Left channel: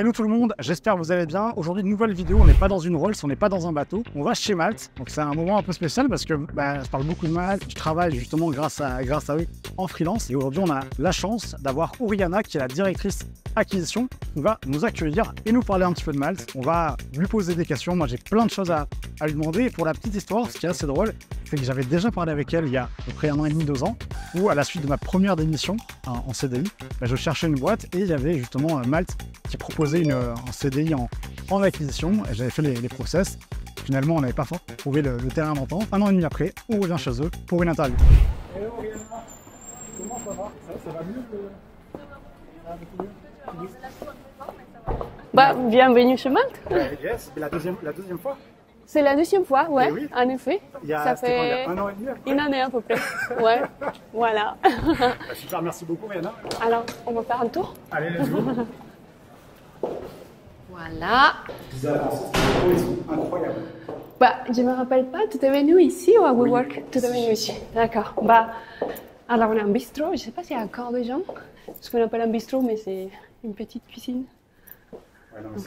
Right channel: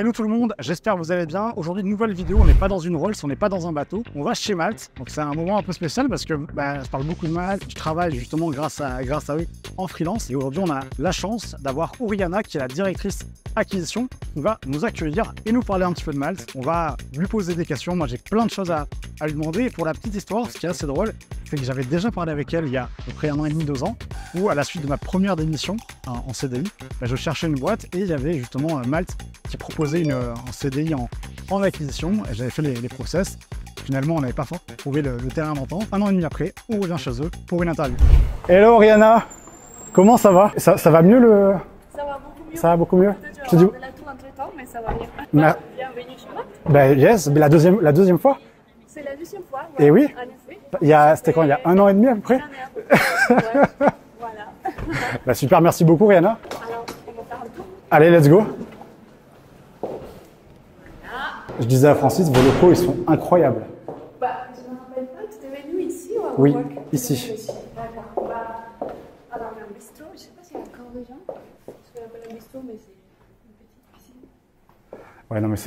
Hello tout le monde, j'espère que vous allez bien. Aujourd'hui, une nouvelle vidéo, on n'est pas dans une Rolls, on n'est pas dans un bateau, on va chez Malte. Donc c'est un moment un peu spécial parce que je parle beaucoup de Malte, je travaille justement grâce à eux en freelance. Et aujourd'hui, on a la chance d'avoir Oriana qui est la directrice acquisition, qui va nous accueillir et nous parler un petit peu de Malte. On va lui poser des questions, moi j'ai plein de choses à lui demander. Et pour la petite histoire, ce qui est assez drôle, c'est que j'avais déjà parlé avec elle il y a à peu près 1 an et demi, 2 ans, où à la suite de ma première démission en CDI, je cherchais une boîte et il y avait justement Malte qui proposait un CDI en acquisition. J'avais fait les process. Finalement, on n'avait pas trouvé le terrain d'entente. 1 an et demi après, on revient chez eux pour une interview. Hello Oriana, comment ça va? Ça va mieux le... Ça va beaucoup mieux. Ça va beaucoup mieux. Je te dis... la tour entre temps, mais ça va mieux. Bienvenue chez Malte. Yes, mais la deuxième fois. C'est la deuxième fois, ouais. Et oui. En effet. C'était quand? Il y a 1 an et demi à peu près? 1 année à peu près. Ouais. Voilà. Super, merci beaucoup Oriana. Alors, on va faire un tour. Allez, let's go. Voilà. Je disais à Francis, vos locaux, ils sont incroyables. Je me rappelle pas, tu es venu ici ou à WeWork? Tu es venu ici. D'accord. Alors on a un bistrot, je sais pas s'il y a encore des gens. Ce qu'on appelle un bistrot, mais c'est une petite cuisine. Ouais, non, mais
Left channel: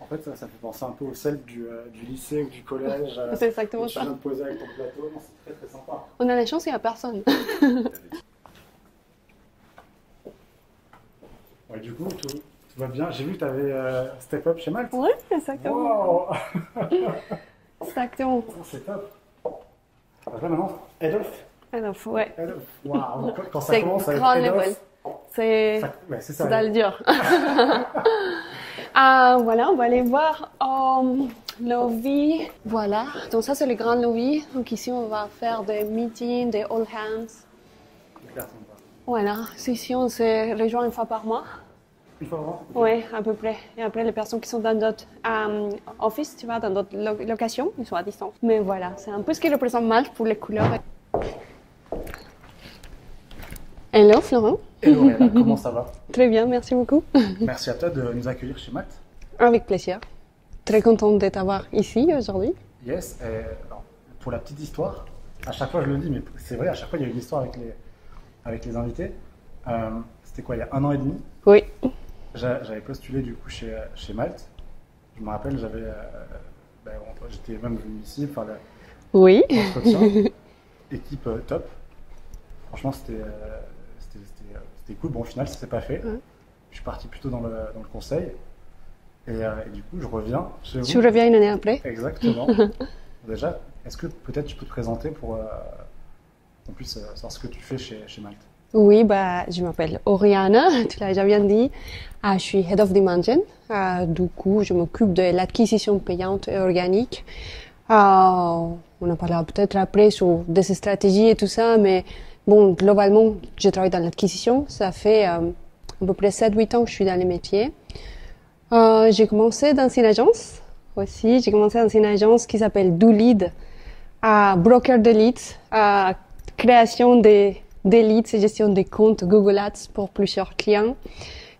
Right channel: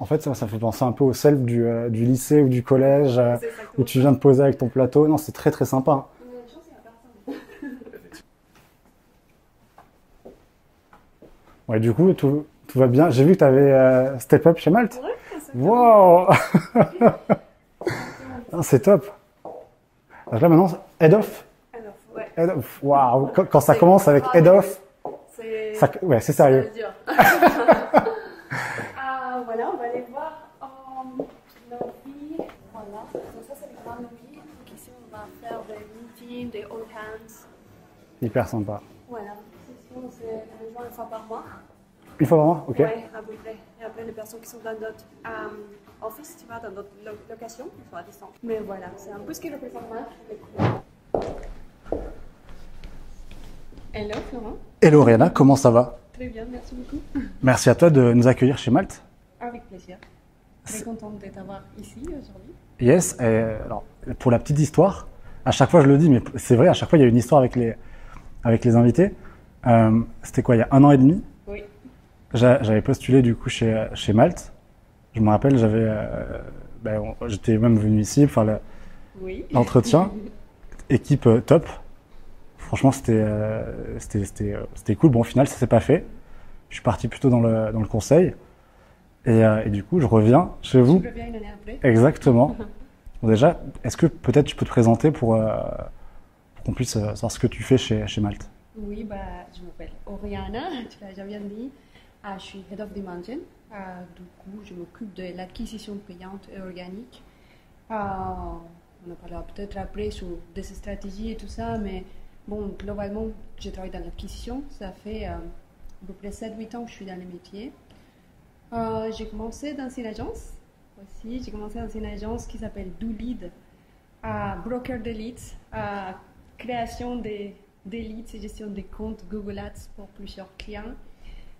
en fait, ça fait penser un peu au self du lycée ou du collège où tu viens de poser avec ton plateau. Non, c'est très très sympa. On a la chance, il n'y a personne. Ouais, du coup, tout va bien. J'ai vu que tu avais step up chez Malte. Oui, exactement. Wow. Exactement. C'est top. Donc là, maintenant, head off. Head off, ouais. Head off. Wow. Quand ça commence avec head off, c'est sérieux. C'est dur. Voilà, on va aller voir lobby. Voilà, donc ça c'est le grand lobby. Donc ici on va faire des meetings, des all hands. Hyper sympa. Voilà, ici on se rejoint 1 fois par mois. 1 fois par mois? Ok. Oui, à peu près. Et après les personnes qui sont dans d'autres office, tu vois, dans d'autres locations, ils sont à distance. Mais voilà, c'est un peu ce qui représente Malte pour les couleurs. Hello Florent. Hello Oriana, comment ça va? Très bien, merci beaucoup. Merci à toi de nous accueillir chez Malte. Avec plaisir. Très contente de t'avoir ici aujourd'hui. Yes, alors pour la petite histoire, à chaque fois je le dis, mais c'est vrai, à chaque fois il y a une histoire avec les invités. C'était quoi, il y a 1 an et demi? Oui. J'avais postulé du coup chez Malte. Je me rappelle, j'étais même venu ici pour faire l'entretien. Équipe top. Franchement, c'était cool. Bon, au final, ça s'est pas fait. Je suis parti plutôt dans le conseil. Et du coup, je reviens chez vous. Tu reviens 1 année après. Exactement. Bon, déjà, est-ce que peut-être tu peux te présenter pour qu'on puisse savoir ce que tu fais chez Malte? Oui, je m'appelle Oriana, tu l'as déjà bien dit. Je suis Head of Demand. Du coup, je m'occupe de l'acquisition payante et organique. On en parlera peut-être après sur des stratégies et tout ça, mais bon, globalement, je travaille dans l'acquisition. Ça fait à peu près 7-8 ans que je suis dans les métiers. J'ai commencé dans une agence aussi. J'ai commencé dans une agence qui s'appelle DoLead, broker de leads, création des leads et gestion des comptes Google Ads pour plusieurs clients.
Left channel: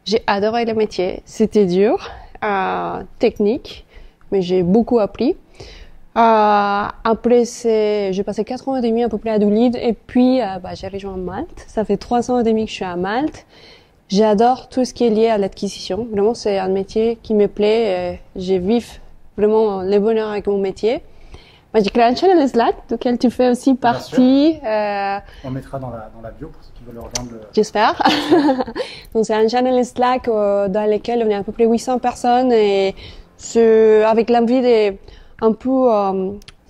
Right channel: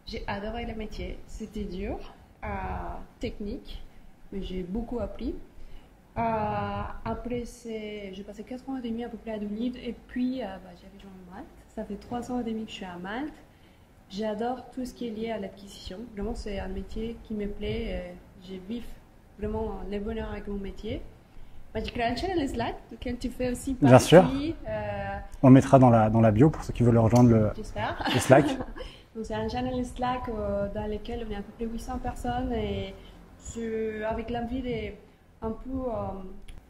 J'ai adoré le métier. C'était dur, technique, mais j'ai beaucoup appris. Après, j'ai passé 4 ans et demi à peu près à DoLead et puis j'ai rejoint Malte. Ça fait 3 ans et demi que je suis à Malte. J'adore tout ce qui est lié à l'acquisition. Vraiment, c'est un métier qui me plaît. Je vis vraiment le bonheur avec mon métier. J'ai créé un channel Slack, duquel tu fais aussi partie. On mettra dans la bio pour ceux qui veulent rejoindre J'espère. Donc, c'est un channel Slack dans lequel on est à peu près 800 personnes et avec l'envie de un peu...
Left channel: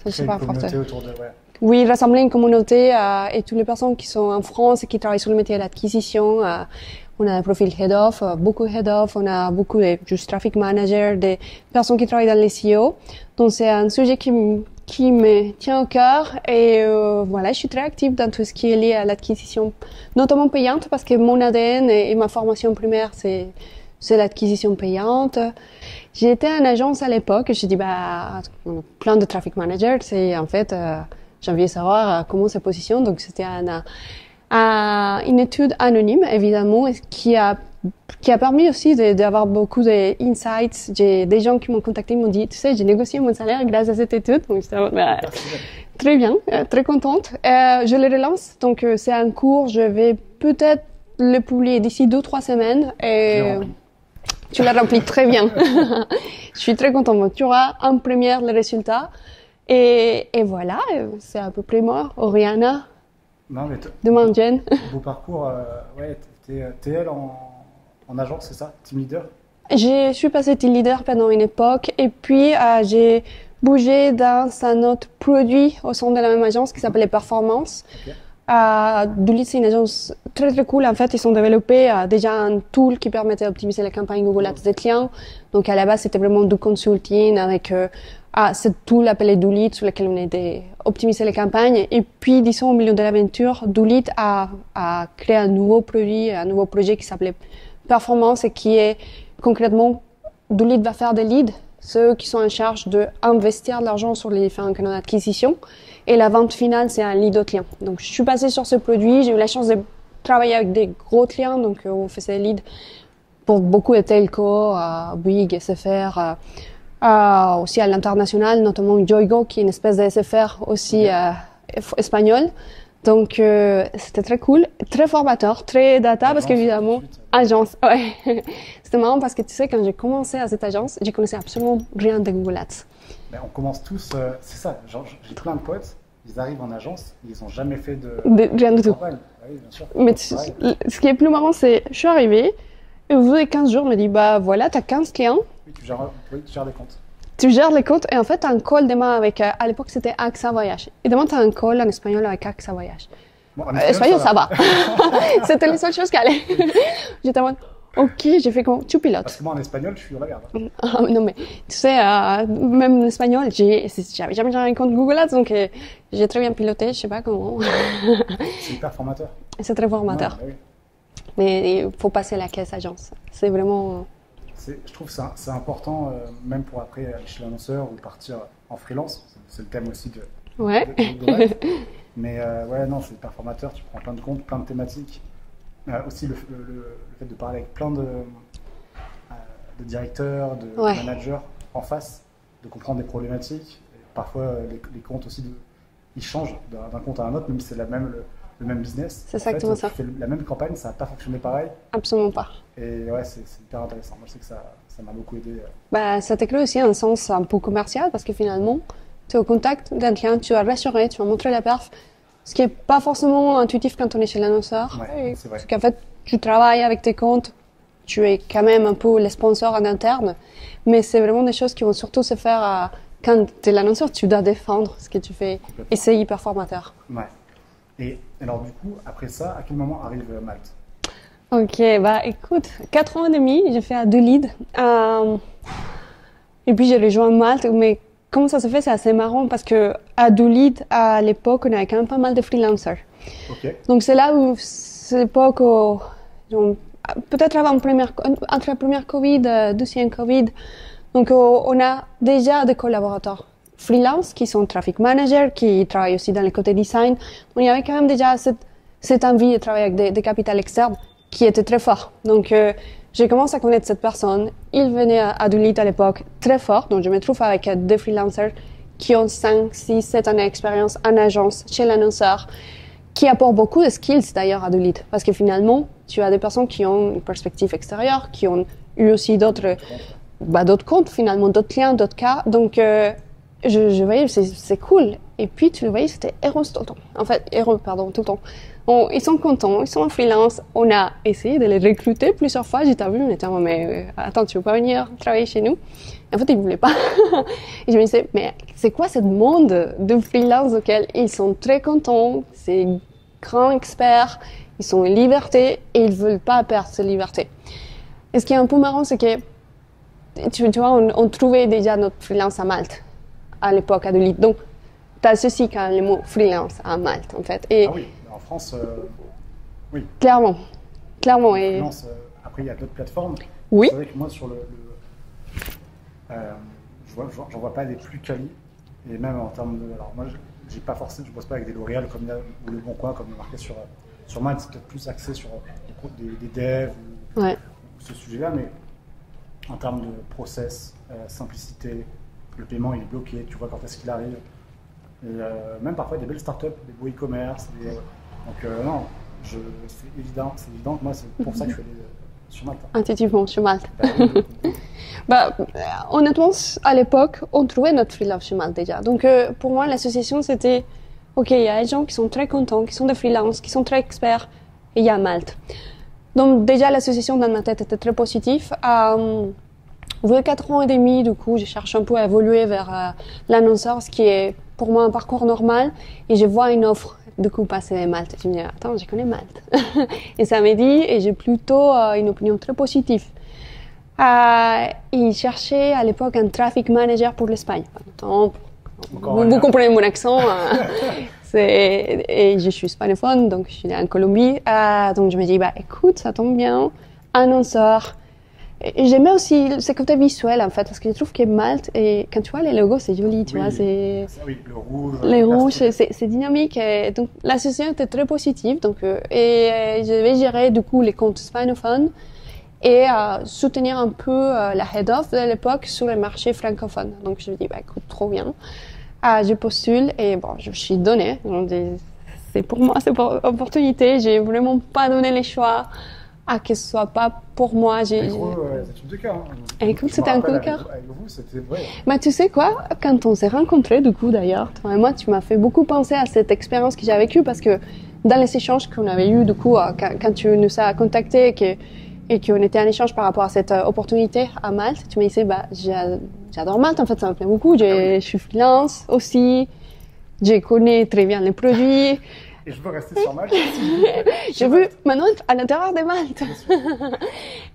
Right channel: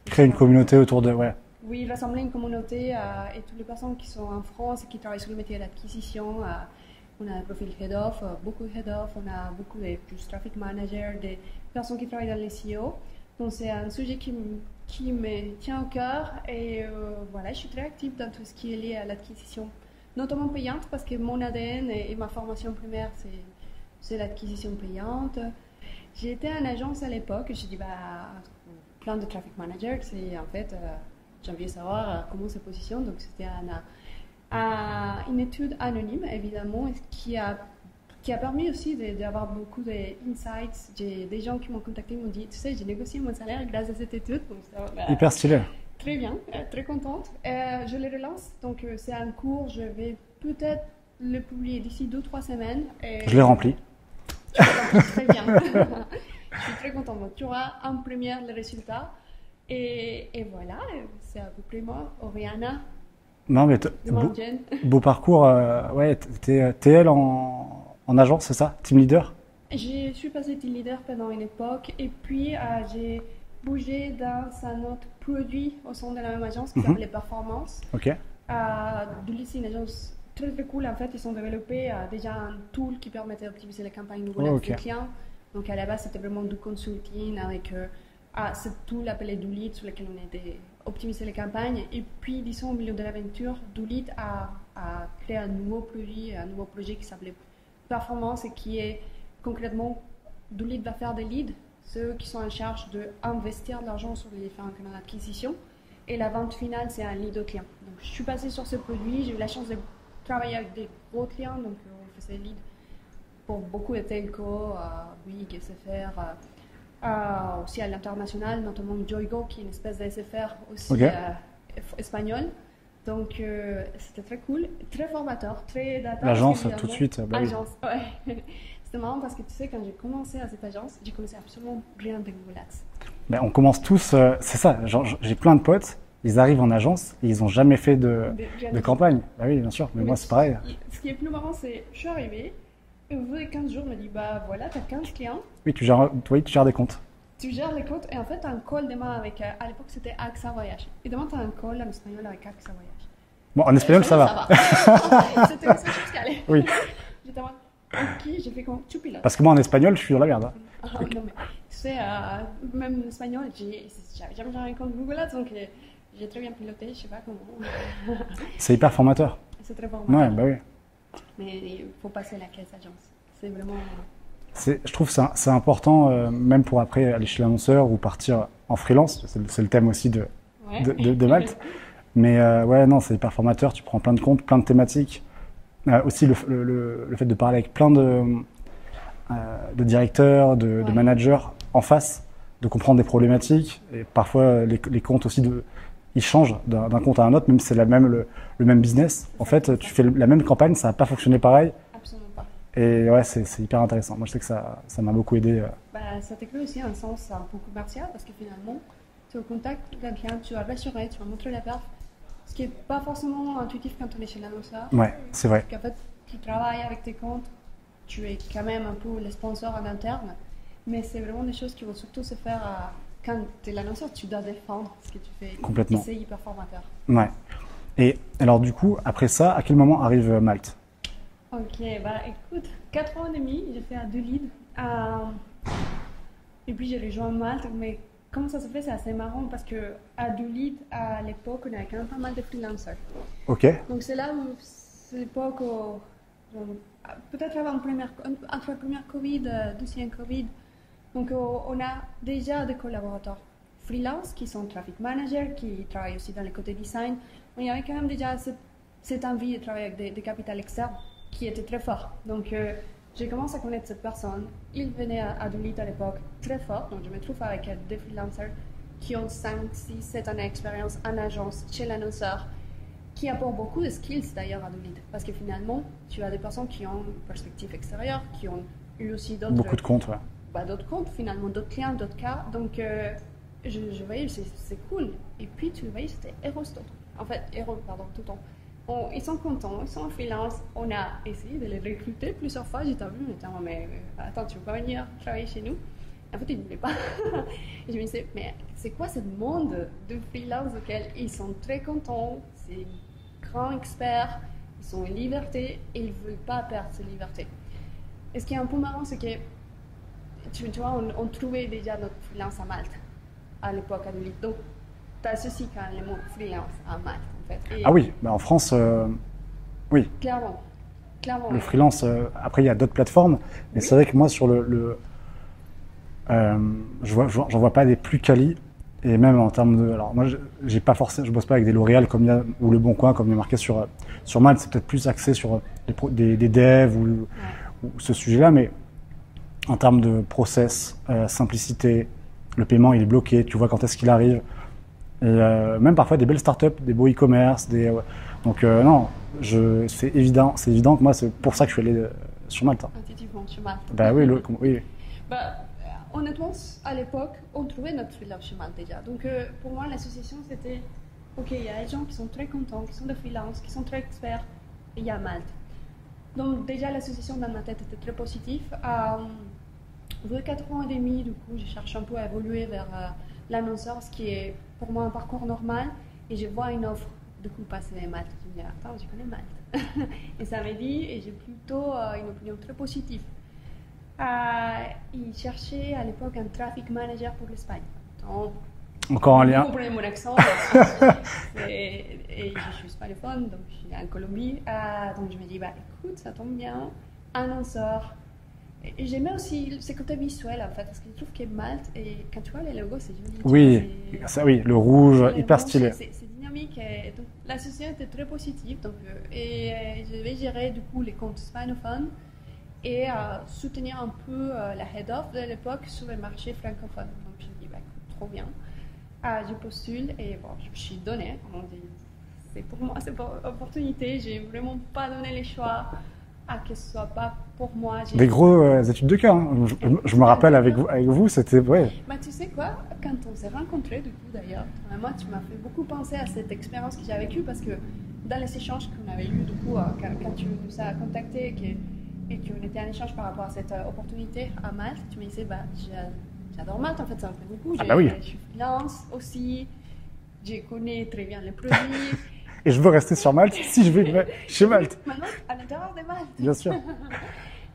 créer une communauté autour de... Ouais. Oui, rassembler une communauté et toutes les personnes qui sont en France et qui travaillent sur le métier de l'acquisition. On a un profil head-off, beaucoup head-off, on a beaucoup de juste traffic manager, des personnes qui travaillent dans les SEO. Donc, c'est un sujet qui me tient au cœur et voilà, je suis très active dans tout ce qui est lié à l'acquisition, notamment payante parce que mon ADN et ma formation primaire, c'est l'acquisition payante. J'ai été en agence à l'époque et je dit, on a plein de traffic managers et en fait, j'ai envie de savoir comment ça positionne. Donc, c'était une étude anonyme, évidemment, qui a permis aussi d'avoir beaucoup d'insights. J'ai des gens qui m'ont contacté, m'ont dit, tu sais, j'ai négocié mon salaire grâce à cette étude. Donc, hyper stylé. Très bien, très contente. Je le relance, donc c'est un cours, je vais peut-être le publier d'ici 2-3 semaines. Et, je l'ai rempli. Tu l'as rempli très bien. Je suis très contente. Tu auras en première les résultats. Et voilà, c'est à peu près moi, Oriana, Non, mais de Mountain. beau parcours. Ouais, t'es TL en agence, c'est ça? Team leader? Je suis passée team leader pendant une époque et puis j'ai bougé dans un autre produit au sein de la même agence qui s'appelait Performance. Ok. Doolit, c'est une agence très très cool. En fait, ils ont développé déjà un tool qui permettait d'optimiser les campagnes Google Ads des clients. Donc à la base, c'était vraiment du consulting avec ce tool appelé Doolit sur lequel on aidait à optimiser les campagnes. Et puis, disons, au milieu de l'aventure, Doolit a créé un nouveau produit, un nouveau projet qui s'appelait Performance et qui est concrètement, Doolit va faire des leads, ceux qui sont en charge d'investir de l'argent sur les différents canaux d'acquisition. Et la vente finale, c'est un lead au client. Donc, je suis passée sur ce produit. J'ai eu la chance de travailler avec des gros clients. Donc, on faisait des leads pour beaucoup de telcos, Bouygues, SFR, aussi à l'international, notamment Yoigo, qui est une espèce de SFR aussi espagnol. Donc, c'était très cool, très formateur, très data, parce qu'évidemment, agence, ouais. C'était marrant parce que tu sais, quand j'ai commencé à cette agence, je connaissais absolument rien de Google Ads. Ben, on commence tous, c'est ça, j'ai plein de potes, ils arrivent en agence et ils n'ont jamais fait de campagne. Ah oui, bien sûr, mais c'est pareil. Ce qui est plus marrant, c'est, je suis arrivée, et au bout de 15 jours, on me dit, bah voilà, tu as 15 clients. Oui, tu gères des comptes. Tu gères les comptes et en fait, tu as un call demain avec, à l'époque, c'était AXA Voyage. Et demain, tu as un call en espagnol avec AXA Voyage. Bon, en espagnol, ça va. C'était la seule chose qui allait. Oui. J'étais en mode, ok, j'ai fait comment? Tu pilotes. Parce que moi, en espagnol, je suis dans la merde. Non, mais tu sais, même en espagnol, j'avais jamais un compte Google Ads, donc j'ai très bien piloté, je sais pas comment. C'est hyper formateur. C'est très formateur. Ouais, bah oui. Mais il faut passer la caisse agence. C'est vraiment... Je trouve que c'est important, même pour après aller chez l'annonceur ou partir en freelance. C'est le thème aussi de Malte. Mais ouais, non, c'est hyper formateur. Tu prends plein de comptes, plein de thématiques. Aussi le fait de parler avec plein de directeurs, de managers en face, de comprendre des problématiques. Et parfois, les comptes aussi, ils changent d'un compte à un autre, même si c'est le même business. En fait, tu fais la même campagne, ça n'a pas fonctionné pareil. Absolument pas. Et ouais, c'est hyper intéressant. Moi, je sais que ça m'a beaucoup aidé. Bah, ça te crée aussi un sens un peu commercial, parce que finalement, tu es au contact d'un client, tu vas rassurer, tu vas montrer la perf. Ce qui n'est pas forcément intuitif quand on est chez l'annonceur. Ouais, c'est vrai. Parce qu'en fait, tu travailles avec tes comptes, tu es quand même un peu les sponsors en interne, mais c'est vraiment des choses qui vont surtout se faire quand tu es l'annonceur, tu dois défendre ce que tu fais. Complètement. Et c'est hyper formateur. Ouais. Et alors du coup, après ça, à quel moment arrive Malte? Ok, bah écoute, 4 ans et demi, j'ai fait à Doolit. Et puis j'ai rejoint Malte, mais comment ça se fait, c'est assez marrant parce que à Doolit, à l'époque, on avait quand même pas mal de freelancers. Ok. Donc c'est là où, c'est l'époque où, peut-être entre la première Covid, deuxième Covid, donc on a déjà des collaborateurs freelance qui sont traffic managers, qui travaillent aussi dans le côté design. Donc il y avait quand même déjà cette envie de travailler avec des capitales externes qui était très fort. Donc j'ai commencé à connaître cette personne. Il venait à Doolit à l'époque très fort. Donc je me trouve avec des freelancers qui ont 5, 6, 7 années d'expérience en agence chez l'annonceur, qui apportent beaucoup de skills d'ailleurs à Doolit. Parce que finalement, tu as des personnes qui ont une perspective extérieure, qui ont eu aussi d'autres comptes, d'autres comptes finalement, d'autres clients, d'autres cas. Donc je voyais, c'est cool. Et puis tu le voyais, c'était heureux tout le temps. En fait, heureux, pardon, tout le temps. Ils sont contents, ils sont en freelance. On a essayé de les recruter plusieurs fois. J'ai vu, on était en mais attends, tu veux pas venir travailler chez nous? En fait, ils ne voulaient pas. Et je me disais, mais c'est quoi ce monde de freelance auquel ils sont très contents, c'est grands experts, ils sont en liberté et ils ne veulent pas perdre cette liberté. Et ce qui est un peu marrant, c'est que, tu vois, on trouvait déjà notre freelance à Malte, à l'époque, à Doolit. Donc, tu as ceci quand le mot freelance à Malte, en fait. Et ah oui, bah en France, oui. Clairement. Le freelance, après, il y a d'autres plateformes. Oui. C'est vrai que moi, sur j'en vois pas des plus quali. Et même en termes de... Alors, moi, je bosse pas avec des L'Oréal ou Le Bon Coin, comme il est marqué sur Malte. C'est peut-être plus axé sur des devs ou ce sujet-là. Mais en termes de process, simplicité, le paiement, il est bloqué. Tu vois quand est-ce qu'il arrive. Et même parfois des belles startups, des beaux e-commerce. Donc non, c'est évident que moi, c'est pour ça que je suis allé sur Malte. Intuitivement, sur Malte. Bah oui, oui. Bah, honnêtement, à l'époque, on trouvait notre freelance sur Malte déjà. Donc, pour moi, l'association, c'était, OK, il y a des gens qui sont très contents, qui sont des freelances, qui sont très experts, et il y a Malte. Donc, déjà, l'association dans ma tête était très positive. Au bout de 4 ans et demi, du coup, je cherche un peu à évoluer vers l'annonceur, ce qui est pour moi un parcours normal, et je vois une offre. Du coup, passer Malte. Je me dis, attends, je connais Malte. Et ça m'a dit, et j'ai plutôt une opinion très positive. Il cherchait à l'époque un traffic manager pour l'Espagne. Encore vous comprenez mon accent. Et je suis hispanophone, donc je suis née en Colombie. Donc je me dis, bah écoute, ça tombe bien, annonceur. J'aimais aussi ce côté visuel en fait, parce que je trouve que Malte, et quand tu vois les logos, c'est joli. Tu vois, ça, oui, le rouge, les hyper rouges, stylé. c'est dynamique. Et donc l'association était très positive. Donc, et je vais gérer du coup les comptes hispanophones et soutenir un peu la head-off de l'époque sur le marché francophone. Donc je me dis, bah écoute, trop bien. Je postule et bon, je me suis donnée. C'est pour moi cette opportunité. J'ai vraiment pas donné les choix. Que ce soit pas pour moi. Des gros études de cas. Hein. Je me rappelle avec vous, c'était... Ouais. Bah, tu sais quoi, quand on s'est rencontrés, du coup, d'ailleurs, toi et moi, tu m'as fait beaucoup penser à cette expérience que j'ai vécue parce que dans les échanges qu'on avait eus, du coup, quand tu nous as contactés et qu'on était en échange par rapport à cette opportunité à Malte, tu m'as dit, bah, j'adore Malte, en fait, ça me plaît beaucoup. Je suis freelance aussi, je connais très bien les produits. Et je veux rester sur Malte si je vais chez Malte. Maintenant, à l'intérieur de Malte. Bien sûr.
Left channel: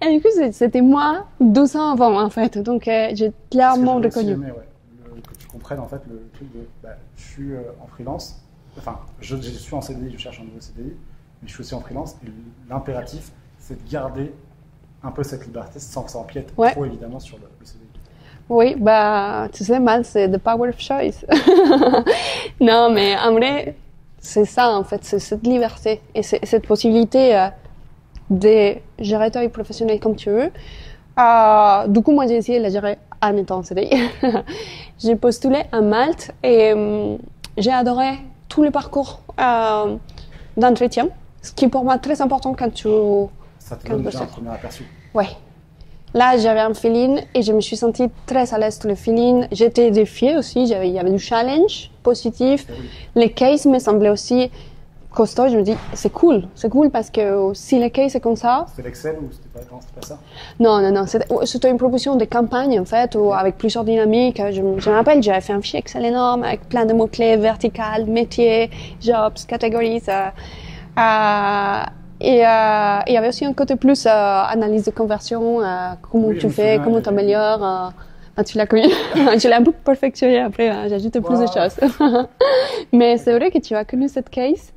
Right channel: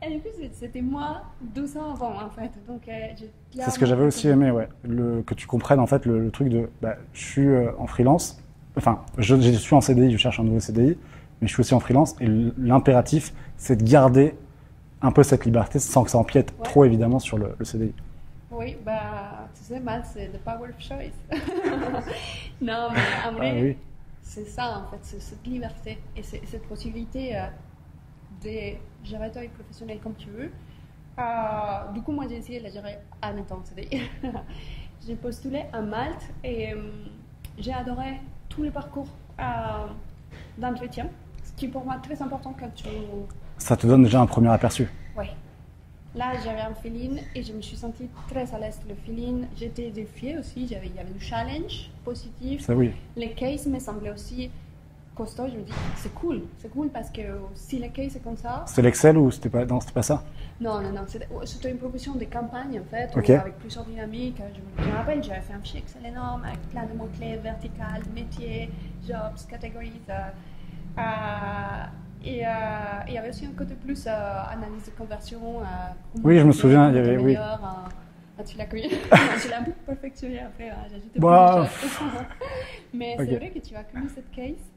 Et du coup, c'était moi 12 ans avant, en fait. Donc, j'ai clairement... C'est ce que j'avais aussi aimé, ouais. Que tu comprennes, en fait, le truc de... Bah, je suis en freelance. Enfin, je suis en CDI, je cherche un nouveau CDI. Mais je suis aussi en freelance. Et l'impératif, c'est de garder un peu cette liberté sans que ça empiète trop, évidemment, sur le CDI. Oui, bah, tu sais, Malte, c'est the power of choice. Non, mais en vrai... Oui. C'est ça, en fait, c'est cette liberté et cette possibilité de gérer ta vie professionnelle comme tu veux. Du coup, moi, j'ai essayé de la gérer en étant en CDI. J'ai postulé à Malte et j'ai adoré tous les parcours d'entretien, ce qui est pour moi très important quand tu... Ça te donne déjà un premier aperçu. Oui. Là, j'avais un feeling et je me suis sentie très à l'aise sur le feeling. J'étais défiée aussi, il y avait du challenge positif. Oui. Les cases me semblaient aussi costauds. Je me dis, c'est cool parce que si les cases c'est comme ça... C'était l'Excel ou c'était pas... Non, c'était pas ça? Non, c'était une proposition de campagne en fait, avec plusieurs dynamiques. Je me rappelle, j'avais fait un fichier Excel énorme avec plein de mots-clés, vertical, métier, jobs, catégories. Et il y avait aussi un côté plus analyse de conversion, comment tu fais, comment tu améliores. Tu l'as connu. Je l'ai un peu perfectionné après, j'ai ajouté plus de choses. Mais c'est vrai que tu as connu cette case.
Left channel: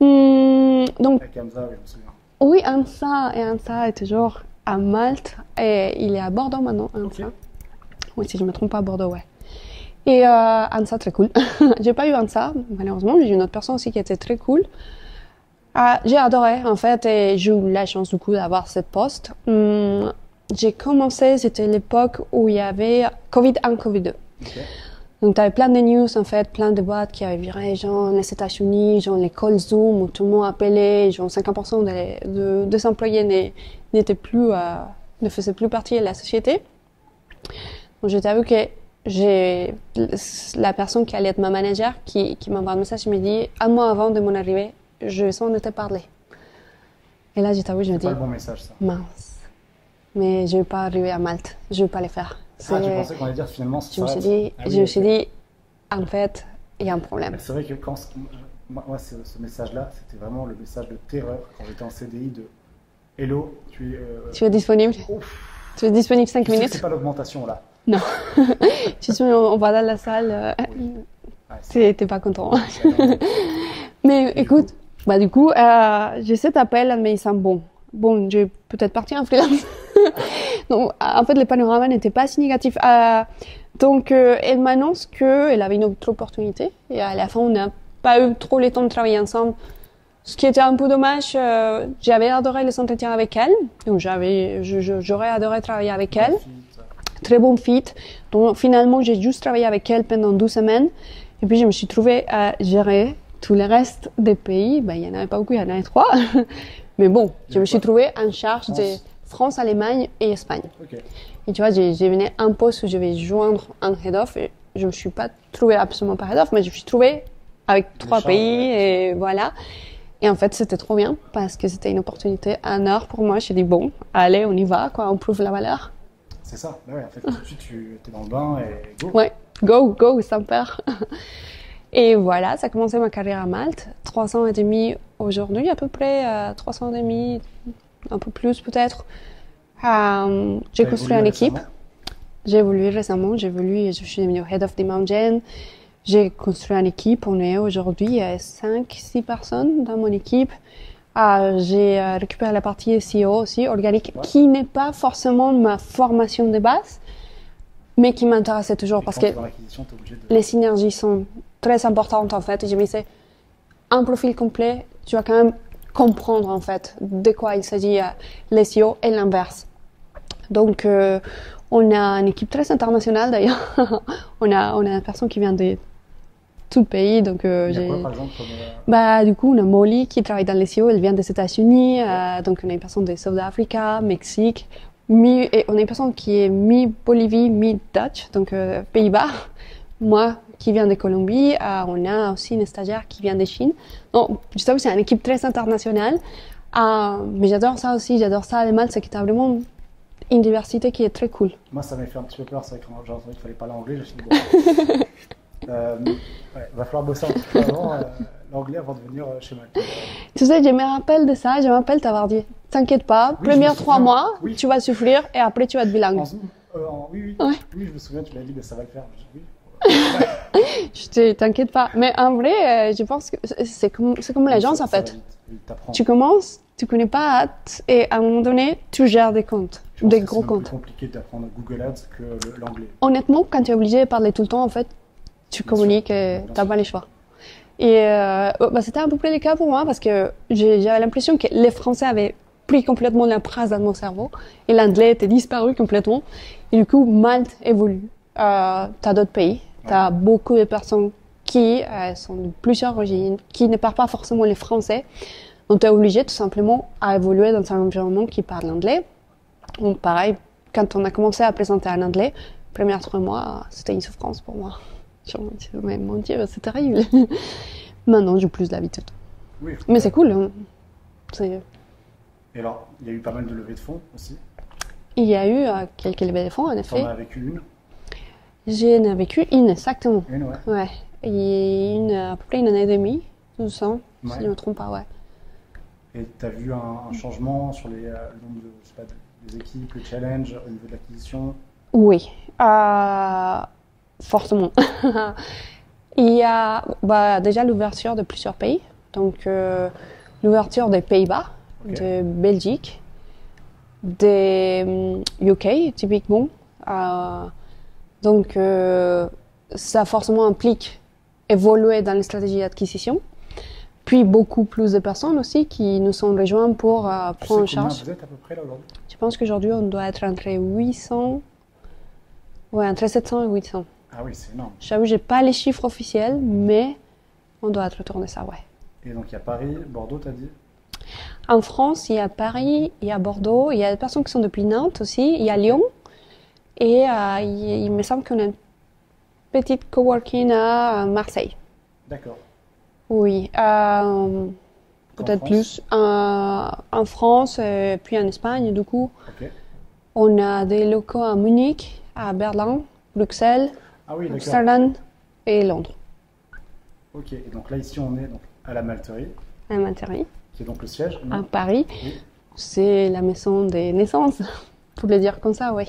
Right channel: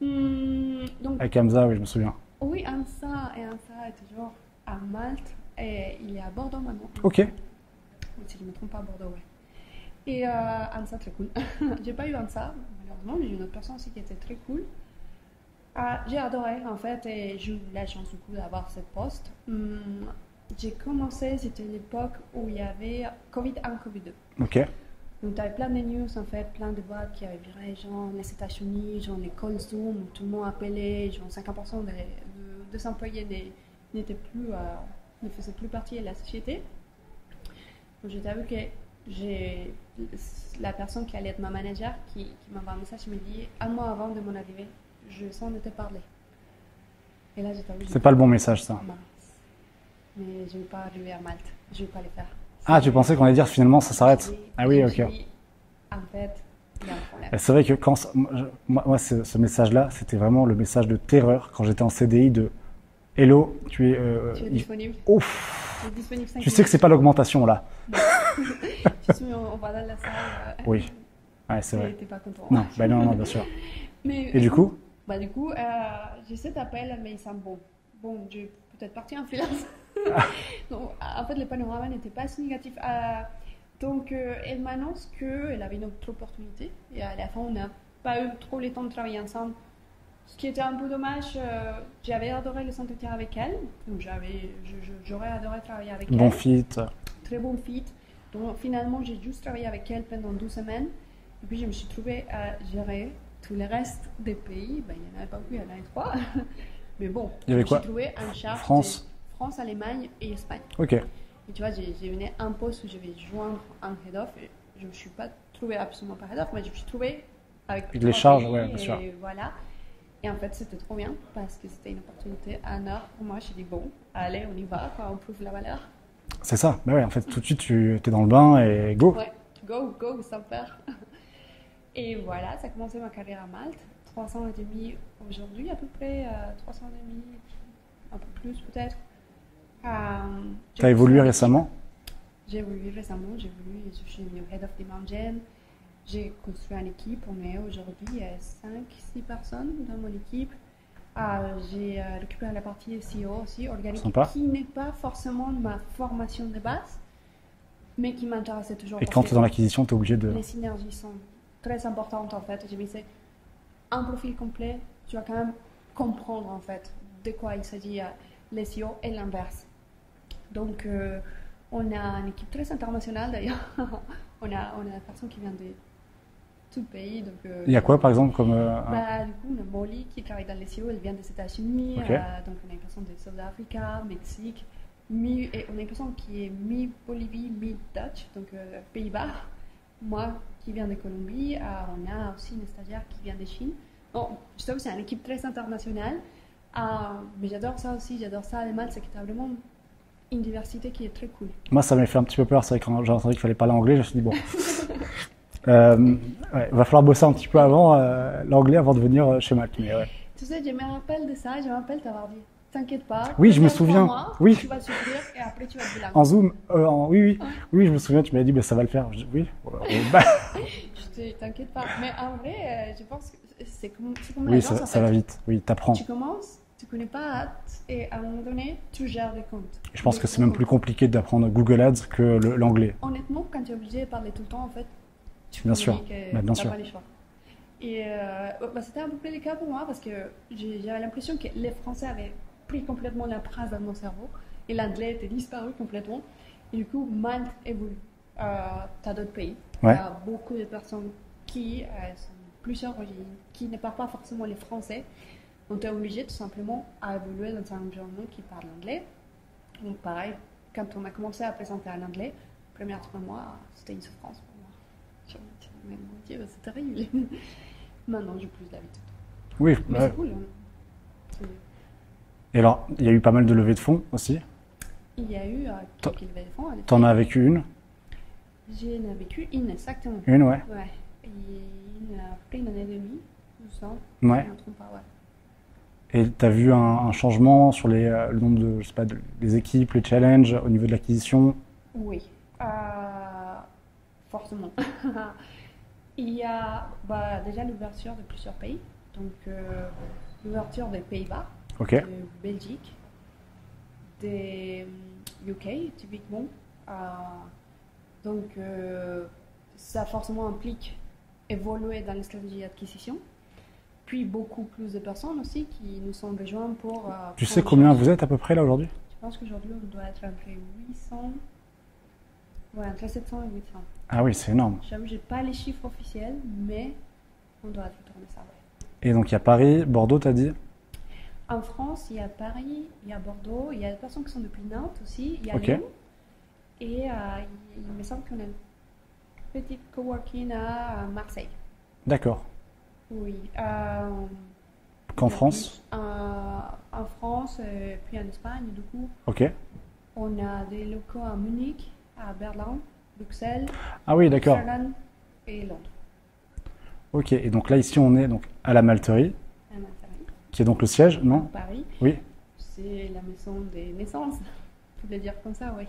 Donc, avec Hamza, oui, je me souviens. Oui, Hamza est toujours à Malte et il est à Bordeaux maintenant. Ok. Oui, si je ne me trompe pas, à Bordeaux, ouais. Et Hamza, très cool. J'ai pas eu Hamza, malheureusement, mais j'ai une autre personne aussi qui était très cool. J'ai adoré en fait et j'ai eu la chance du coup d'avoir cette poste. J'ai commencé, c'était l'époque où il y avait Covid 1, Covid 2. Okay. Donc tu avais plein de news en fait, plein de boîtes qui avaient viré, genre les États-Unis, genre l'école Zoom où tout le monde appelait, genre 50% des employés n'étaient plus, ne faisaient plus partie de la société. Donc j'ai vu que j'ai la personne qui allait être ma manager qui m'envoie un message et me dit un mois avant de mon arrivée, je sens de te parler. Et là, je t'avoue, je me dis... C'est pas le bon message, ça. Mince. Mais je ne vais pas arriver à Malte. Je ne vais pas le faire. Tu pensais qu'on allait dire finalement ça s'arrête? Je me suis dit, en fait, il y a un problème. C'est vrai que quand... Moi ce message-là, c'était vraiment le message de terreur quand j'étais en CDI de « Hello, tu es disponible? Ouf. Tu es disponible 5 minutes? Tu sais que c'est pas l'augmentation, là. Non. On va dans la salle. Oui. Ouais, t'es pas content. Bah non, bien sûr. Mais écoute... Du coup, j'ai cet appel, mais il semble bon. Bon, je vais peut-être partir en freelance. Donc, en fait, le panorama n'était pas si négatif. Donc, elle m'annonce qu'elle avait une autre opportunité. Et à la fin, on n'a pas eu trop le temps de travailler ensemble. Ce qui était un peu dommage. J'avais adoré les entretiens avec elle. Donc, j'aurais adoré travailler avec elle. Bon fit. Très bon fit. Donc, finalement, j'ai juste travaillé avec elle pendant 12 semaines. Et puis, je me suis trouvée à gérer tout le reste des pays. Il n'y en avait pas beaucoup, il y en avait 3. Mais bon, je me suis trouvée en charge France, Allemagne et Espagne. Ok. Et tu vois, j'ai venu un poste où je vais joindre un head-off et je ne me suis pas trouvée absolument par head-off, mais je me suis trouvée avec Les 3 charges, pays ouais, et voilà. Et en fait, c'était trop bien parce que c'était une opportunité en or pour moi. Je me suis dit, bon, allez, on y va, quoi, on prouve la valeur. C'est ça. Bah ouais, en fait, tout de suite, tu es dans le bain et go. Ouais, go, sans peur. Et voilà, ça a commencé ma carrière à Malte. 3 ans et demi aujourd'hui, à peu près, 3 ans et demi, un peu plus peut-être. J'ai T'as construit évolué une équipe. récemment? J'ai évolué récemment, je suis devenue Head of Demand. J'ai construit une équipe, on est aujourd'hui 5-6 personnes dans mon équipe. J'ai récupéré la partie SEO aussi, organique, Sympa. qui n'est pas forcément ma formation de base, mais qui m'intéressait toujours Et parce quand tu es que dans l'acquisition, tu es obligé de... les synergies sont très importantes en fait. Et je me disais, un profil complet, tu vas quand même comprendre en fait de quoi il s'agit l'SEO et l'inverse. Donc, on a une équipe très internationale d'ailleurs. on a une personne qui vient de tout le pays. Donc, Il y a quoi par exemple comme... Du coup, on a Molly qui travaille dans les SEO, elle vient des États-Unis. Ok. Donc, on a une personne de South Africa, Mexique. Et on a une personne qui est mi-Bolivie, mi-Dutch, donc Pays-Bas. Moi qui viens de Colombie. On a aussi une stagiaire qui vient de Chine. Donc, je t'avoue, c'est une équipe très internationale. Mais j'adore ça aussi, j'adore ça. Les Malte, c'est que tu as vraiment une diversité qui est très cool. Moi, ça m'a fait un petit peu peur. C'est vrai que quand j'ai entendu qu'il fallait parler anglais, je me suis dit, bon... ouais, va falloir bosser un petit peu avant l'anglais avant de venir chez Mac. Tu sais, je me rappelle de ça, je me rappelle t'avoir dit, t'inquiète pas, Oui, je me premiers 3 souviens. mois, Oui. tu vas souffrir et après tu vas être bilingue. En Zoom, oui, Ouais. oui, je me souviens, tu m'avais dit, bah, ça va le faire. Je dis, oui. Je te t'inquiète pas. Mais en vrai, je pense que c'est comme Oui, l'agence ça, en ça va fait. vite. Oui, t'apprends. Tu commences, tu connais pas hâte et à un moment donné, tu gères des comptes, Je pense des que c'est gros même plus comptes. compliqué d'apprendre Google Ads que l'anglais. Honnêtement, quand tu es obligé de parler tout le temps, en fait, tu Bien communiques sûr. et Ouais, bien t'as sûr. pas les choix. Et c'était à peu près le cas pour moi parce que j'avais l'impression que les Français avaient pris complètement la place dans mon cerveau et l'anglais était disparu complètement. Et du coup, Malte évolue. T'as d'autres pays, Ouais. t'as beaucoup de personnes qui sont de plusieurs origines, qui ne parlent pas forcément le français. Donc, tu es obligé tout simplement à évoluer dans un environnement qui parle anglais. Donc, pareil, quand on a commencé à présenter en anglais, les premiers 3 mois, c'était une souffrance pour moi. Je me disais, mais mon Dieu, c'est terrible. Maintenant, j'ai plus l'habitude. Oui. Mais c'est cool. Hein. Et alors, il y a eu pas mal de levées de fonds aussi. Il y a eu quelques levées de fonds, en effet. T'en as vécu une? J'en ai vécu une, exactement. Une, ouais. Ouais. Et à peu près une année et demie, 12 ans, si Ouais. je ne me trompe pas, ouais. Et tu as vu un changement sur le nombre de, je sais pas, des équipes, les challenges au niveau de l'acquisition? Oui, fortement. Il y a déjà l'ouverture de plusieurs pays. Donc, l'ouverture des Pays-Bas, Ok. de Belgique, des UK, typiquement. Donc, ça forcément implique évoluer dans les stratégies d'acquisition. Puis, beaucoup plus de personnes aussi qui nous sont rejointes pour Tu prendre sais en combien charge. vous êtes à peu près là aujourd'hui? Je pense qu'aujourd'hui, on doit être entre 800, ouais, entre 700 et 800. Ah oui, c'est énorme. J'avoue, j'ai pas les chiffres officiels, mais on doit être autour de ça, ouais. Et donc il y a Paris, Bordeaux, t'as dit? En France, il y a Paris, il y a Bordeaux, il y a des personnes qui sont depuis Nantes aussi, il y a Ok. Lyon. Et il me semble qu'on a une petite coworking à Marseille. D'accord. Oui, Qu'en peut-être France? plus en France, puis en Espagne, du coup. Ok. On a des locaux à Munich, à Berlin, Bruxelles, Ah oui, d'accord. Amsterdam et Londres, Ok. Et donc là, ici, on est donc à la Malterie, à Monterrey, qui est donc le siège, à non? Paris. Oui. C'est la maison des naissances, pour le dire comme ça, oui.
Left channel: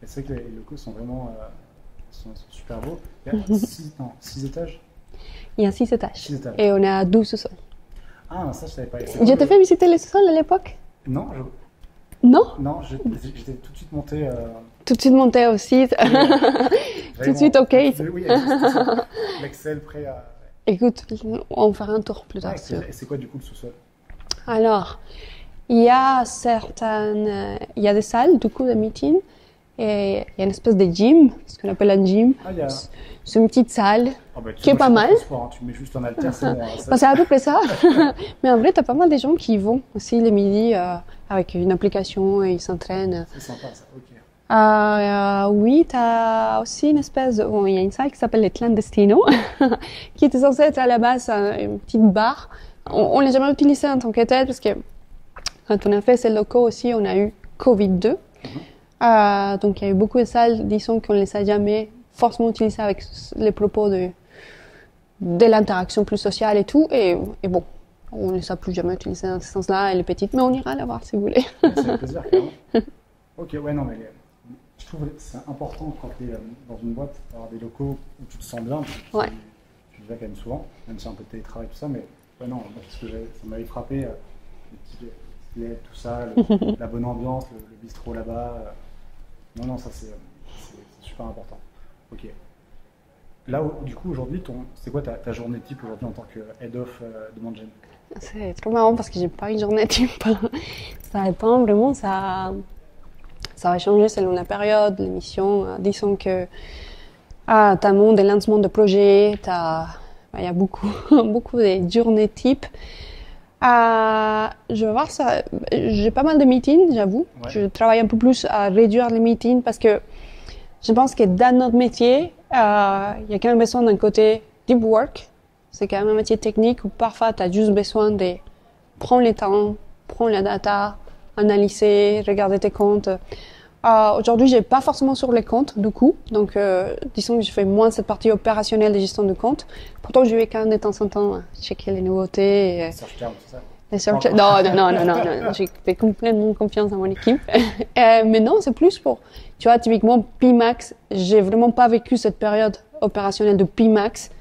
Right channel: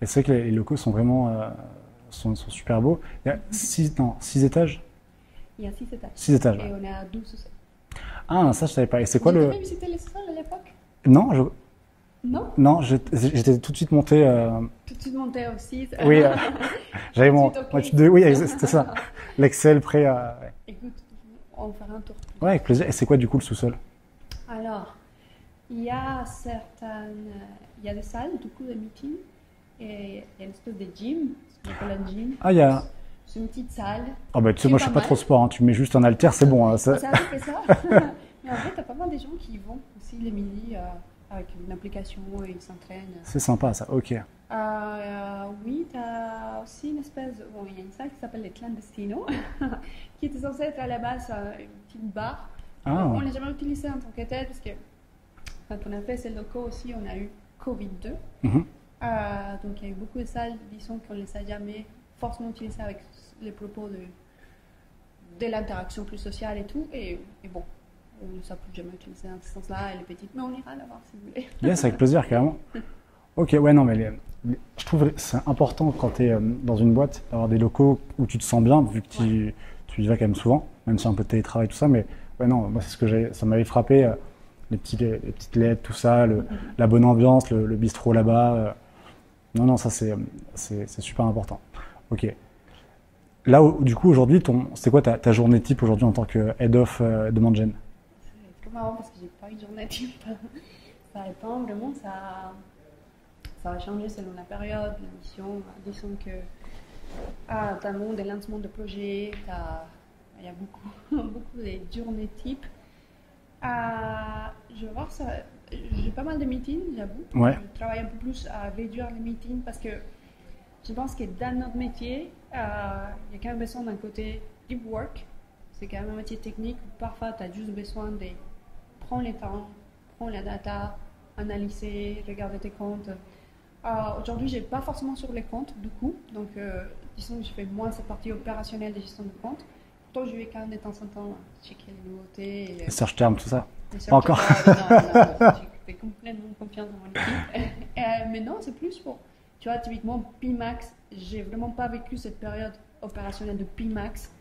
Et c'est vrai que les locaux sont vraiment sont super beaux. Il y a 6 étages? Il y a 6 étages. 6 étages. Et on a 12 sous-sols. Ah, ça, je savais pas. Et c'est Je quoi t'ai fait visiter les sous-sols à l'époque? Non, Non? non, j'étais tout de suite monté. Tout de suite monté aussi. Oui, j'avais Tout de suite, ok. Oui, c'était ça. L'Excel prêt à. Écoute, on fera un tour plus Ouais, tard. avec plaisir. Et c'est quoi du coup le sous-sol? Alors, il y a il y a des salles, du coup, de meeting. Et il y a une espèce de gym, ce qu'on appelle un gym. Ah, il y a. C'est une petite salle. Oh, bah, tu Qui sais, est moi, je suis pas pas trop mal. sport. Hein. Tu mets juste un haltère, c'est bon. Hein, ça- Bah, c'est à peu près ça. Mais en vrai, t'as pas mal de gens qui y vont aussi les midis avec une application et ils s'entraînent. C'est sympa ça, ok. Oui, tu as aussi une espèce de... Bon, il y a une salle qui s'appelle les Clandestinos, qui était censée être à la base une petite bar. On ne l'a jamais utilisé en tant que tel, parce que quand on a fait ces locaux aussi, on a eu Covid-2. Donc il y a eu beaucoup de salles, disons qu'on ne les a jamais forcément utilisées avec les propos de l'interaction plus sociale et tout. Et bon, on ne les a plus jamais utilisées dans ce sens-là, elle est petite, mais on ira la voir si vous voulez. Ouais, c'est avec plaisir, carrément. Ok, ouais, non, mais je trouve que c'est important quand tu es dans une boîte d'avoir des locaux où tu te sens bien, vu que tu y vas quand même souvent, même si un peu de télétravail, tout ça. Mais ouais, non, moi, c'est ce que ça m'avait frappé, les petites LED, tout ça, la bonne ambiance, le bistrot là-bas. Non, ça c'est super important. Ok. Là, du coup, aujourd'hui, c'est quoi ta journée type aujourd'hui en tant que Head of Demand Gen? C'est trop marrant parce que j'ai pas une journée type. Ça dépend vraiment, ça va changer selon la période, l'émission. Disons que tu as un monde de lancement de projets, il y a beaucoup, beaucoup de journées types. Je vais voir ça. J'ai pas mal de meetings, j'avoue. Ouais. Je travaille un peu plus à réduire les meetings parce que je pense que dans notre métier, il y a quand même besoin d'un côté deep work. C'est quand même un métier technique où parfois tu as juste besoin de prendre le temps, prendre la data, analyser, regarder tes comptes. Aujourd'hui, je n'ai pas forcément sur les comptes, du coup. Donc, disons que je fais moins cette partie opérationnelle de gestion de compte. Pourtant, je vais quand même de temps en temps checker les nouveautés. Les search terms, tout ça? Non, j'ai fait complètement confiance à mon équipe. Mais non, c'est plus pour... Tu vois, typiquement, Pimax, j'ai vraiment pas vécu cette période opérationnelle de Pimax.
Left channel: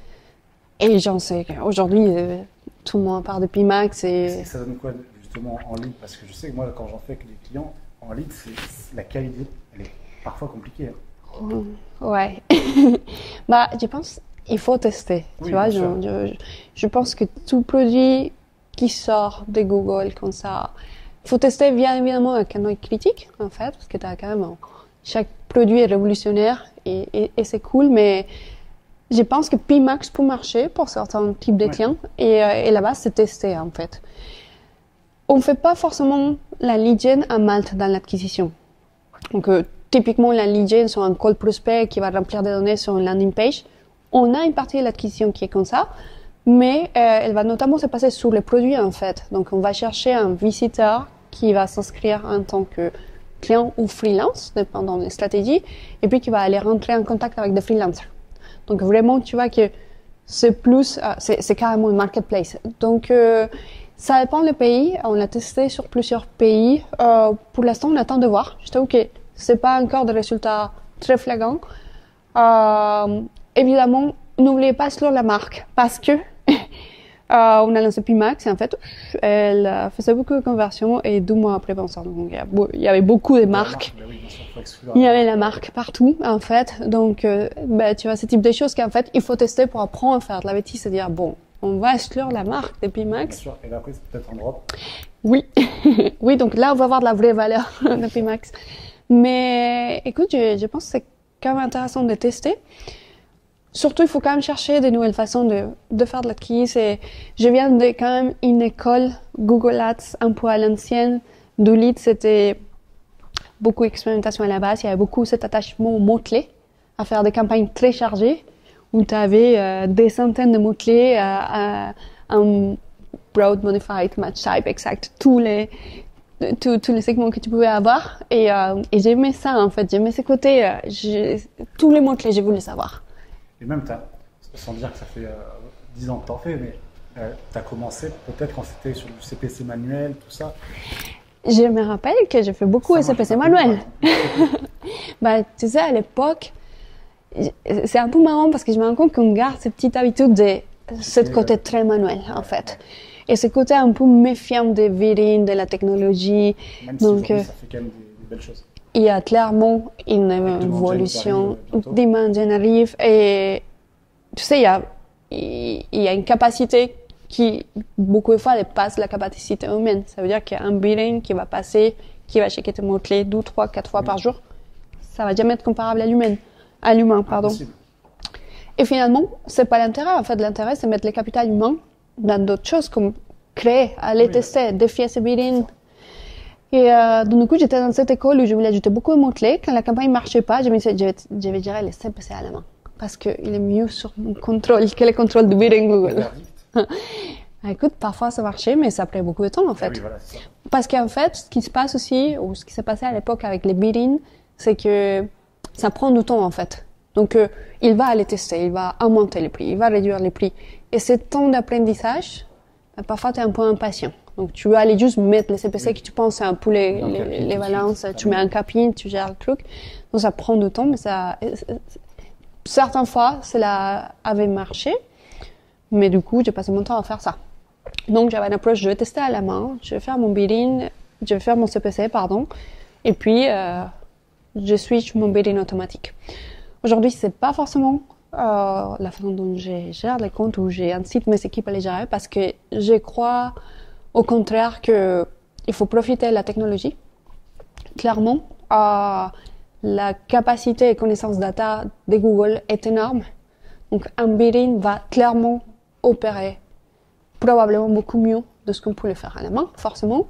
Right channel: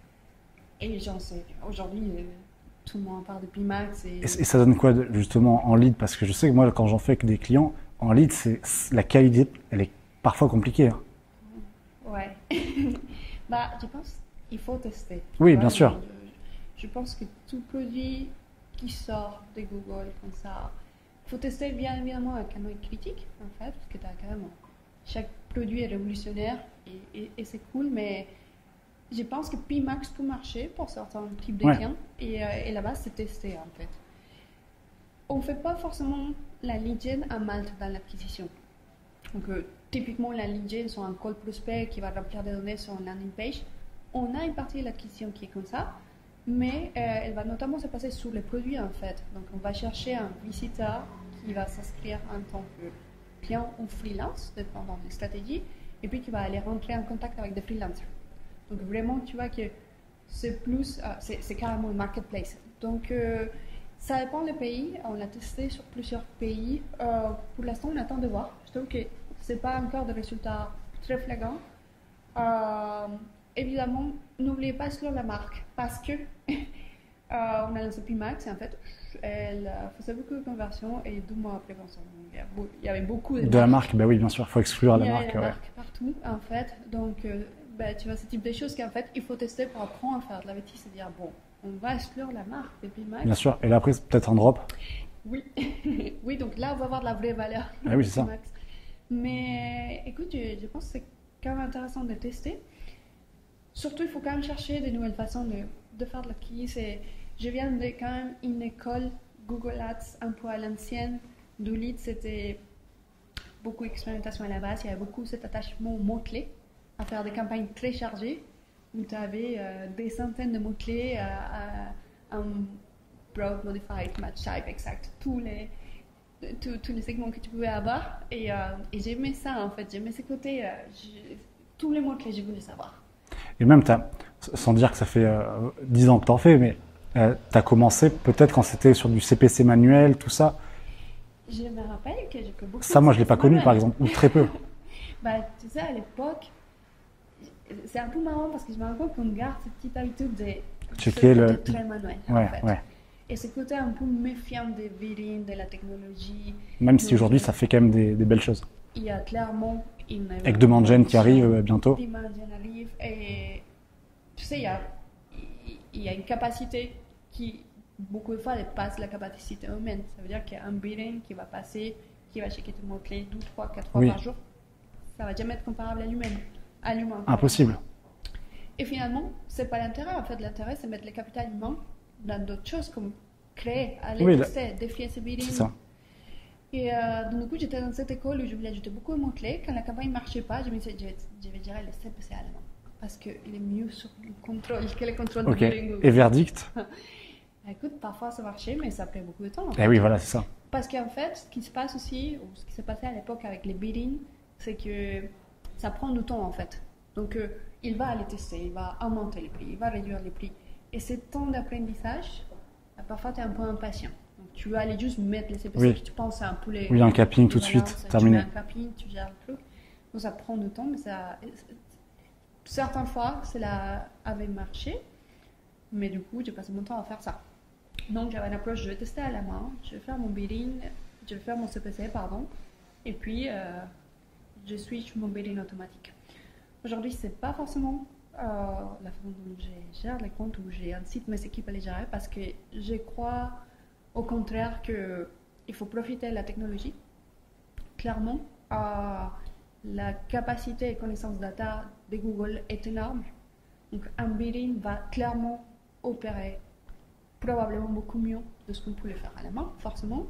Et j'en sais qu'aujourd'hui, tout le monde parle de Pimax. Et ça donne quoi, justement, en lead? Parce que je sais que moi, quand j'en fais avec des clients, en lead, la qualité, elle est parfois compliquée. Ouais. Je pense qu'il faut tester. Oui, tu vois, bien sûr. Je pense que tout produit qui sort de Google comme ça, il faut tester bien évidemment avec un œil critique, en fait, parce que tu as quand même... Chaque produit est révolutionnaire et c'est cool, mais je pense que Pimax peut marcher pour certains types de clients. Et là-bas, c'est testé, en fait. On ne fait pas forcément la lead gen à Malte dans l'acquisition. Donc, typiquement, la lead gen sur un call prospect qui va remplir des données sur une landing page. On a une partie de l'acquisition qui est comme ça, mais elle va notamment se passer sur les produits, en fait. Donc, on va chercher un visiteur qui va s'inscrire en tant que client ou freelance, dépendant des stratégies, et puis qui va aller rentrer en contact avec des freelancers. Donc, vraiment, tu vois que c'est plus... c'est carrément une marketplace. Donc, ça dépend des pays. On l'a testé sur plusieurs pays. Pour l'instant, on attend de voir. Je t'avoue que ce n'est pas encore des résultats très flagrants. Évidemment, n'oubliez pas sur la marque parce que on a lancé Pimax et en fait, elle faisait beaucoup de conversions et 2 mois après, donc, il y avait beaucoup de marques. Oui, bien sûr, il faut exclure. Il y avait la marque partout, en fait. Donc, tu vois, ce type de choses qu'en fait, il faut tester pour apprendre à faire de la bêtise, c'est-à-dire, bon, on va exclure la marque de Pimax. Bien sûr, et là après, c'est peut-être un drop. Oui, oui, donc là, on va voir de la vraie valeur de Pimax. Mais écoute, je pense que c'est quand même intéressant de tester. Surtout, il faut quand même chercher de nouvelles façons de faire de l'acquise. Je viens de quand même une école Google Ads un peu à l'ancienne. Du lead, c'était beaucoup d'expérimentation à la base. Il y avait beaucoup cet attachement aux mots-clés, à faire des campagnes très chargées, où tu avais des centaines de mots-clés, un broad, modified, match type, exact, tous les segments que tu pouvais avoir. Et j'aimais ça, en fait. J'aimais ce côté, tous les mots-clés, je voulais savoir. Et même, sans dire que ça fait 10 ans que tu en fais, mais tu as commencé peut-être quand c'était sur du CPC manuel, tout ça. Je me rappelle que j'ai fait beaucoup de CPC manuel. Par exemple, très peu. Tu sais, à l'époque, c'est un peu marrant parce que je me rends compte qu'on garde cette petite habitude de ce côté très manuel, en fait. Ouais. Et ce côté un peu méfiant des virines, de la technologie. Même si aujourd'hui, ça fait quand même des belles choses. Il y a clairement une avec Demand Gen qui arrive bientôt. Demand Gen arrive et tu sais, il y a une capacité qui, beaucoup de fois, dépasse la capacité humaine. Ça veut dire qu'il y a un bidding qui va passer, qui va checker tes mots-clés 2, 3, 4 fois par jour. Ça va jamais être comparable à l'humain. Impossible. Et finalement, c'est pas l'intérêt. En fait, l'intérêt, c'est mettre le capital humain dans d'autres choses comme créer, aller tester, défier ces biddings. Et donc, du coup, j'étais dans cette école où je voulais ajouter beaucoup de mots-clés. Quand la campagne ne marchait pas, je me suis dit, je vais gérer les CPC à la main. Parce qu'il est mieux sur le contrôle que le contrôle du bidding Google. Et verdict? Écoute, parfois ça marchait, mais ça prenait beaucoup de temps en fait. Eh oui, voilà, c'est ça. Parce qu'en fait, ce qui se passe aussi, ou ce qui s'est passé à l'époque avec les bidding, c'est que ça prend du temps en fait. Donc, il va aller tester, il va augmenter les prix, il va réduire les prix. Et ce temps d'apprentissage, parfois tu es un peu impatient. Donc, tu veux aller juste mettre les CPC que tu penses un peu les balances, tu mets un capin, tu gères le truc. Donc, ça prend du temps, mais certaines fois, cela avait marché. Mais du coup, j'ai passé mon temps à faire ça. Donc, j'avais une approche, je vais tester à la main, je vais faire mon bidding, je vais faire mon CPC, pardon. Et puis, je switch mon bidding automatique. Aujourd'hui, c'est pas forcément la façon dont je gère les comptes ou j'incite mes équipes à les gérer parce que je crois au contraire qu'il faut profiter de la technologie. Clairement, la capacité et connaissance data de Google est énorme. Donc, un bidding va clairement opérer probablement beaucoup mieux de ce qu'on peut le faire à la main, forcément.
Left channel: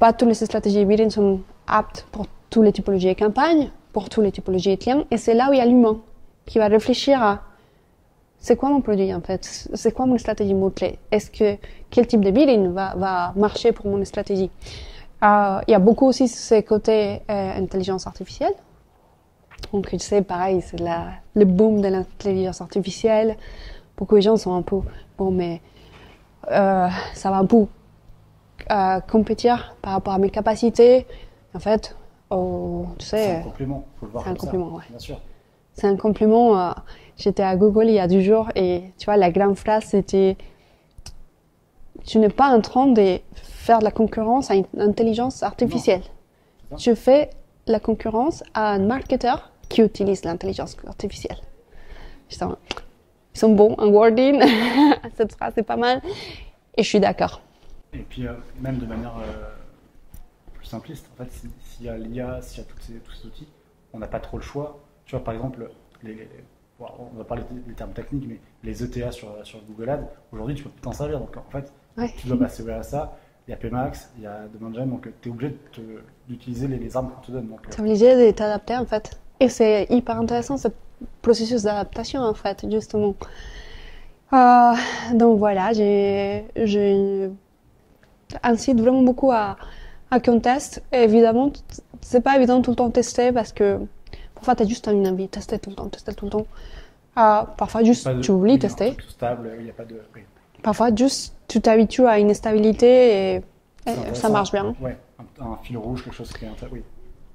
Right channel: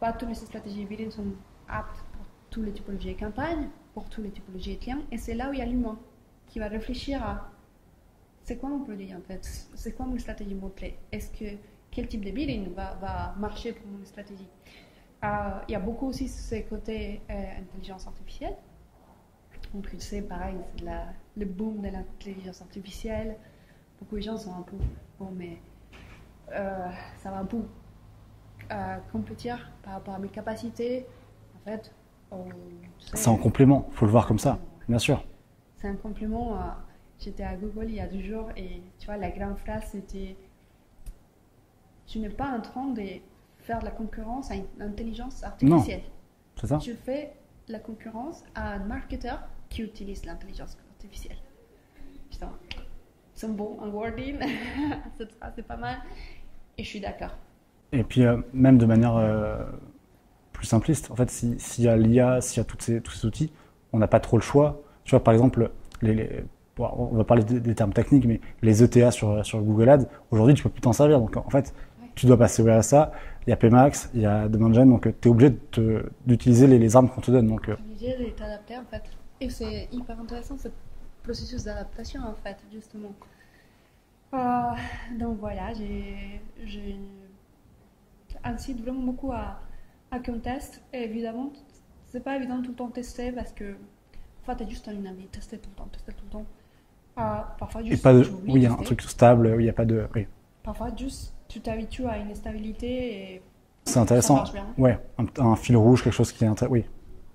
Pas toutes les stratégies de bidding sont aptes pour toutes les typologies de campagnes, pour toutes les typologies de clients. Et c'est là où il y a l'humain qui va réfléchir à c'est quoi mon produit en fait, c'est quoi mon stratégie mot-clé, quel type de bidding va marcher pour mon stratégie. Il y a beaucoup aussi ce côté intelligence artificielle. Donc, tu sais, pareil, c'est le boom de l'intelligence artificielle. Beaucoup de gens sont un peu, bon, mais ça va un peu compétir par rapport à mes capacités. En fait, tu sais... C'est un complément, il faut le voir comme ça, ouais. Bien sûr. C'est un complément. J'étais à Google il y a 2 jours et tu vois, la grande phrase, c'était « Tu n'es pas en train de faire de la concurrence à une intelligence artificielle. » C'est ça. Tu fais la concurrence à un marketeur qui utilise l'intelligence artificielle. Ils sont bons en wording, cette phrase est pas mal, et je suis d'accord. Et puis, même de manière plus simpliste, en fait, s'il y a l'IA, s'il y a tous ces outils, on n'a pas trop le choix. Tu vois, par exemple, on va parler des termes techniques, mais les ETA sur Google Ads, aujourd'hui, tu peux plus t'en servir. Donc, en fait, tu dois passer au RSA. Il y a Pmax, il y a Demand Gen, donc tu es obligé d'utiliser les armes qu'on te donne. Tu es obligé de t'adapter, en fait. Et c'est hyper intéressant, ce processus d'adaptation, en fait, justement. Donc voilà, j'incite vraiment beaucoup à qu'on teste. Et évidemment, c'est pas évident tout le temps de tester parce que parfois, tu as juste une envie de tester tout le temps. Parfois, juste tu oublies de tester. Un truc stable, il n'y a pas de... Oui. Parfois, juste tu t'habitues à une stabilité et ça marche bien. Ouais, un fil rouge, quelque chose qui est intéressant. Oui.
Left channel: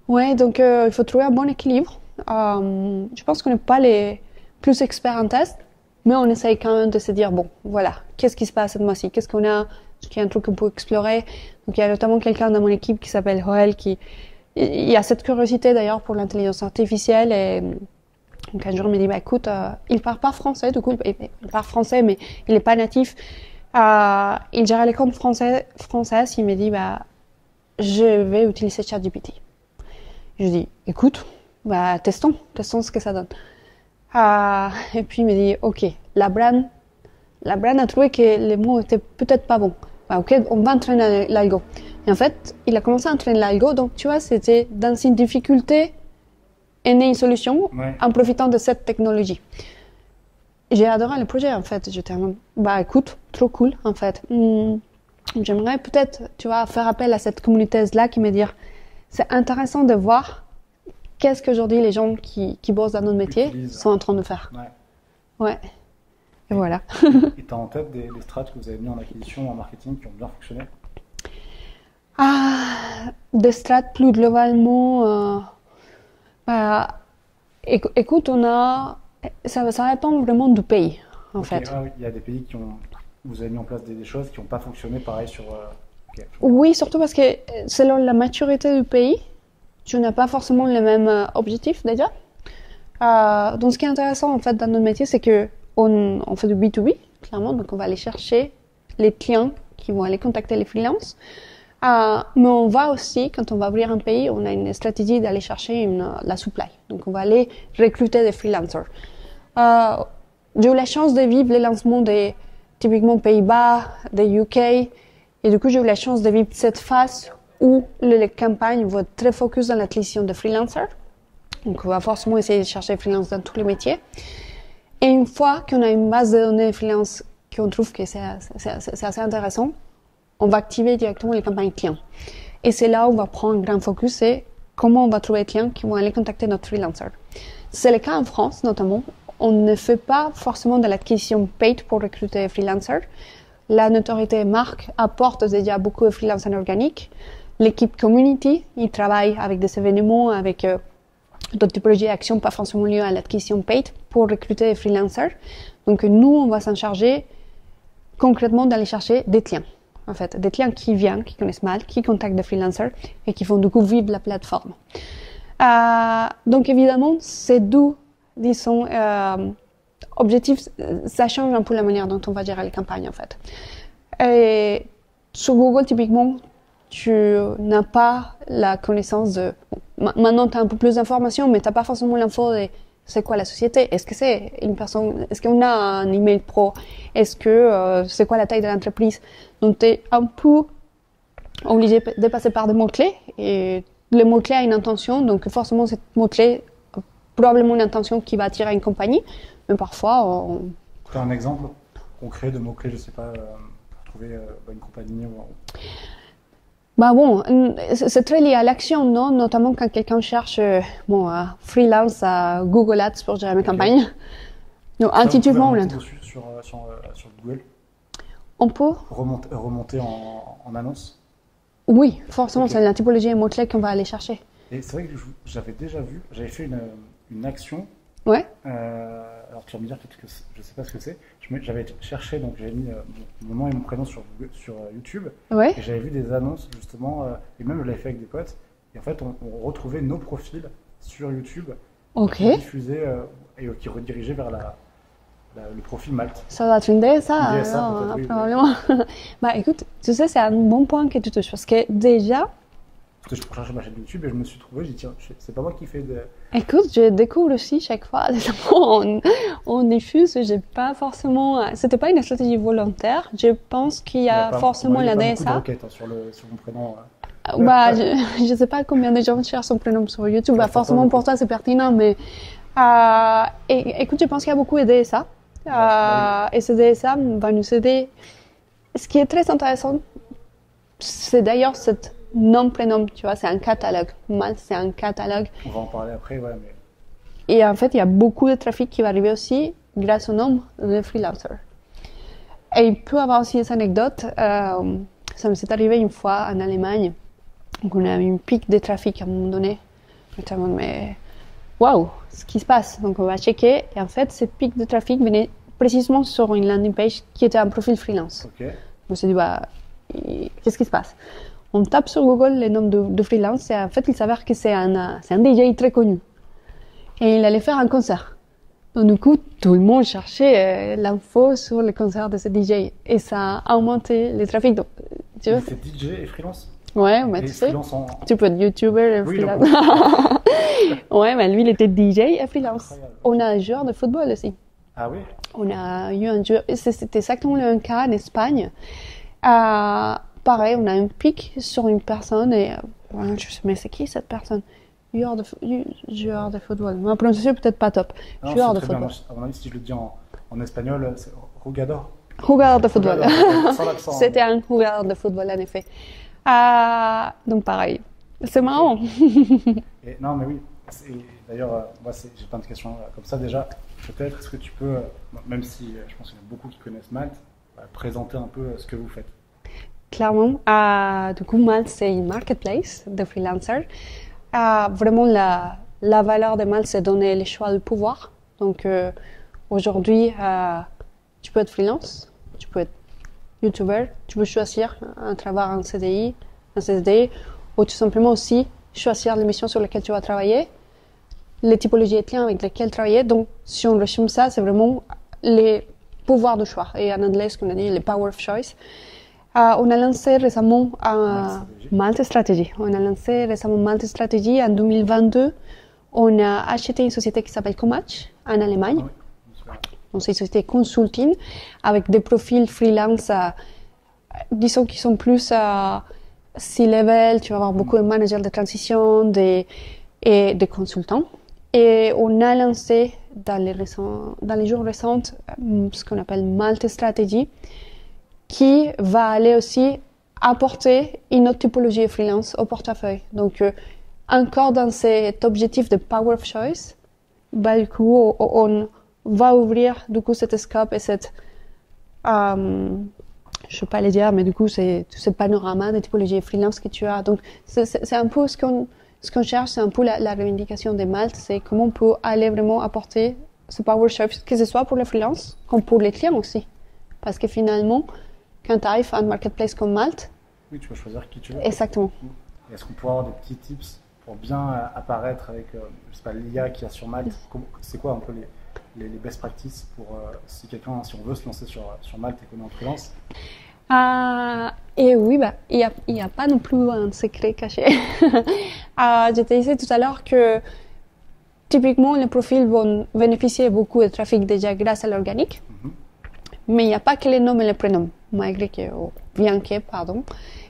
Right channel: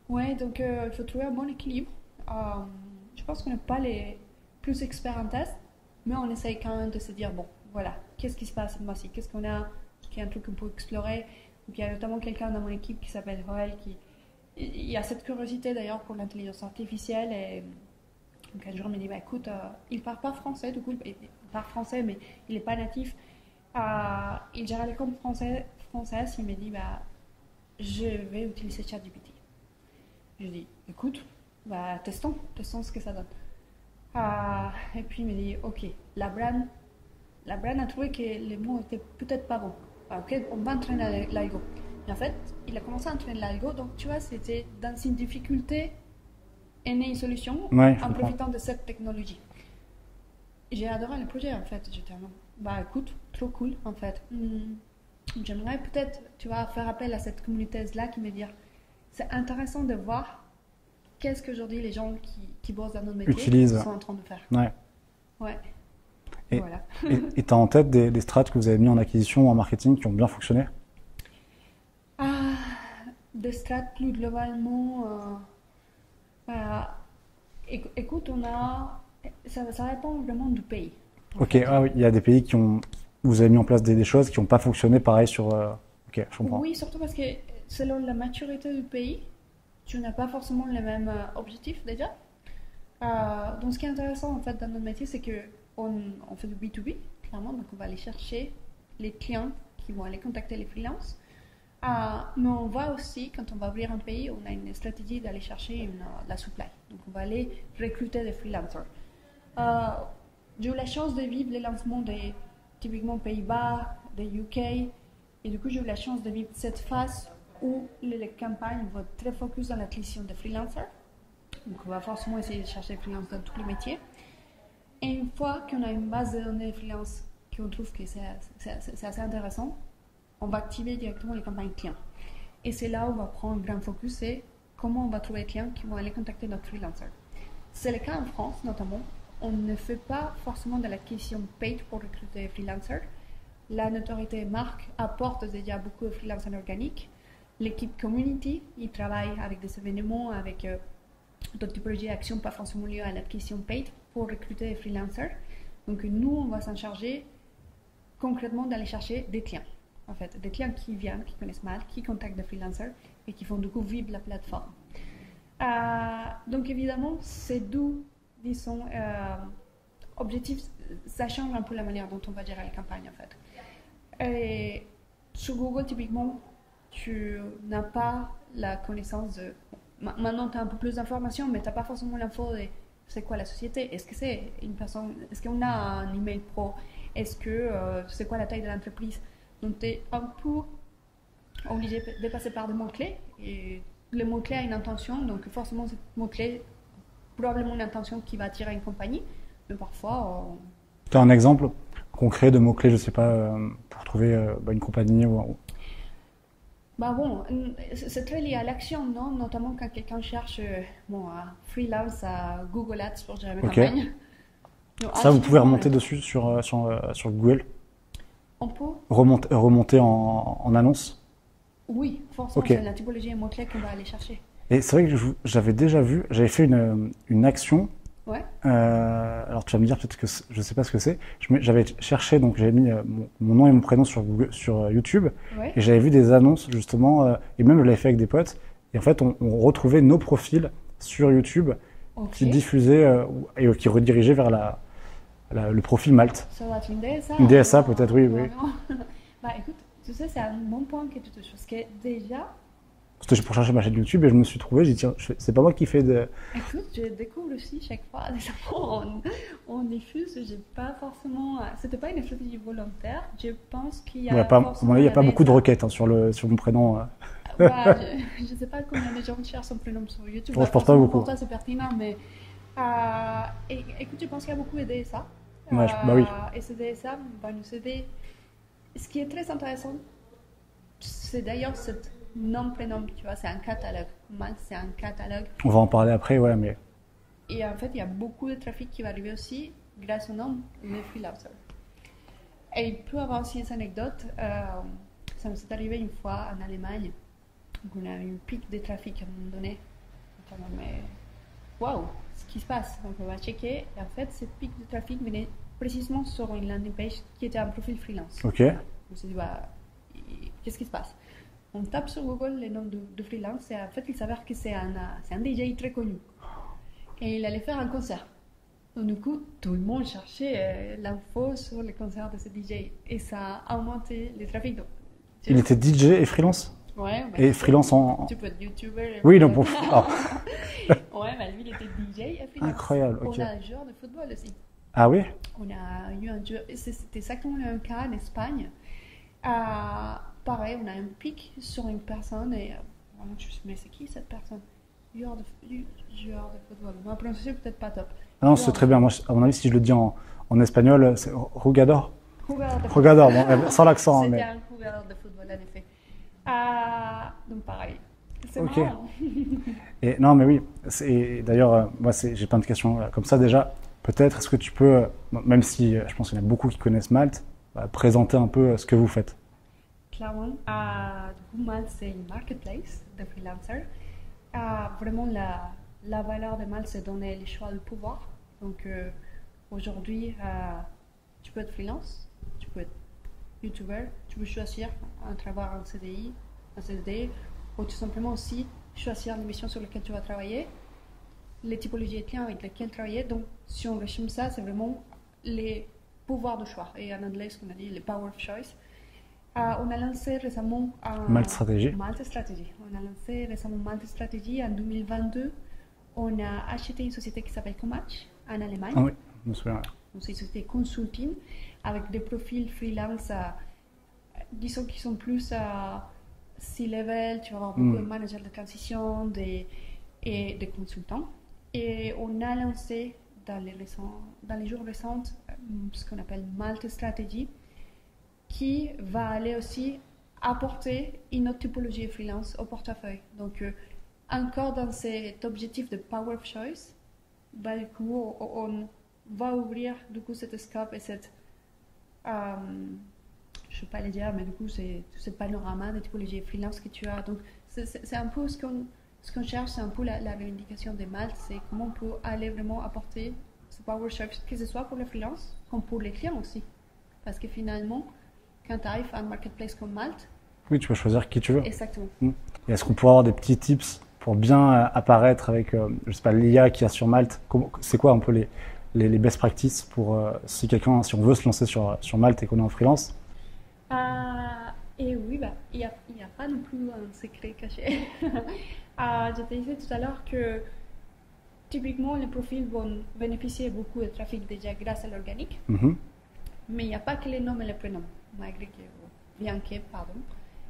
Ouais, donc il faut trouver un bon équilibre. Je pense qu'on n'est pas les plus experts en test, mais on essaye quand même de se dire bon, voilà, qu'est-ce qui se passe cette mois-ci, qu'est-ce qu'on a, est-ce qu'il y a un truc qu'on peut explorer. Donc il y a notamment quelqu'un dans mon équipe qui s'appelle Joël il y a cette curiosité d'ailleurs pour l'intelligence artificielle et donc un jour il me dit bah écoute, il parle pas français, du coup il parle français mais il n'est pas natif. Il gère les comptes françaises, il me dit bah je vais utiliser ChatGPT. Je dis écoute, bah testons ce que ça donne. Et puis il me dit ok, la brand a trouvé que les mots étaient peut-être pas bons. Bah, ok, on va entraîner l'algo. Et en fait, il a commencé à entraîner l'algo, donc tu vois, c'était dans une difficulté est née une solution en profitant de cette technologie. J'ai adoré le projet en fait. J'étais bah écoute, trop cool en fait. J'aimerais peut-être, tu vois, faire appel à cette communauté-là qui me dit c'est intéressant de voir qu'est-ce qu'aujourd'hui les gens qui bossent dans notre métier sont en train de faire. Ouais. Et voilà. Et tu as en tête des strates que vous avez mis en acquisition ou en marketing qui ont bien fonctionné? Des strates plus globalement. Écoute, ça dépend vraiment du pays. En fait. Oui, il y a des pays vous avez mis en place des choses qui n'ont pas fonctionné pareil sur. Oui, surtout parce que selon la maturité du pays, tu n'as pas forcément les mêmes objectifs déjà. Donc, ce qui est intéressant en fait dans notre métier, c'est que on fait du B2B, clairement, donc on va aller chercher les clients qui vont aller contacter les freelances. Mais on va aussi, quand on va ouvrir un pays, on a une stratégie d'aller chercher la supply. Donc on va aller recruter des freelancers. J'ai eu la chance de vivre les lancements typiquement Pays-Bas, des UK, et du coup j'ai eu la chance de vivre cette phase où les campagnes vont être très focus dans l'acquisition de freelancers. Donc, on va forcément essayer de chercher freelance dans tous les métiers. Et une fois qu'on a une base de données de freelance qu'on trouve que c'est assez intéressant, on va activer directement les campagnes clients. Et c'est là où on va prendre un grand focus, c'est comment on va trouver les clients qui vont aller contacter notre freelancer. C'est le cas en France, notamment. On ne fait pas forcément de l'acquisition paid pour recruter des freelancers. La notoriété marque apporte déjà beaucoup de freelancers organiques. L'équipe community, ils travaillent avec des événements, avec d'autres typologies d'actions, pas forcément liées à l'acquisition paid, pour recruter des freelancers. Donc nous, on va s'en charger concrètement d'aller chercher des clients. En fait, des clients qui viennent, qui connaissent mal, qui contactent des freelancers et qui font du coup vivre la plateforme. Donc évidemment, ces deux, disons, objectifs, ça change un peu la manière dont on va gérer les campagnes en fait. Et sur Google, typiquement, tu n'as pas la connaissance de... Maintenant, tu as un peu plus d'informations, mais tu n'as pas forcément l'info de c'est quoi la société, est-ce que c'est une personne, est-ce qu'on a un email pro, est-ce que c'est quoi la taille de l'entreprise. Donc, tu es un peu obligé de passer par des mots-clés, et le mot-clé a une intention, donc forcément, cette mot-clé a probablement une intention qui va attirer une compagnie, mais parfois... Tu as un exemple concret de mots-clés, je ne sais pas, pour trouver une compagnie ou... Bah bon, c'est très lié à l'action, non? Notamment quand quelqu'un cherche freelance à Google Ads pour gérer mes campagnes. Donc, ça, vous pouvez remonter dessus sur Google? On peut remonter en annonce? Oui, forcément, c'est la typologie et mots-clés qu'on va aller chercher. Et c'est vrai que j'avais déjà vu, j'avais fait une action. Ouais. Alors tu vas me dire peut-être que je ne sais pas ce que c'est. J'avais cherché, donc j'avais mis mon nom et mon prénom sur YouTube. Ouais. Et j'avais vu des annonces justement, et même je l'avais fait avec des potes. Et en fait, on retrouvait nos profils sur YouTube qui diffusaient et qui redirigeaient vers le profil Malte. Ça doit être une DSA. Une DSA peut-être, oui. Bah écoute, tu sais, c'est un bon point que tu touches parce que déjà... C'était pour chercher ma chaîne YouTube et je me suis trouvé, j'ai dit tiens, c'est pas moi qui fais de... Écoute, je découvre aussi chaque fois, on diffuse, j'ai pas forcément... C'était pas une stratégie volontaire, je pense qu'il y a forcément il y a la pas DSA. beaucoup de requêtes sur mon prénom. Bah, je sais pas combien de gens cherchent son prénom sur YouTube, bah, forcément pour toi c'est pertinent, mais... écoute, je pense qu'il y a beaucoup de DSA. Et ce DSA va nous aider. Ce qui est très intéressant, c'est d'ailleurs cette nom-prénom, tu vois, c'est un catalogue. Malte, c'est un catalogue. On va en parler après, ouais, mais... Et en fait, il y a beaucoup de trafic qui va arriver aussi grâce au nombre de freelancers. Et il peut y avoir aussi des anecdotes. Ça me s'est arrivé une fois en Allemagne. Donc, on a eu une pic de trafic à un moment donné. Notamment, mais waouh, ce qui se passe. Donc, on va checker. Et en fait, cette pic de trafic venait précisément sur une landing page qui était un profil freelance. Ok. On s'est dit, qu'est-ce qui se passe? On tape sur Google les noms de freelance et en fait, il s'avère que c'est un DJ très connu. Et il allait faire un concert. Donc, du coup, tout le monde cherchait l'info sur le concert de ce DJ. Et ça a augmenté le trafic. Donc, il était DJ et freelance? Ouais, mais et freelance tu peux être YouTuber et oui, freelance. Ouais, mais lui, il était DJ et freelance. Incroyable. On a un joueur de football aussi. Ah oui? On a eu un joueur, c'était exactement le même cas en Espagne. Pareil, on a un pic sur une personne et je sais, mais c'est qui cette personne? Joueur de football. Ma prononciation est peut-être pas top. Non, c'est très bien. Moi, à mon avis, si je le dis en espagnol, c'est jugador. Jugador de football. Jugador, sans l'accent. C'était un jugador de football, en effet. Donc pareil. C'est marrant. Et, non, mais oui. D'ailleurs, moi, j'ai plein de questions comme ça déjà. Peut-être, est-ce que tu peux, même si je pense qu'il y en a beaucoup qui connaissent Malte, présenter un peu ce que vous faites? Clairement. Du coup, Malte, c'est une marketplace de freelancers. Vraiment, la valeur de Malte, c'est donner le choix de pouvoir. Donc, aujourd'hui, tu peux être freelance, tu peux être YouTuber, tu peux choisir un travail en CDI, un CDD, ou tout simplement aussi choisir les missions sur lesquelles tu vas travailler, les typologies de clients avec lesquels travailler. Donc, si on résume ça, c'est vraiment les pouvoirs de choix. Et en anglais, ce qu'on a dit, les power of choice. On a lancé récemment Malte Strategy. On a lancé récemment Malte Strategy en 2022. On a acheté une société qui s'appelle Comatch en Allemagne. Ah oui, je me souviens. Donc, c'est une société consulting avec des profils freelance, disons qui sont plus C-level, tu vas avoir beaucoup de managers de transition et des consultants. Et on a lancé dans les jours récents ce qu'on appelle Malte Strategy, qui va aller aussi apporter une autre typologie de freelance au portefeuille. Donc, encore dans cet objectif de power of choice, bah, du coup, on va ouvrir du coup cette scope et cette, je ne sais pas les dire, mais du coup, c'est tout ce panorama de typologie de freelance que tu as. Donc, c'est un peu ce qu'on cherche, c'est un peu la revendication des Malte, c'est comment on peut aller vraiment apporter ce power of choice, que ce soit pour les freelances comme pour les clients aussi. Parce que finalement, quand tu arrives à un marketplace comme Malte, oui, tu peux choisir qui tu veux. Exactement. Et est-ce qu'on pourrait avoir des petits tips pour bien apparaître avec, je sais pas, l'IA qu'il y a sur Malte? C'est quoi un peu les best practices pour si on veut se lancer sur Malte et qu'on est en freelance? Et oui, bah, il y a pas non plus un secret caché. Je te disais tout à l'heure que typiquement les profils vont bénéficier beaucoup de trafic déjà grâce à l'organique. Mais il n'y a pas que les noms et les prénoms, malgré que,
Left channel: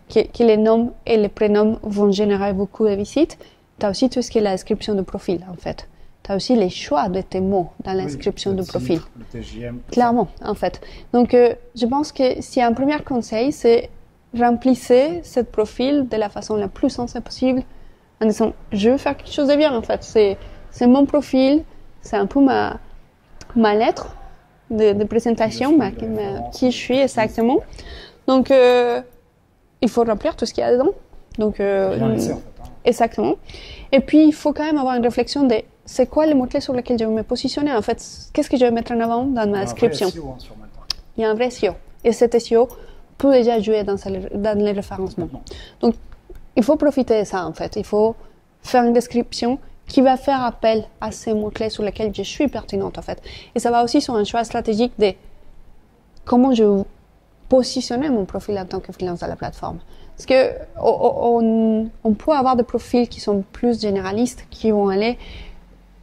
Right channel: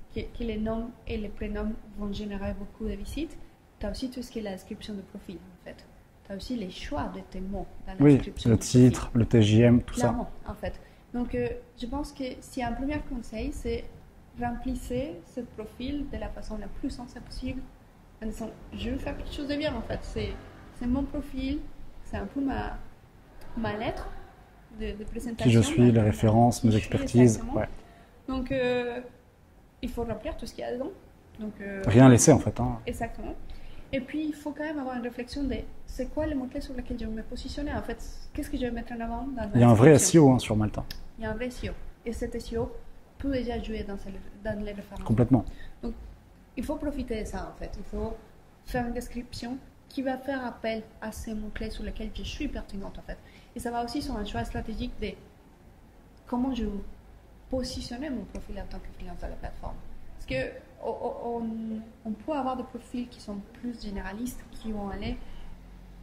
que les noms et les prénoms vont générer beaucoup de visites. Tu as aussi tout ce qui est la description de profil, en fait. Tu as aussi les choix de tes mots dans la description du profil. Le titre, le TJM, tout Clairement, ça. en fait. Donc, je pense que si un premier conseil, c'est remplissez ce profil de la façon la plus sensée possible, en disant, je veux faire quelque chose de bien, en fait. C'est mon profil, c'est un peu ma lettre de présentation, qui je suis exactement. Ouais. Donc, il faut remplir tout ce qu'il y a dedans. Donc, rien laisser en fait. Exactement. Et puis, il faut quand même avoir une réflexion de c'est quoi les mots-clés sur lesquels je vais me positionner en fait. Qu'est-ce que je vais mettre en avant dans ma description. Il y a un vrai SEO sur Malte. Il y a un vrai SEO. Et cet SEO peut déjà jouer dans les référencements. Complètement. Donc, il faut profiter de ça en fait. Il faut faire une description qui va faire appel à ces mots-clés sur lesquels je suis pertinente en fait. Et ça va aussi sur un choix stratégique de comment je vais positionner mon profil en tant que freelance à la plateforme. Parce qu'on peut avoir des profils qui sont plus généralistes, qui vont aller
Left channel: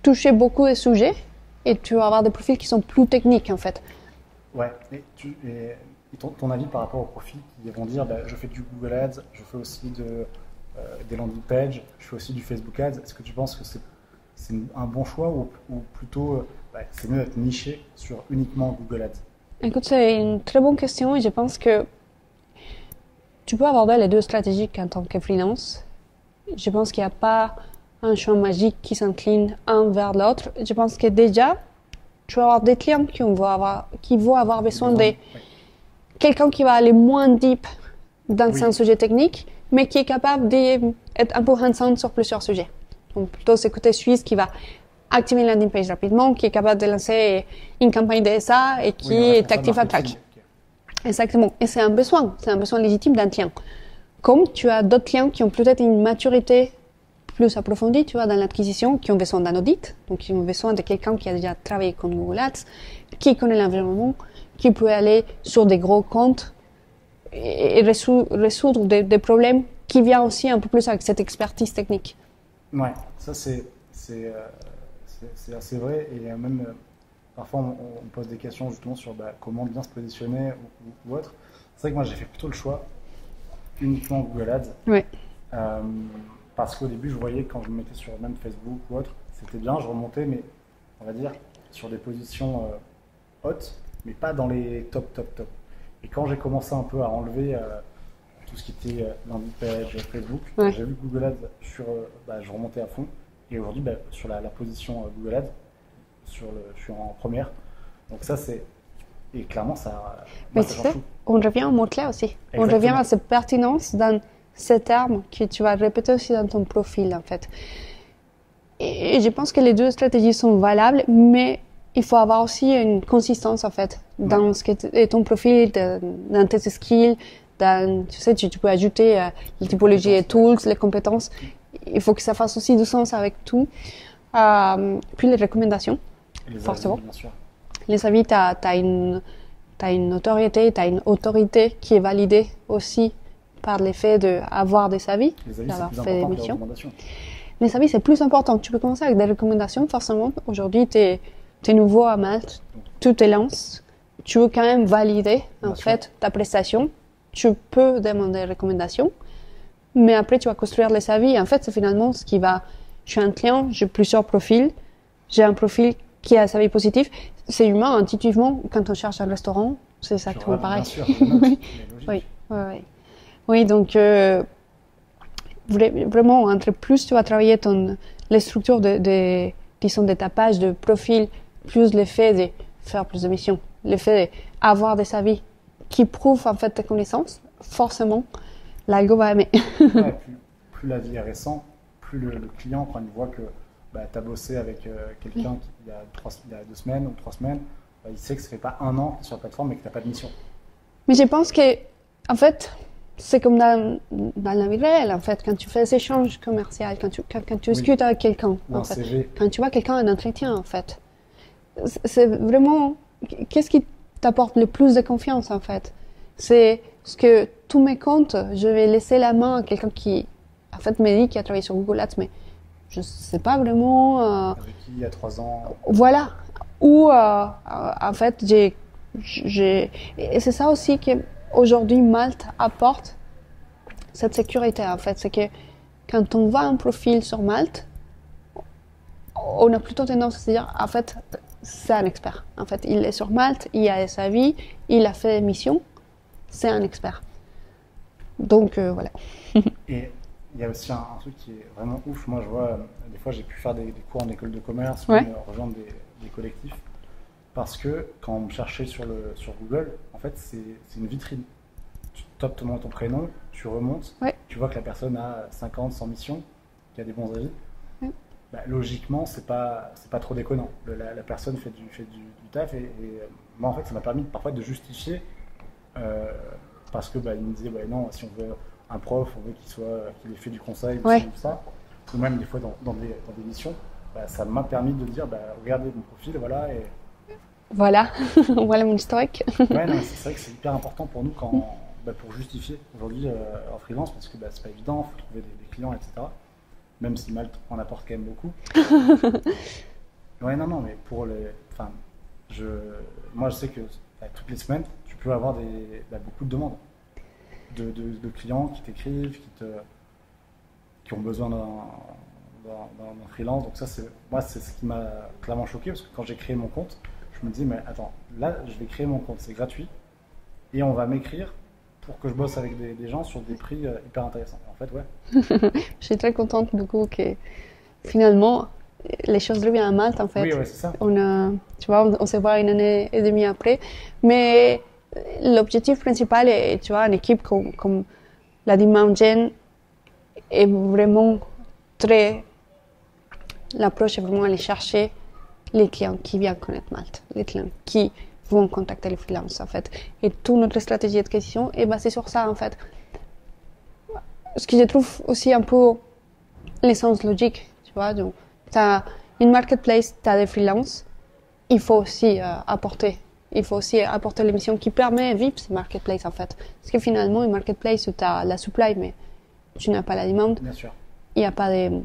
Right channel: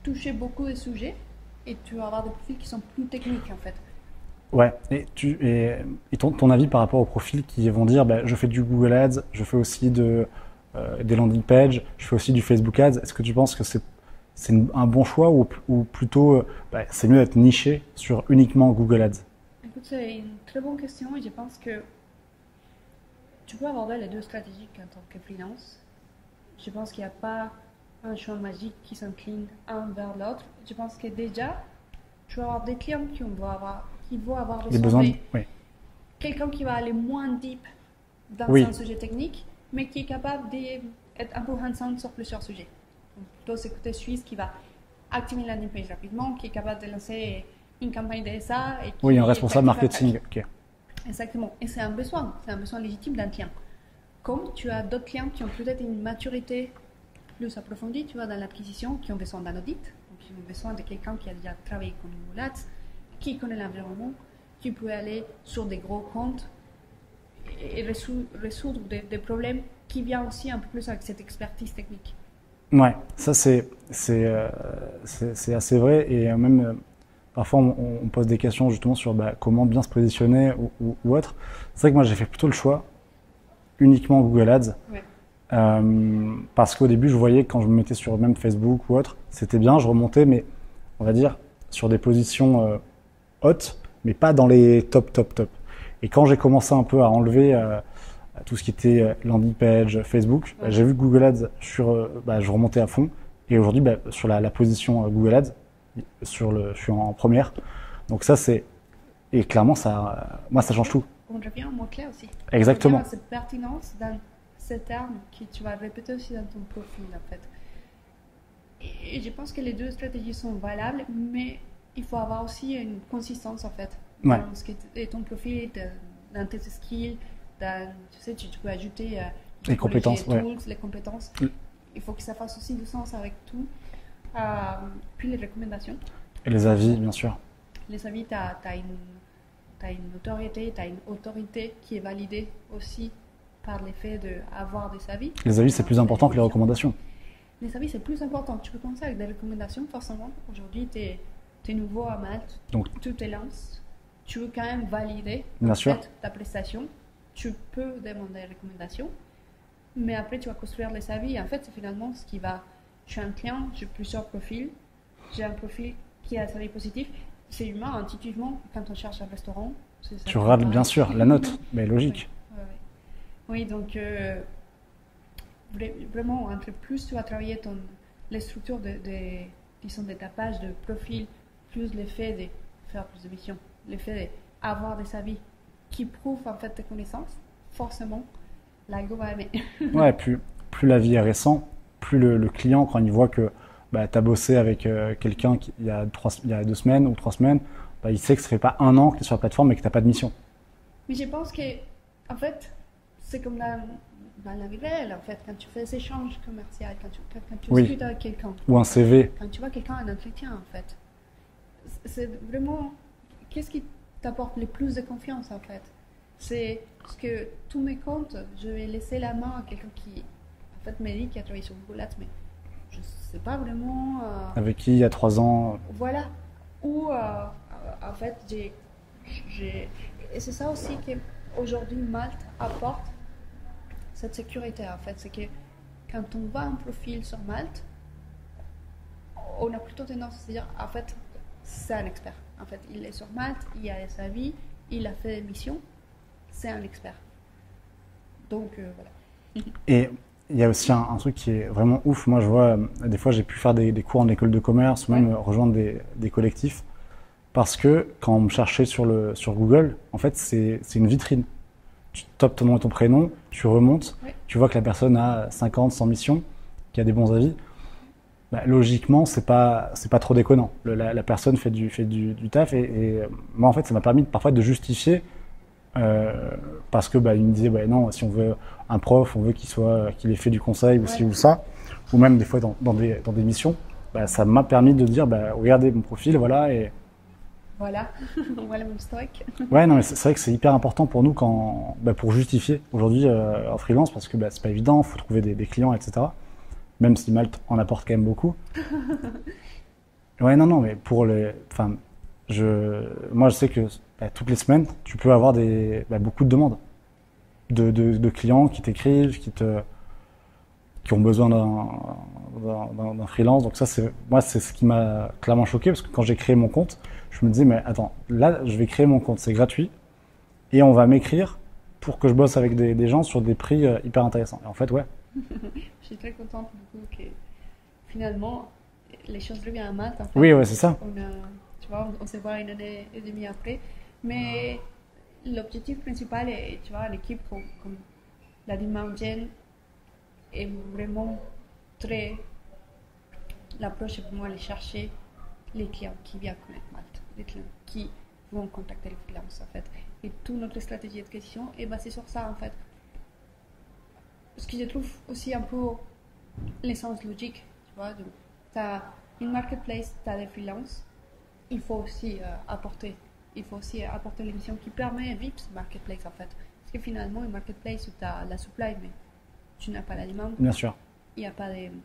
toucher beaucoup de sujets, et tu vas avoir des profils qui sont plus techniques en fait. Ouais, et ton avis par rapport aux profils qui vont dire je fais du Google Ads, je fais aussi des landing pages, je fais aussi du Facebook Ads. Est-ce que tu penses que c'est un bon choix ou plutôt c'est mieux d'être niché sur uniquement Google Ads? Écoute, c'est une très bonne question et je pense que tu peux aborder les deux stratégies en tant que freelance. Je pense qu'il n'y a pas un choix magique qui s'incline un vers l'autre. Je pense que déjà, tu vas avoir des clients qui vont avoir besoin de quelqu'un qui va aller moins deep dans un sujet technique, mais qui est capable d'être un peu hands-on sur plusieurs sujets. Donc plutôt ce côté suisse qui va activer une landing page rapidement, qui est capable de lancer une campagne DSA et qui est actif à track. Okay. Exactement. Et c'est un besoin légitime d'un client. Comme tu as d'autres clients qui ont peut-être une maturité plus approfondie, tu vois, dans l'acquisition, qui ont besoin d'un audit, donc qui ont besoin de quelqu'un qui a déjà travaillé avec Google Ads, qui connaît l'environnement, qui peut aller sur des gros comptes et résoudre des problèmes qui viennent aussi un peu plus avec cette expertise technique. Ouais, ça c'est assez vrai et même parfois on pose des questions justement sur comment bien se positionner ou autre. C'est vrai que moi j'ai fait plutôt le choix uniquement Google Ads. Ouais. Parce qu'au début je voyais quand je me mettais sur même Facebook ou autre, c'était bien, je remontais mais on va dire sur des positions hautes mais pas dans les top. Et quand j'ai commencé un peu à enlever tout ce qui était landing page, Facebook, j'ai vu Google Ads je remontais à fond. Et aujourd'hui, sur la position Google Ads, je suis en première. Donc ça, et clairement, ça change tout. On revient au mot-clé aussi. Exactement. On revient à cette pertinence dans ces termes que tu vas répéter aussi dans ton profil, en fait. Et je pense que les deux stratégies sont valables, mais il faut avoir aussi une consistance, en fait, dans ce qu'est ton profil, dans tes skills. Tu sais, tu peux ajouter les typologies, les tools, les compétences. Il faut que ça fasse aussi du sens avec tout. Puis les recommandations. Et les avis, bien sûr. Les avis, tu as une notoriété, tu as une autorité qui est validée aussi par l'effet d'avoir des avis. Les avis, c'est plus important que les recommandations. Les avis, c'est plus important. Tu peux commencer avec des recommandations, forcément. Aujourd'hui, tu es nouveau à Malte, donc tu te lances. Tu veux quand même valider en fait ta prestation. Tu peux demander des recommandations, mais après, tu vas construire les avis. En fait, c'est finalement ce qui va... Je suis un client, j'ai plusieurs profils. J'ai un profil qui a sa vie positive. C'est humain, intuitivement, quand on cherche un restaurant, c'est ça Tu qui regardes apparaît. bien sûr la note, mais logique. Oui, oui, oui. Oui, donc vraiment, entre plus tu vas travailler les structures disons, de ta page de profil, plus l'effet de faire plus de missions, l'effet d'avoir des avis qui prouvent en fait tes connaissances, forcément, l'algo va aimer. Ouais, plus la vie est récente, plus le client, quand il voit que tu as bossé avec quelqu'un il y a 2 semaines ou 3 semaines, il sait que ça fait pas 1 an que tu es sur la plateforme et que tu n'as pas de mission. Mais je pense que, en fait, c'est comme dans la vie réelle, en fait, quand tu fais des échanges commerciaux, quand tu discutes avec quelqu'un. Ou un CV. Quand tu vois quelqu'un en entretien, en fait. C'est vraiment... Qu'est-ce qui t'apporte le plus de confiance, en fait? C'est ce que tous mes comptes, je vais laisser la main à quelqu'un qui, en fait, me dit qu'il a travaillé sur Google Ads, mais je ne sais pas vraiment... Avec qui, il y a 3 ans. Voilà. Ou, en fait, et c'est ça aussi qu'aujourd'hui, Malte apporte cette sécurité, en fait. C'est que quand on voit un profil sur Malte, on a plutôt tendance à se dire, en fait, c'est un expert. En fait, il est sur Malte, il a sa vie, il a fait des missions, c'est un expert. Donc, voilà. Et il y a aussi un truc qui est vraiment ouf. Moi, je vois, des fois, j'ai pu faire des cours en école de commerce ou même rejoindre des collectifs. Parce que quand on me cherchait sur Google, en fait, c'est une vitrine. Tu tapes ton nom et ton prénom, tu remontes, tu vois que la personne a 50, 100 missions, qui a des bons avis. Logiquement, c'est pas trop déconnant. La personne fait du taf et moi, en fait, ça m'a permis parfois de justifier parce que il me disait non, si on veut un prof, on veut qu'il ait fait du conseil ou ci ou ça, ou même des fois dans des missions, ça m'a permis de dire regardez mon profil, voilà. Et voilà, voilà mon historique. Ouais, non, c'est vrai que c'est hyper important pour nous pour justifier aujourd'hui en freelance parce que c'est pas évident, il faut trouver des clients, etc. Même si Malte en apporte quand même beaucoup. Ouais, non, mais moi je sais que toutes les semaines, tu peux avoir beaucoup de demandes de clients qui t'écrivent, qui ont besoin d'un freelance. Donc ça, c'est ce qui m'a clairement choqué parce que quand j'ai créé mon compte, je me disais, mais attends, là, je vais créer mon compte, c'est gratuit, et on va m'écrire pour que je bosse avec des gens sur des prix hyper intéressants. Et en fait, ouais. Je suis très contente du coup que finalement, les choses reviennent à Malte, en fait. Oui, ouais, c'est ça. Tu vois, on se voit 1 an et demi après. Mais l'objectif principal est, tu vois, une équipe comme l'a dit Maud-Jen, est vraiment très... L'approche est vraiment aller chercher les clients qui viennent connaître Malte, les clients qui vont contacter les freelances, en fait. Et toute notre stratégie d'acquisition est basée sur ça, en fait. Ce que je trouve aussi un peu l'essence logique, tu vois. Donc, tu as une marketplace, tu as des freelances, il faut aussi apporter les missions qui permettent de vivre ce marketplace, en fait. Parce que finalement, une marketplace où tu as la supply, mais tu n'as pas la demande. Bien sûr. Il n'y a pas de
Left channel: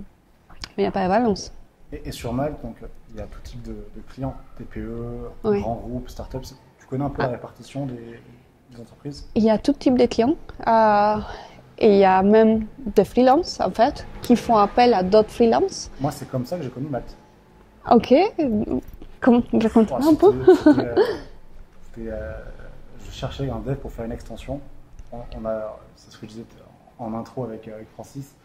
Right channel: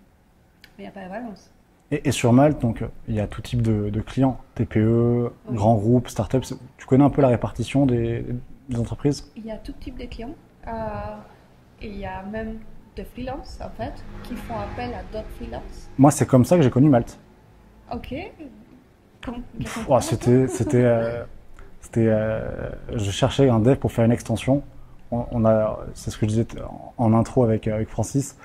balance. Et sur Malte, donc, il y a tout type de clients, TPE, grands groupes, startups. Tu connais un peu la répartition des entreprises? Il y a tout type de clients. Et il y a même des freelances, en fait, qui font appel à d'autres freelances. Moi, c'est comme ça que j'ai connu Malte. Ok. Comment je cherchais un dev pour faire une extension. C'est ce que je disais en intro avec Francis.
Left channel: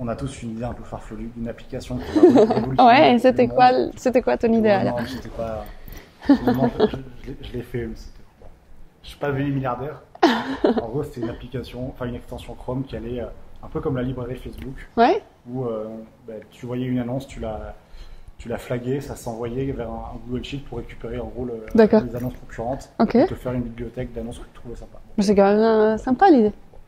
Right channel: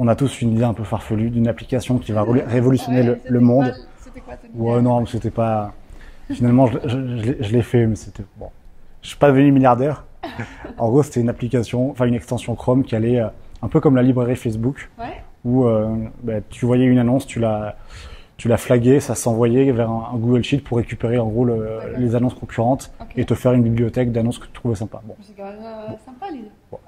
On a tous une idée un peu farfelue d'une application qui va révolutionner le monde. C'était quoi ton idée? Non, c'était pas... Finalement, je l'ai fait, mais c'était... Bon. Je suis pas devenu milliardaire. En gros, c'était une extension Chrome qui allait un peu comme la librairie Facebook, où tu voyais une annonce, tu la flaguais, ça s'envoyait vers un Google Sheet pour récupérer en gros les annonces concurrentes et te faire une bibliothèque d'annonces que tu trouvais sympa. Bon. C'est quand même sympa l'idée. Bon,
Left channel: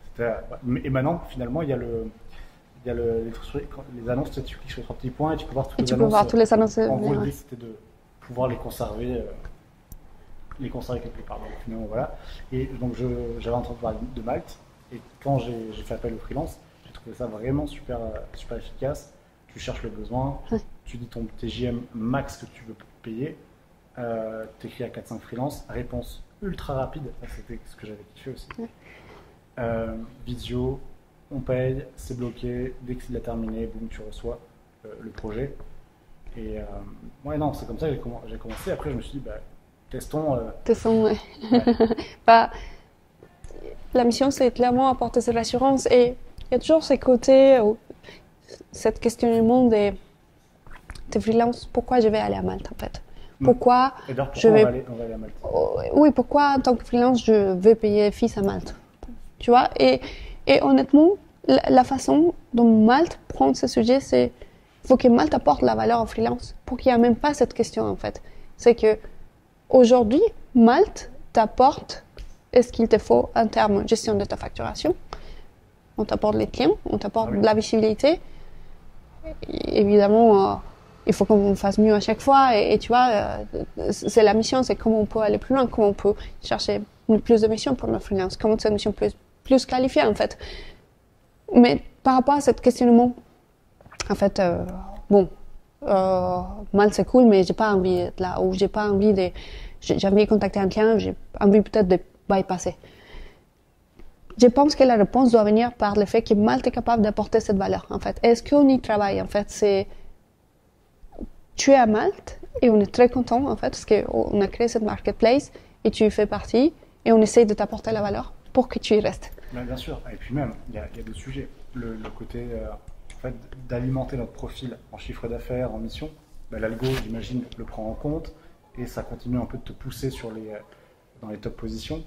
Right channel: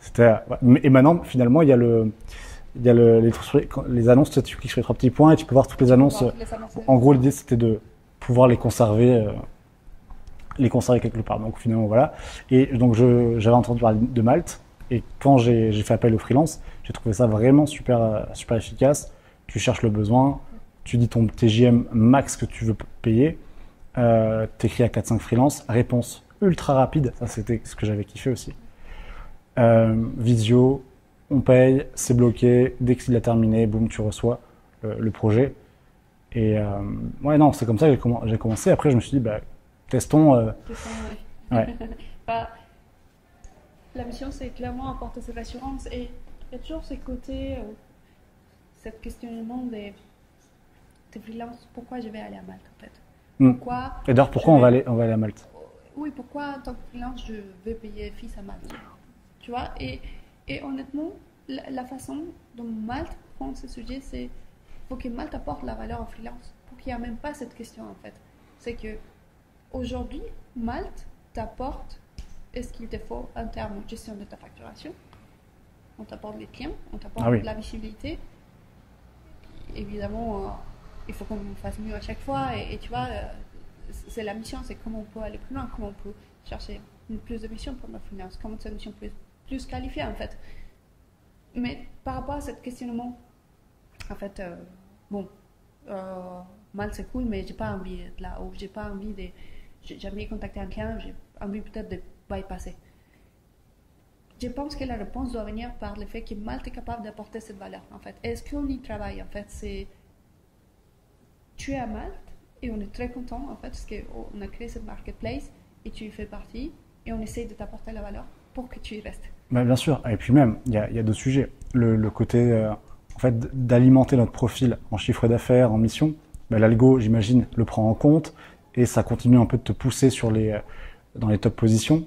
et maintenant, finalement, il y a les annonces, tu cliques sur les 3 petits points et tu peux voir toutes les annonces. En gros, l'idée, c'était de pouvoir les conserver quelque part. Donc finalement, voilà. Et donc, j'avais entendu parler de Malte. Et quand j'ai fait appel au freelance, j'ai trouvé ça vraiment super, super efficace. Tu cherches le besoin, tu dis ton TJM max que tu veux payer, t'écris à 4-5 freelance, réponse ultra rapide. Ça, c'était ce que j'avais kiffé aussi. visio, on paye, c'est bloqué. Dès qu'il a terminé, boum, tu reçois le projet. Et ouais, non, c'est comme ça que j'ai commencé. Après, je me suis dit, bah, testons. Testons, ouais. Ouais. Bah, la mission, c'est clairement apporter cette assurance. Et il y a toujours ces côtés, cette questionnement des freelances. Pourquoi je vais aller à Malte, en fait? Pourquoi Et d'ailleurs, pourquoi on va aller à Malte? Oui, pourquoi en tant que freelance, je vais payer fils à Malte? Tu vois? Et honnêtement, la façon dont Malte prend ce sujet, c'est il faut que Malte apporte la valeur au freelance pour qu'il n'y ait même pas cette question, en fait. C'est que aujourd'hui, Malte t'apporte ce qu'il te faut en termes de gestion de ta facturation. On t'apporte les clients, on t'apporte de la visibilité. Et évidemment, il faut qu'on fasse mieux à chaque fois. Et tu vois, c'est la mission, c'est comment on peut aller plus loin, comment on peut chercher plus de missions pour nos freelance, comment cette mission plus qualifiée, en fait. Mais par rapport à ce questionnement, en fait, Malte c'est cool, mais j'ai pas envie d'être là, ou j'ai pas envie de... J'ai envie de contacter un client, j'ai envie peut-être de bypasser. Je pense que la réponse doit venir par le fait que Malte est capable d'apporter cette valeur, en fait. Est-ce qu'on y travaille, en fait? C'est... Tu es à Malte et on est très content, en fait, parce qu'on a créé cette marketplace et tu y fais partie et on essaye de t'apporter la valeur pour que tu y restes. Bah, bien sûr. Et puis même, il y a d'autres sujets. Le côté, en fait, d'alimenter notre profil en chiffre d'affaires, en mission, bah, l'algo, j'imagine, le prend en compte et ça continue un peu de te pousser dans les top positions.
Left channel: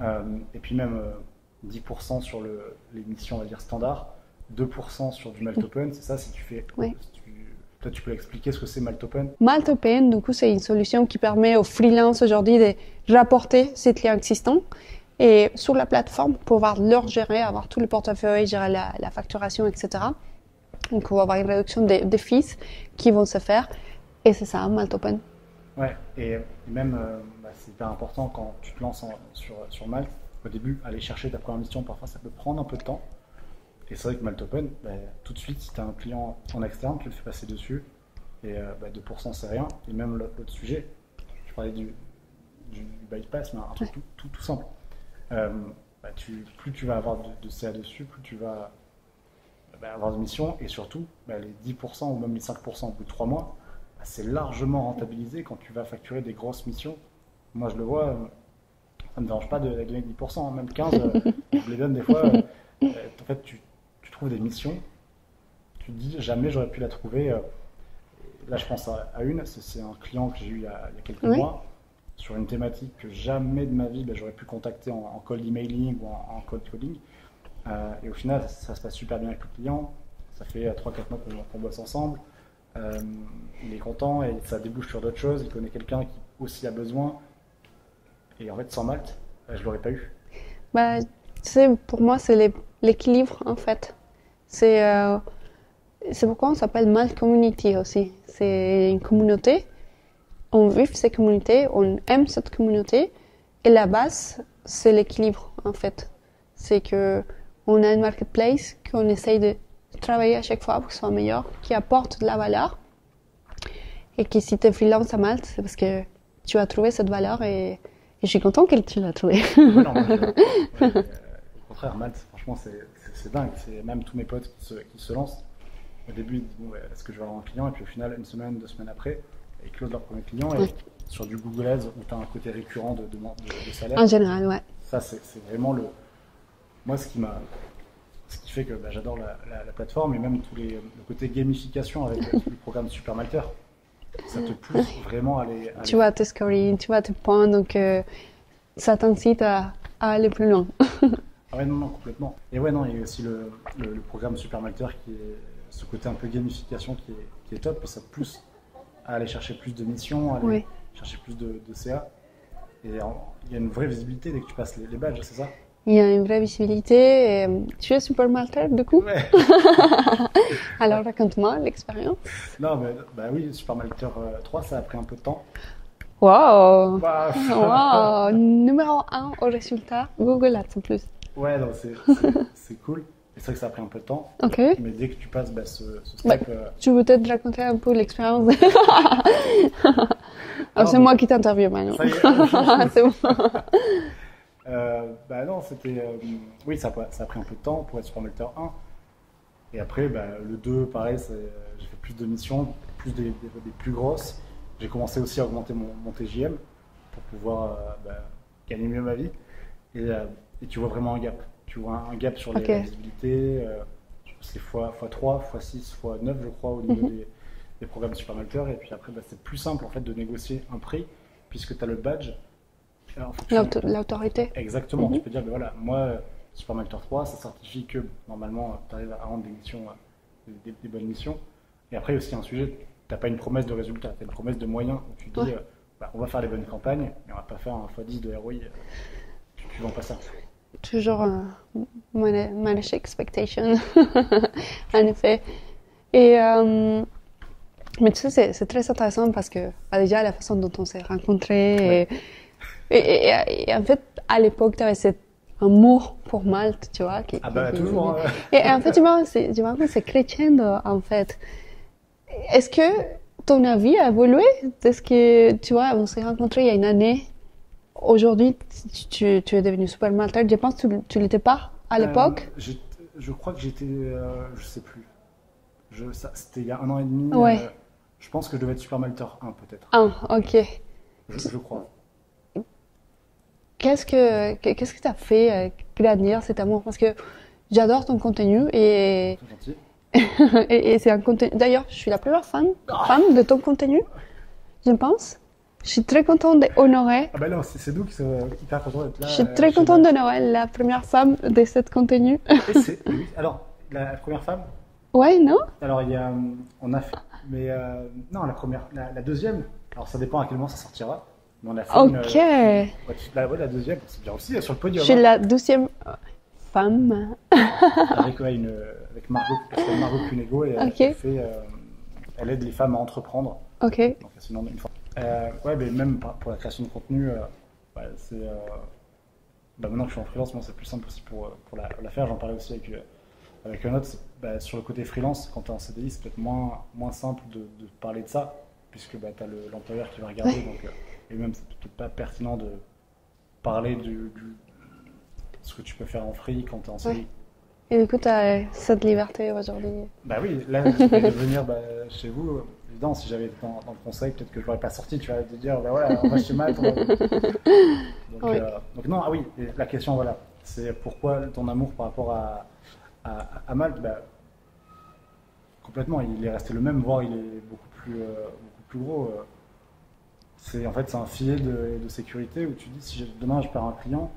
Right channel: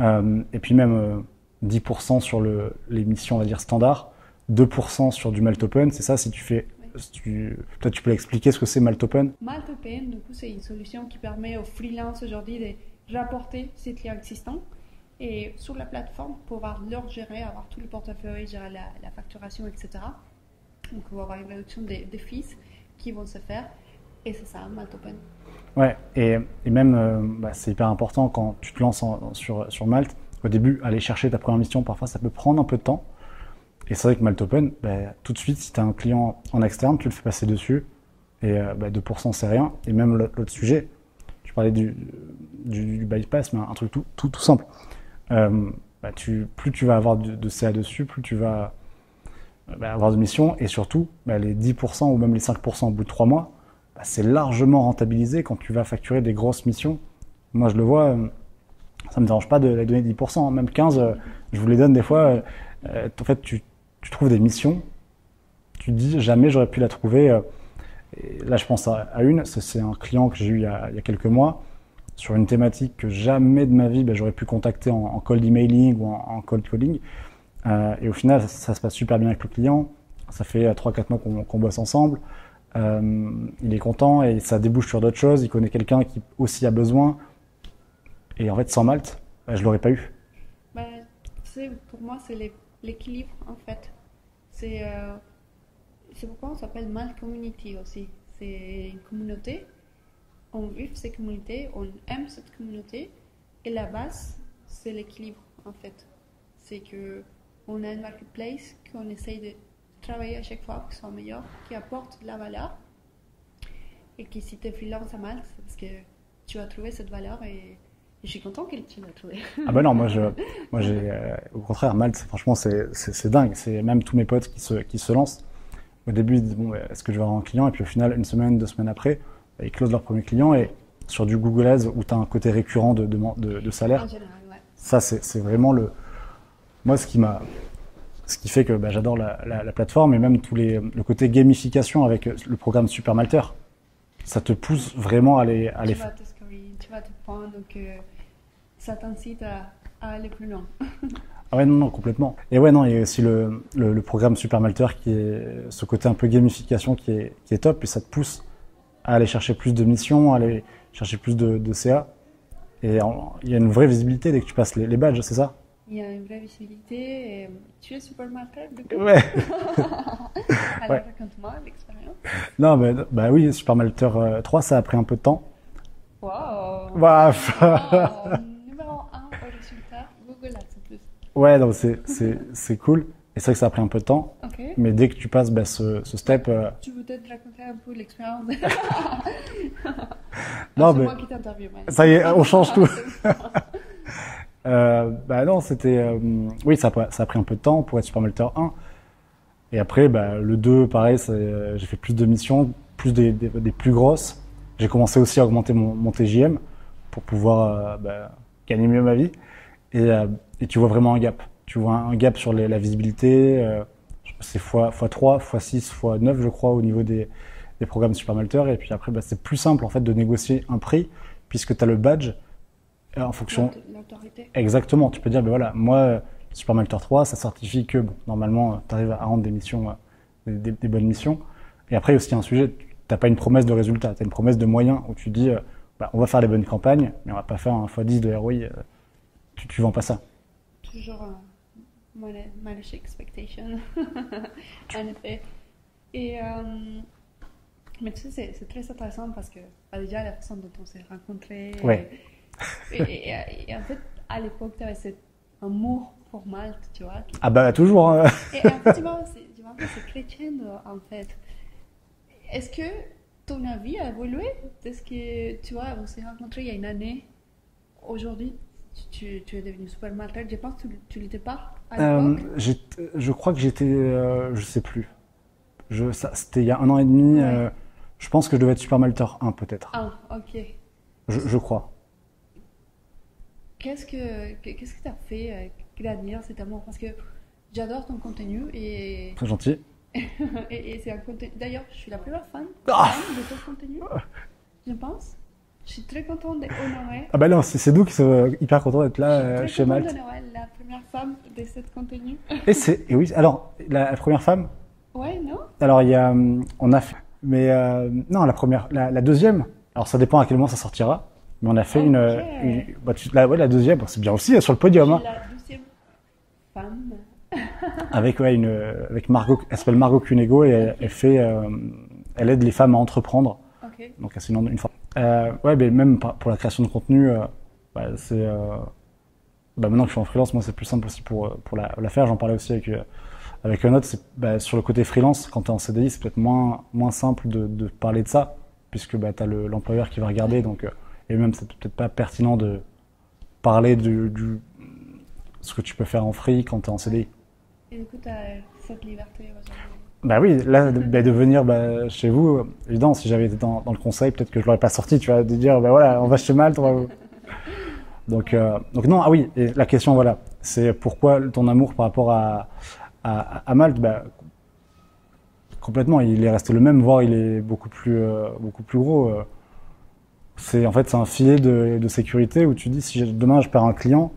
Et puis même 10% sur les missions, on va dire, standards, 2% sur du Malte Open, c'est ça, si tu fais... Oui. Peut-être tu peux expliquer ce que c'est Malte Open? Malte Open, du coup, c'est une solution qui permet aux freelances aujourd'hui de rapporter ses clients existants et sur la plateforme pour pouvoir leur gérer, avoir tout le portefeuille, gérer la facturation, etc. Donc, on va avoir une réduction des fees qui vont se faire et c'est ça, Malte Open. Ouais, et même, c'est hyper important quand tu te lances sur Malte. Au début, aller chercher ta première mission, parfois, ça peut prendre un peu de temps. Et c'est vrai que Malte Open, tout de suite, si tu as un client en externe, tu le fais passer dessus. Et 2%, c'est rien. Et même l'autre sujet, je parlais du bypass, mais un truc tout simple. Plus tu vas avoir de CA dessus, plus tu vas avoir de missions. Et surtout, les 10% ou même les 5% au bout de 3 mois, c'est largement rentabilisé quand tu vas facturer des grosses missions. Moi, je le vois, ça ne me dérange pas de les donner 10%, même 15%, je vous les donne des fois. En fait, tu trouves des missions, tu te dis jamais j'aurais pu la trouver. Et là, je pense à une, c'est un client que j'ai eu il y a quelques mois, sur une thématique que jamais de ma vie j'aurais pu contacter en cold emailing ou en cold calling. Et au final, ça se passe super bien avec le client. Ça fait 3-4 mois qu'on bosse ensemble. Il est content et ça débouche sur d'autres choses. Il connaît quelqu'un qui aussi a besoin. Et en fait, sans Malte, je ne l'aurais pas eu. Tu sais, pour moi, c'est l'équilibre, en fait. C'est pourquoi on s'appelle Malte Community aussi. C'est une communauté. On vit cette communauté, on aime cette communauté. Et la base, c'est l'équilibre, en fait. C'est qu'on a une marketplace qu'on essaye de travailler à chaque fois pour que ce soit meilleur, qui apporte de la valeur. Et que si tu es freelance à Malte, c'est parce que tu as trouvé cette valeur et je suis content que tu l'as trouvé. Ah non, au contraire, Malte, franchement, c'est dingue. C'est même tous mes potes qui se lancent. Au début, ils disent, est-ce que je vais avoir un client? Et puis au final, 1 semaine, 2 semaines après, ils closent leur premier client. Et sur du Google Ads, où tu as un côté récurrent de salaire. En général, ouais. Ça, c'est vraiment moi, ce qui fait que j'adore la plateforme et même le côté gamification avec le programme Super Malteur. Ça te pousse vraiment à aller... Tu vois tes scoring, tu vois tes points, donc ça t'incite à aller plus loin. Ah ouais, non, complètement. Et ouais, non, il y a aussi le programme Super Malteur qui est ce côté un peu gamification qui est top et ça te pousse à aller chercher plus de missions, à aller chercher plus de CA. Et il y a une vraie visibilité dès que tu passes les badges, c'est ça? Il y a une vraie visibilité. Et tu es Super Malteur, du coup? Ouais. Alors, raconte-moi l'expérience. Non, oui, Super Malteur 3, ça a pris un peu de temps. Wow! Wow. Numéro 1 au résultat, Google Ads en plus. Ouais, donc c'est cool. Et c'est vrai que ça a pris un peu de temps. Ok. Mais dès que tu passes ce step... Tu veux peut-être raconter un peu l'expérience? C'est moi qui t'interviewe maintenant. Ça y est, on change tout. C'est bon. Bah non, c'était. Oui, ça a pris un peu de temps pour être Supermelter 1. Et après, bah, le 2, pareil, j'ai fait plus de missions, plus des plus grosses. J'ai commencé aussi à augmenter mon TJM pour pouvoir bah, gagner mieux ma vie. Et tu vois vraiment un gap. Tu vois un gap sur Ok. la visibilité. C'est x3, x6, x9, je crois, au niveau des programmes Supermelter. Et puis après, bah, c'est plus simple en fait de négocier un prix puisque tu as le badge en fonction. L'autorité. Exactement, tu Mhm. peux dire, ben voilà, moi, Supermelter 3, ça certifie que bon, normalement, tu arrives à rendre des missions, des bonnes missions. Et après, il y a aussi un sujet, tu n'as pas une promesse de résultat, tu as une promesse de moyens où tu dis, Ouais. bah, on va faire les bonnes campagnes, mais on va pas faire un x10 de ROI, tu vends pas ça. Toujours manage expectation, en effet. Et, mais tu sais, c'est très intéressant parce que déjà la façon dont on s'est rencontrés. Ouais. Et en fait, à l'époque, tu avais cet amour pour Malte, tu vois. Ah bah toujours, hein. Et en fait, tu vois, c'est crescendo, en fait. Est-ce que ton avis a évolué? Est-ce que, tu vois, on s'est rencontrés il y a une année. Aujourd'hui, tu es devenu super maltais. Je pense que tu l'étais pas à l'époque. Je crois que j'étais, je sais plus. C'était il y a 1 an et demi. Ouais. Je pense que je devais être Supermelter 1 peut-être. Ah, ok. Je crois. Qu'est-ce que t'as fait grandir cet amour? Parce que j'adore ton contenu et, Très gentil. et c'est un contenu. D'ailleurs, je suis la première fan de ton contenu, je pense. Je suis très contente d'honorer. Ah bah non, c'est nous qui sommes hyper contents d'être là. Je suis très chez contente Malte. d'honorer la première femme de ce contenu. Et oui, alors, la première femme, Ouais, non? alors il y a, on a fait, mais non, la deuxième, alors ça dépend à quel moment ça sortira, mais on a fait Ok. bah, ouais, la deuxième, bon, c'est bien aussi, sur le Je podium, suis hein, la 12e femme. avec, ouais, avec Margot, elle s'appelle Margot Cunego, et Ok. elle aide les femmes à entreprendre, Ok. donc c'est une fois. Ouais, mais même pour la création de contenu, bah, bah, maintenant que je suis en freelance, moi c'est plus simple aussi pour la faire, j'en parlais aussi avec un autre, bah, sur le côté freelance, quand tu es en CDI, c'est peut-être moins simple de parler de ça, puisque bah, tu as l'employeur qui va regarder, Ouais. donc, et même c'est peut-être pas pertinent de parler ce que tu peux faire en free quand tu es en CDI. Ouais. Et du coup, tu as cette liberté aujourd'hui. Bah oui, là, de venir bah, chez vous, évidemment, si j'avais été dans le conseil, peut-être que je l'aurais pas sorti, tu vois, de dire, bah voilà, on va chez Malte. Donc, Ouais. donc non, ah oui, et la question, voilà, c'est pourquoi ton amour par rapport à Malte, bah, complètement, il est resté le même, voire il est beaucoup plus gros. En fait, c'est un filet de sécurité où tu dis, si demain je perds un client,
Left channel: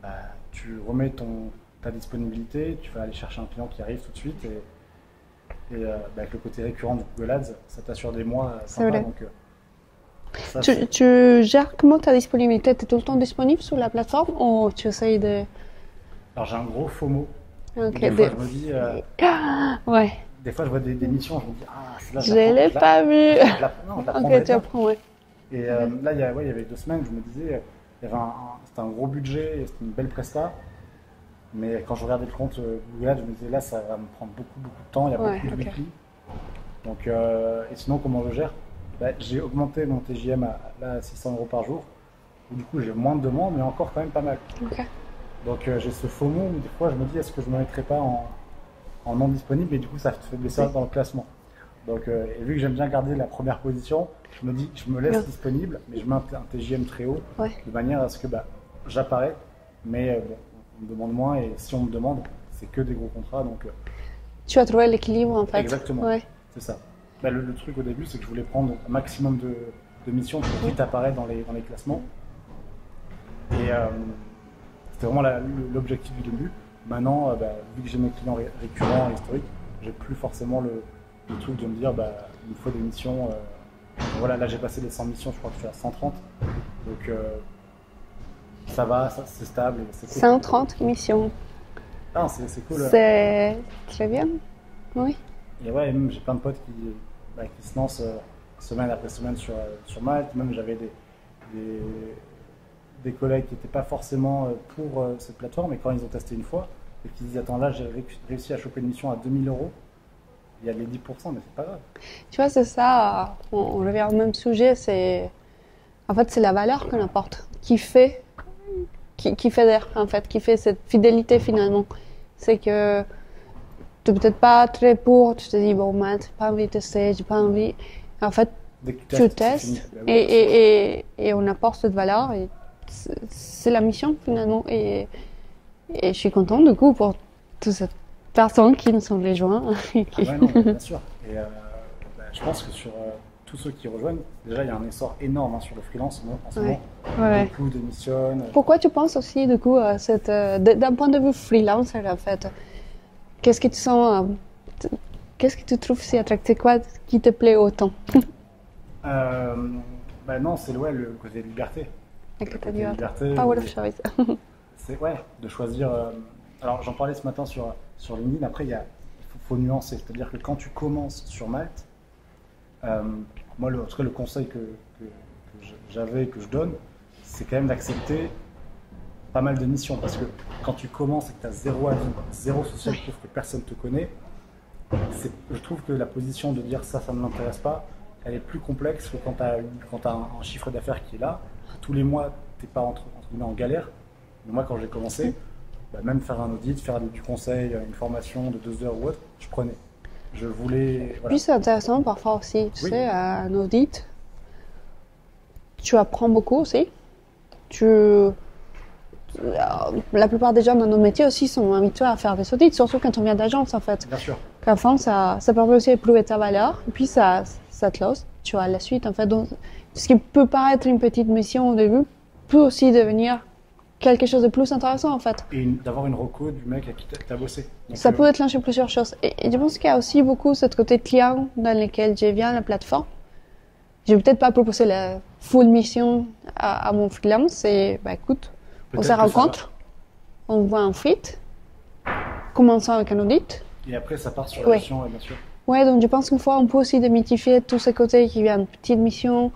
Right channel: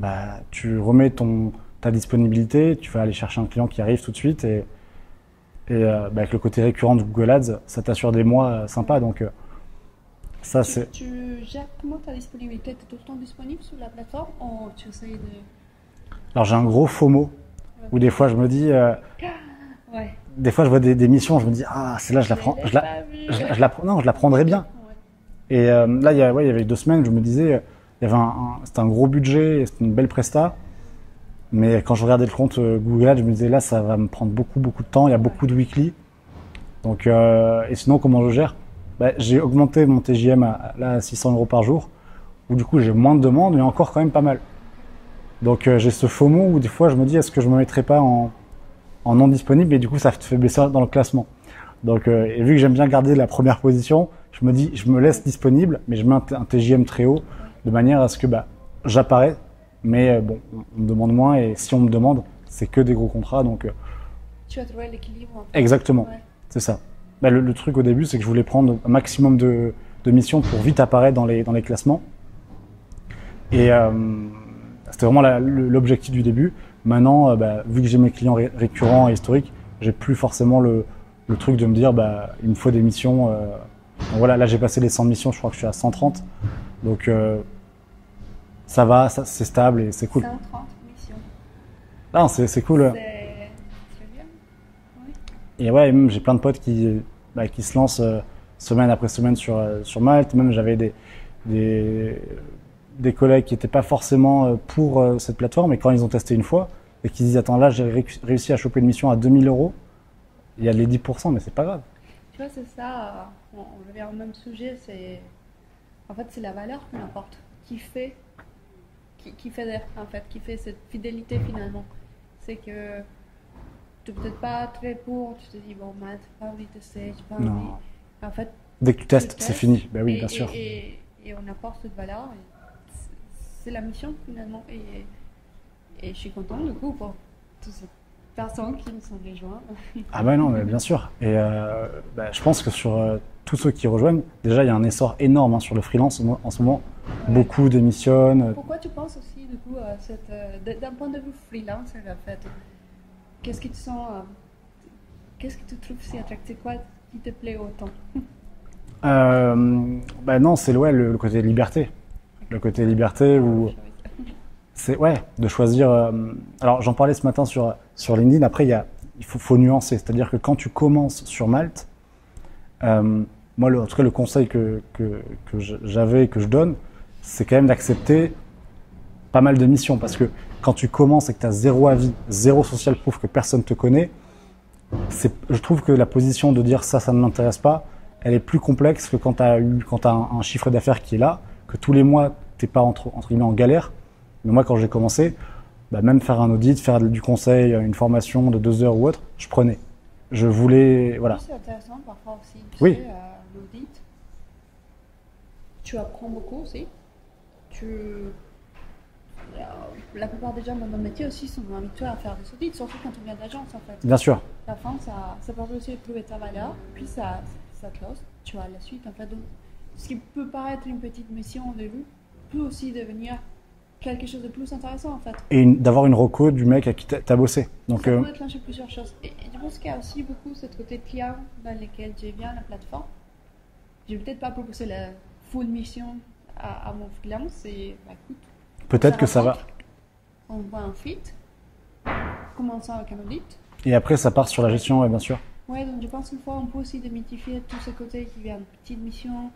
bah, tu remets ta disponibilité, tu vas aller chercher un client qui arrive tout de suite bah, avec le côté récurrent de Google Ads, ça t'assure des mois sympas. vrai. Donc, ça, c'est. Tu gères comment ta disponibilité? Tu es tout le temps disponible sur la plateforme ou tu essayes de. Alors, j'ai un gros FOMO Ok, où des fois je me dis, Ouais, des fois je vois des missions, je me dis, ah, celle-là, je je la prends. l'ai pas vu. Non, je la Ok, prendrais tu bien. apprends, ouais. Et là, il y avait 2 semaines, je me disais, il y avait c'était un gros budget, c'était une belle presta. Mais quand je regardais le compte Google Ads, je me disais là, ça va me prendre beaucoup de temps. Il y a Ouais, beaucoup de ok. weekly. Donc, et sinon, comment je gère? Bah, j'ai augmenté mon TJM à 600 euros par jour, où du coup j'ai moins de demandes, mais encore quand même pas mal. Ok. Donc j'ai ce FOMO où des fois je me dis, est-ce que je me mettrais pas en non disponible, et du coup ça te fait baisser dans le classement. Donc, et vu que j'aime bien garder la première position, je me dis, je me laisse Ouais. disponible, mais je mets un TJM très haut, Ouais. de manière à ce que bah, j'apparais, mais bon, on me demande moins, et si on me demande, c'est que des gros contrats, donc Tu as trouvé l'équilibre en fait. exactement, Ouais. c'est ça. Bah, le truc au début, c'est que je voulais prendre un maximum de missions pour vite apparaître dans les classements. Et c'était vraiment l'objectif du début. Maintenant, bah, vu que j'ai mes clients récurrents et historiques, j'ai plus forcément le truc de me dire, bah, il me faut des missions. Donc voilà, là j'ai passé les 100 missions, je crois que je suis à 130. Donc ça va, c'est stable et c'est cool. 130 missions. Non, c'est cool. C'est très bien. Oui. Et ouais, même j'ai plein de potes qui se lancent semaine après semaine sur Malte. Même j'avais des collègues qui n'étaient pas forcément pour cette plateforme, mais quand ils ont testé une fois et qu'ils disent, attends, là j'ai réussi à choper une mission à 2000 euros, il y a les 10%, mais c'est pas grave. Tu vois, c'est ça. On revient au même sujet. En fait, c'est la valeur qu'on apporte qui fait qui fédère, en fait, qui fait cette fidélité finalement. C'est que tu n'es peut-être pas très pour, tu te dis, bon, maths, j'ai pas envie de tester, j'ai pas envie. En fait, dès que tu testes, c'est fini. Ben oui, bien sûr. Et on apporte cette valeur, et c'est la mission finalement. Et je suis contente du coup pour toutes ces personnes qui nous sont rejoints. Ah ouais, non, mais bien sûr. Et je pense que sur tous ceux qui rejoignent, déjà, il y a un essor énorme sur le freelance en ce moment. Ouais. Beaucoup démissionnent. Pourquoi tu penses aussi, du coup, d'un point de vue freelancer, en fait, qu'est-ce que tu sens, qu'est-ce que tu trouves si attractif, quoi qui te plaît autant? Non, c'est le côté liberté. Le côté liberté. Power Où of choice. c'est de choisir. Alors, j'en parlais ce matin sur LinkedIn. Après, il faut nuancer. C'est-à-dire que quand tu commences sur Malte, moi, en tout cas, le conseil que j'avais et que je donne, c'est quand même d'accepter pas mal de missions. Parce que quand tu commences et que tu as zéro avis, zéro social proof, que personne ne te connaît, je trouve que la position de dire ça ne m'intéresse pas, elle est plus complexe que quand tu as un chiffre d'affaires qui est là, que tous les mois, tu n'es pas entre guillemets en galère. Mais moi, quand j'ai commencé, même faire un audit, faire du conseil, une formation de 2 heures ou autre, je prenais. Je voulais. Voilà. Puis c'est intéressant parfois aussi. Tu Oui. sais, un audit, tu apprends beaucoup aussi. La plupart des gens dans nos métiers aussi sont habitués à faire des audits, surtout quand on vient d'agence en fait. Bien sûr. Qu'à fond, ça permet aussi d'éprouver ta valeur, et puis ça te lance, tu vois, la suite en fait. Donc, ce qui peut paraître une petite mission au début peut aussi devenir quelque chose de plus intéressant en fait. Et d'avoir une reco du mec à qui t'as bossé. Donc, Ça peut déclencher plusieurs choses. Et je pense qu'il y a aussi beaucoup ce côté client dans lequel je viens à la plateforme. Je vais peut-être pas proposer la full mission à mon freelance. Et écoute, on se peut-être que ça va. rencontre, on voit un fit, commençons avec un audit. Et après, ça part sur la Oui. gestion, ouais, bien sûr. Ouais, donc je pense qu'une fois, on peut aussi démythifier tous ces côtés qui viennent petite mission.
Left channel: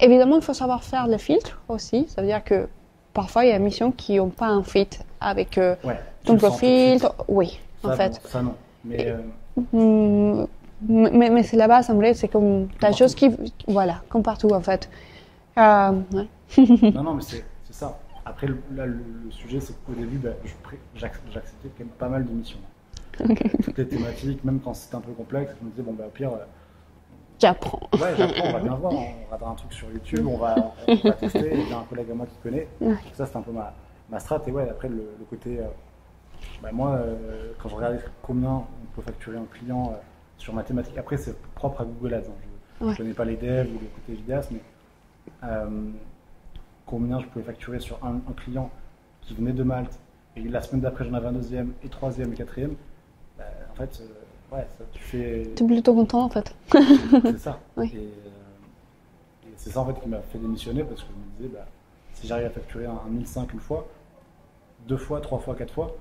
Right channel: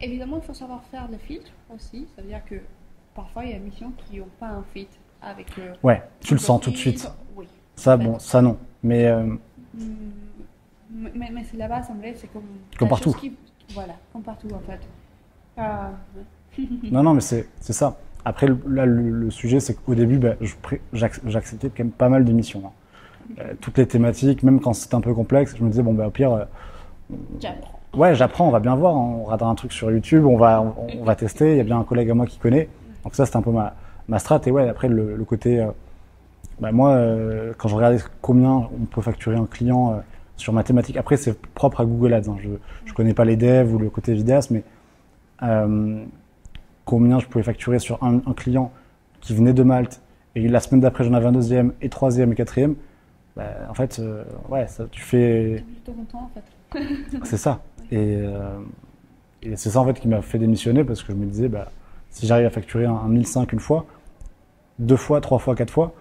Évidemment, il faut savoir faire le filtre aussi. Ça veut dire que parfois, il y a des missions qui n'ont pas un fit avec Ouais, tu ton le sens tout de profil. suite. Oui, Ça, en fait. bon, ça non. Mais Mais c'est là-bas, ça me plaît, c'est comme la partout. chose qui. Voilà, comme partout en fait. Ouais. non, mais c'est ça. Après, le sujet, c'est qu'au début, j'acceptais quand même pas mal de missions. Toutes les thématiques, même quand c'était un peu complexe, je me disais, au pire, J'apprends. ouais, j'apprends, on va bien voir. On regardera un truc sur YouTube, on va tester. Il y a bien un collègue à moi qui connaît. Ouais. Donc ça, c'était un peu ma strat. Et ouais, après, le côté... moi, quand je regardais combien on peut facturer un client sur ma thématique, après, c'est propre à Google Ads. Je ne connais pas les devs ou le côté vidéaste, mais combien je pouvais facturer sur un client qui venait de Malte, et la semaine d'après, j'en avais un deuxième, et troisième, et quatrième. En fait, ça, tu fais... Tu es plutôt content en fait. C'est ça. Oui. Et c'est ça en fait qui m'a fait démissionner, parce que je me disais, si j'arrive à facturer un 1005 une fois, 2 fois, 3 fois, 4 fois,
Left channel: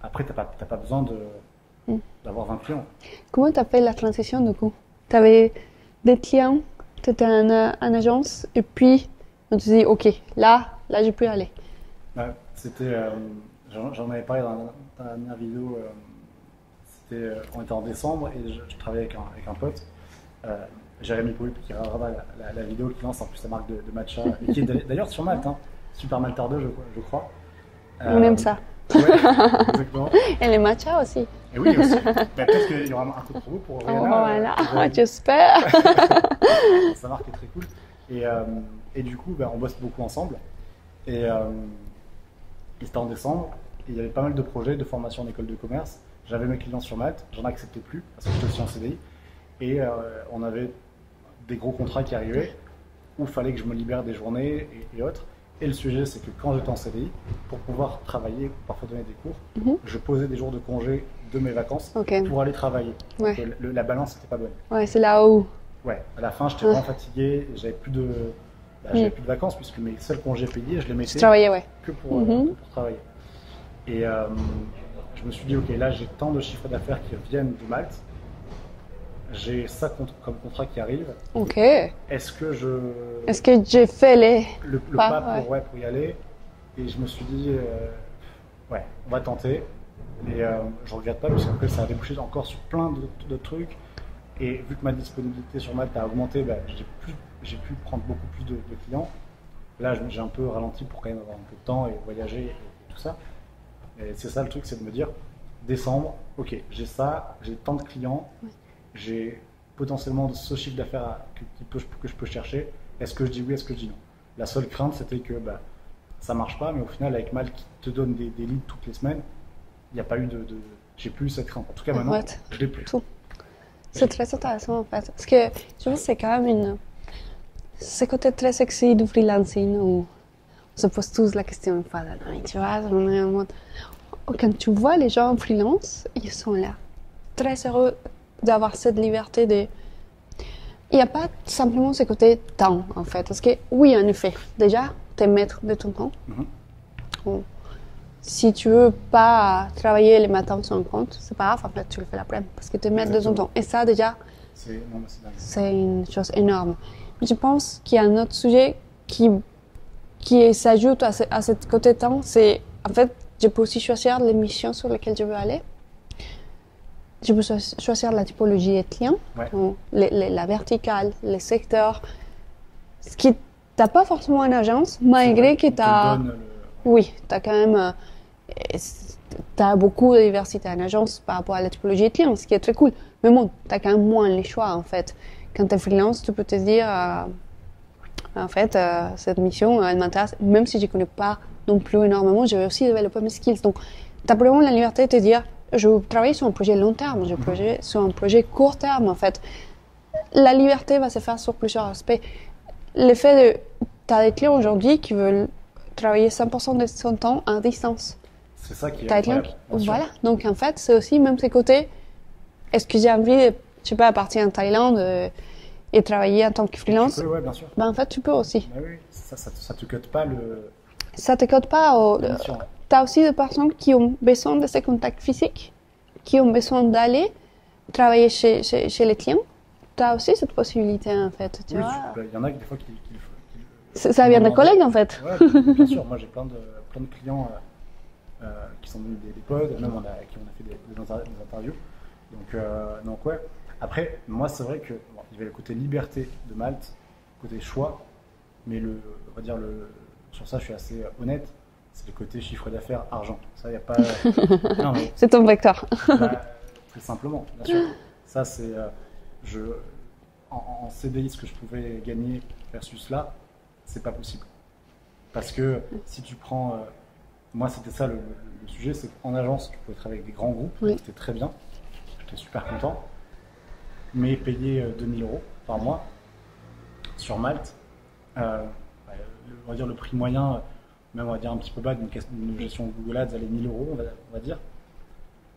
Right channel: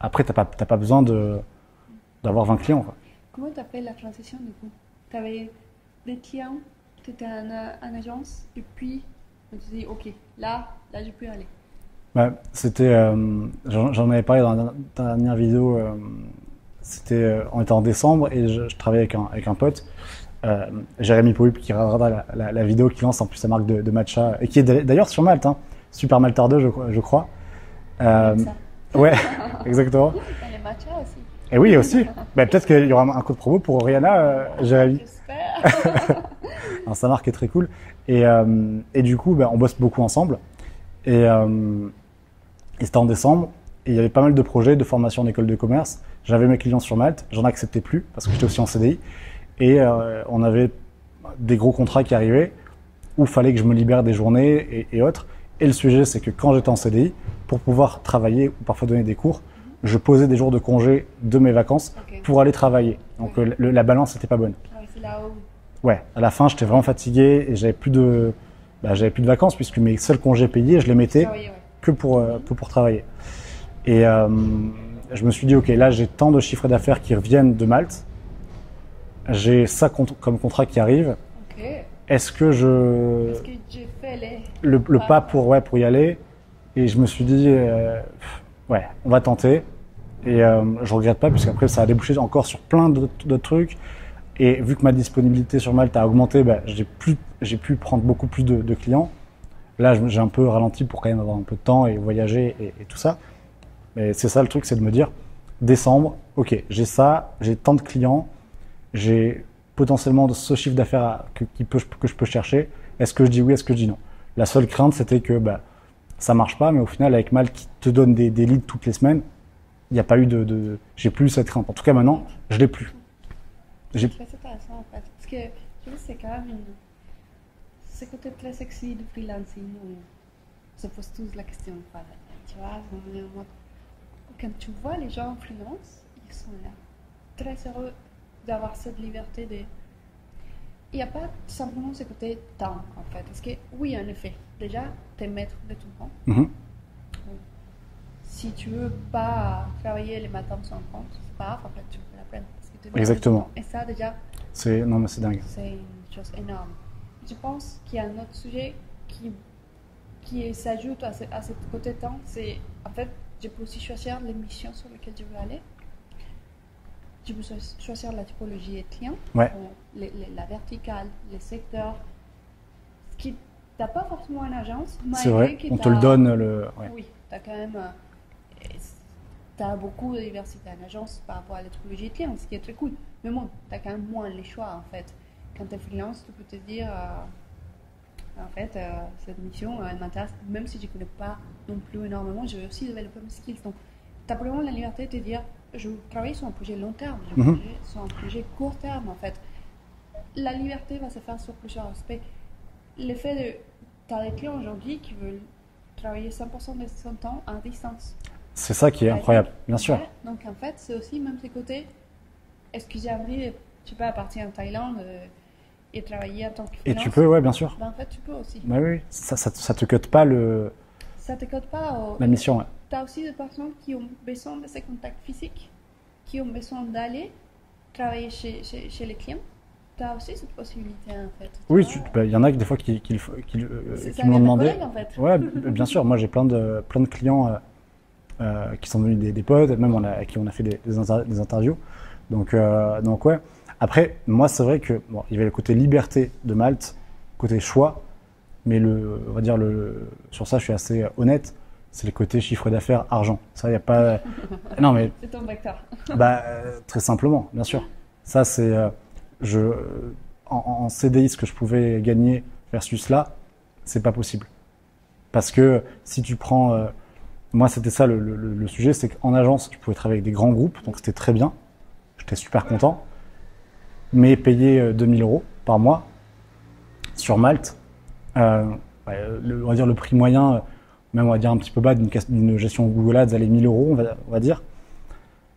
après, t'as pas besoin d'avoir 20 clients, quoi. Comment tu as fait la transition du coup? Tu avais des clients, tu étais en agence, et puis on te dit, ok, là je peux y aller. C'était, j'en avais parlé dans la dernière vidéo, on était en décembre et je travaillais avec un pote, Jérémy Pouip, qui regardera la vidéo, qui lance en plus sa marque de matcha, et qui est d'ailleurs sur Malte, hein, Super Maltardeux, je crois. On aime ça. Ouais, exactement. Et les matchas aussi. Et oui, aussi. Peut-être qu'il y aura un code promo pour Rihanna. Voilà, j'espère. Sa marque est très cool. Et du coup, on bosse beaucoup ensemble. Et c'était en décembre. Et il y avait pas mal de projets de formation en école de commerce. J'avais mes clients sur Malte. J'en acceptais plus parce que j'étais aussi en CDI. Et on avait des gros contrats qui arrivaient où il fallait que je me libère des journées et autres. Et le sujet, c'est que quand j'étais en CDI, pour pouvoir travailler ou parfois donner des cours, je posais des jours de congé de mes vacances pour aller travailler. Donc la balance n'était pas bonne. Ouais, c'est là où. Ouais, à la fin, j'étais vraiment fatigué et j'avais plus de vacances, puisque mes seuls congés payés, je les mettais que pour travailler. Et je me suis dit, ok, là j'ai tant de chiffres d'affaires qui reviennent de Malte, j'ai ça comme contrat qui arrive. Ok. Est-ce que j'ai fait le pas pour y aller? Et je me suis dit, on va tenter. Et je regrette pas, puisqu'après ça a débouché encore sur plein d'autres trucs. Et vu que ma disponibilité sur Malte a augmenté, j'ai pu prendre beaucoup plus de clients. Là, j'ai un peu ralenti pour quand même avoir un peu de temps et voyager et tout ça. Mais c'est ça le truc, c'est de me dire, décembre, ok, j'ai ça, j'ai tant de clients, j'ai potentiellement ce chiffre d'affaires que je peux chercher. Est-ce que je dis oui, est-ce que je dis non? La seule crainte, c'était que ça marche pas, mais au final, avec Malte qui te donne des leads toutes les semaines, il n'y a pas eu j'ai plus cette crainte. En tout cas, maintenant, je l'ai plus. Tout. C'est très intéressant en fait. Parce que je pense que c'est quand même ce côté très sexy du freelancing où on se pose tous la question une fois dans l'année, tu vois. On est en mode... Quand tu vois les gens en freelance, ils sont là, très heureux d'avoir cette liberté de... Il n'y a pas simplement ce côté temps en fait. Parce que oui, en effet, déjà, tu es maître de ton temps. Bon. Si tu veux pas travailler les matins sur un compte, c'est pas grave, en fait, tu le fais l'après-midi parce que tu es maître de ton temps. Et ça, déjà, non, mais c'est dingue. C'est une chose énorme. Mais je pense qu'il y a un autre sujet qui s'ajoute à ce côté temps, c'est en fait, je peux aussi choisir les missions sur lesquelles je veux aller. Je peux choisir la typologie de clients, la verticale, les secteurs. Ce qui t'as pas forcément une agence, malgré que tu as... te le donne. Oui, tu as quand même... tu as beaucoup de diversité en agence par rapport à la typologie de clients, ce qui est très cool. Mais bon, tu as quand même moins les choix, en fait. Quand tu es freelance, tu peux te dire... en fait, cette mission, elle m'intéresse. Même si je ne connais pas non plus énormément, je vais aussi développer mes skills. Donc, tu as vraiment la liberté de te dire, je veux travailler sur un projet long terme, je veux travailler sur un projet court terme, en fait. La liberté va se faire sur plusieurs aspects. Le fait de... Tu as des clients aujourd'hui qui veulent travailler 100% de son temps à distance. C'est ça qui est incroyable, bien sûr. Voilà. Donc, en fait, c'est aussi même ces côtés. Est-ce que j'ai envie, je sais pas, partir en Thaïlande et travailler en tant que freelance? Et tu peux, ouais, bien sûr. En fait, tu peux aussi. Oui, ça te cote pas Ça te cote pas la mission, ouais. Tu as aussi des personnes qui ont besoin de ces contacts physiques, qui ont besoin d'aller travailler chez les clients. Tu as aussi cette possibilité, en fait. Oui, il y en a des fois qui ça vient de collègues, en fait. Oui, bien sûr. Moi, j'ai plein de clients qui sont devenus des potes, même à qui on a fait des interviews. Donc ouais. Après, moi, c'est vrai que il y avait le côté liberté de Malte, côté choix, mais on va dire sur ça, je suis assez honnête. C'est le côté chiffre d'affaires, argent. Ça, il n'y a pas. Non, mais c'est ton vecteur. Très simplement, bien sûr. Ça, c'est en CDI, ce que je pouvais gagner versus là, c'est pas possible. Parce que si tu prends, moi, c'était ça le sujet, c'est qu'en agence, tu pouvais travailler avec des grands groupes, donc c'était très bien. J'étais super content. Mais payer 2000 € par mois sur Malte, on va dire le prix moyen, même on va dire un petit peu bas d'une gestion Google Ads, allez 1000 €, on va dire.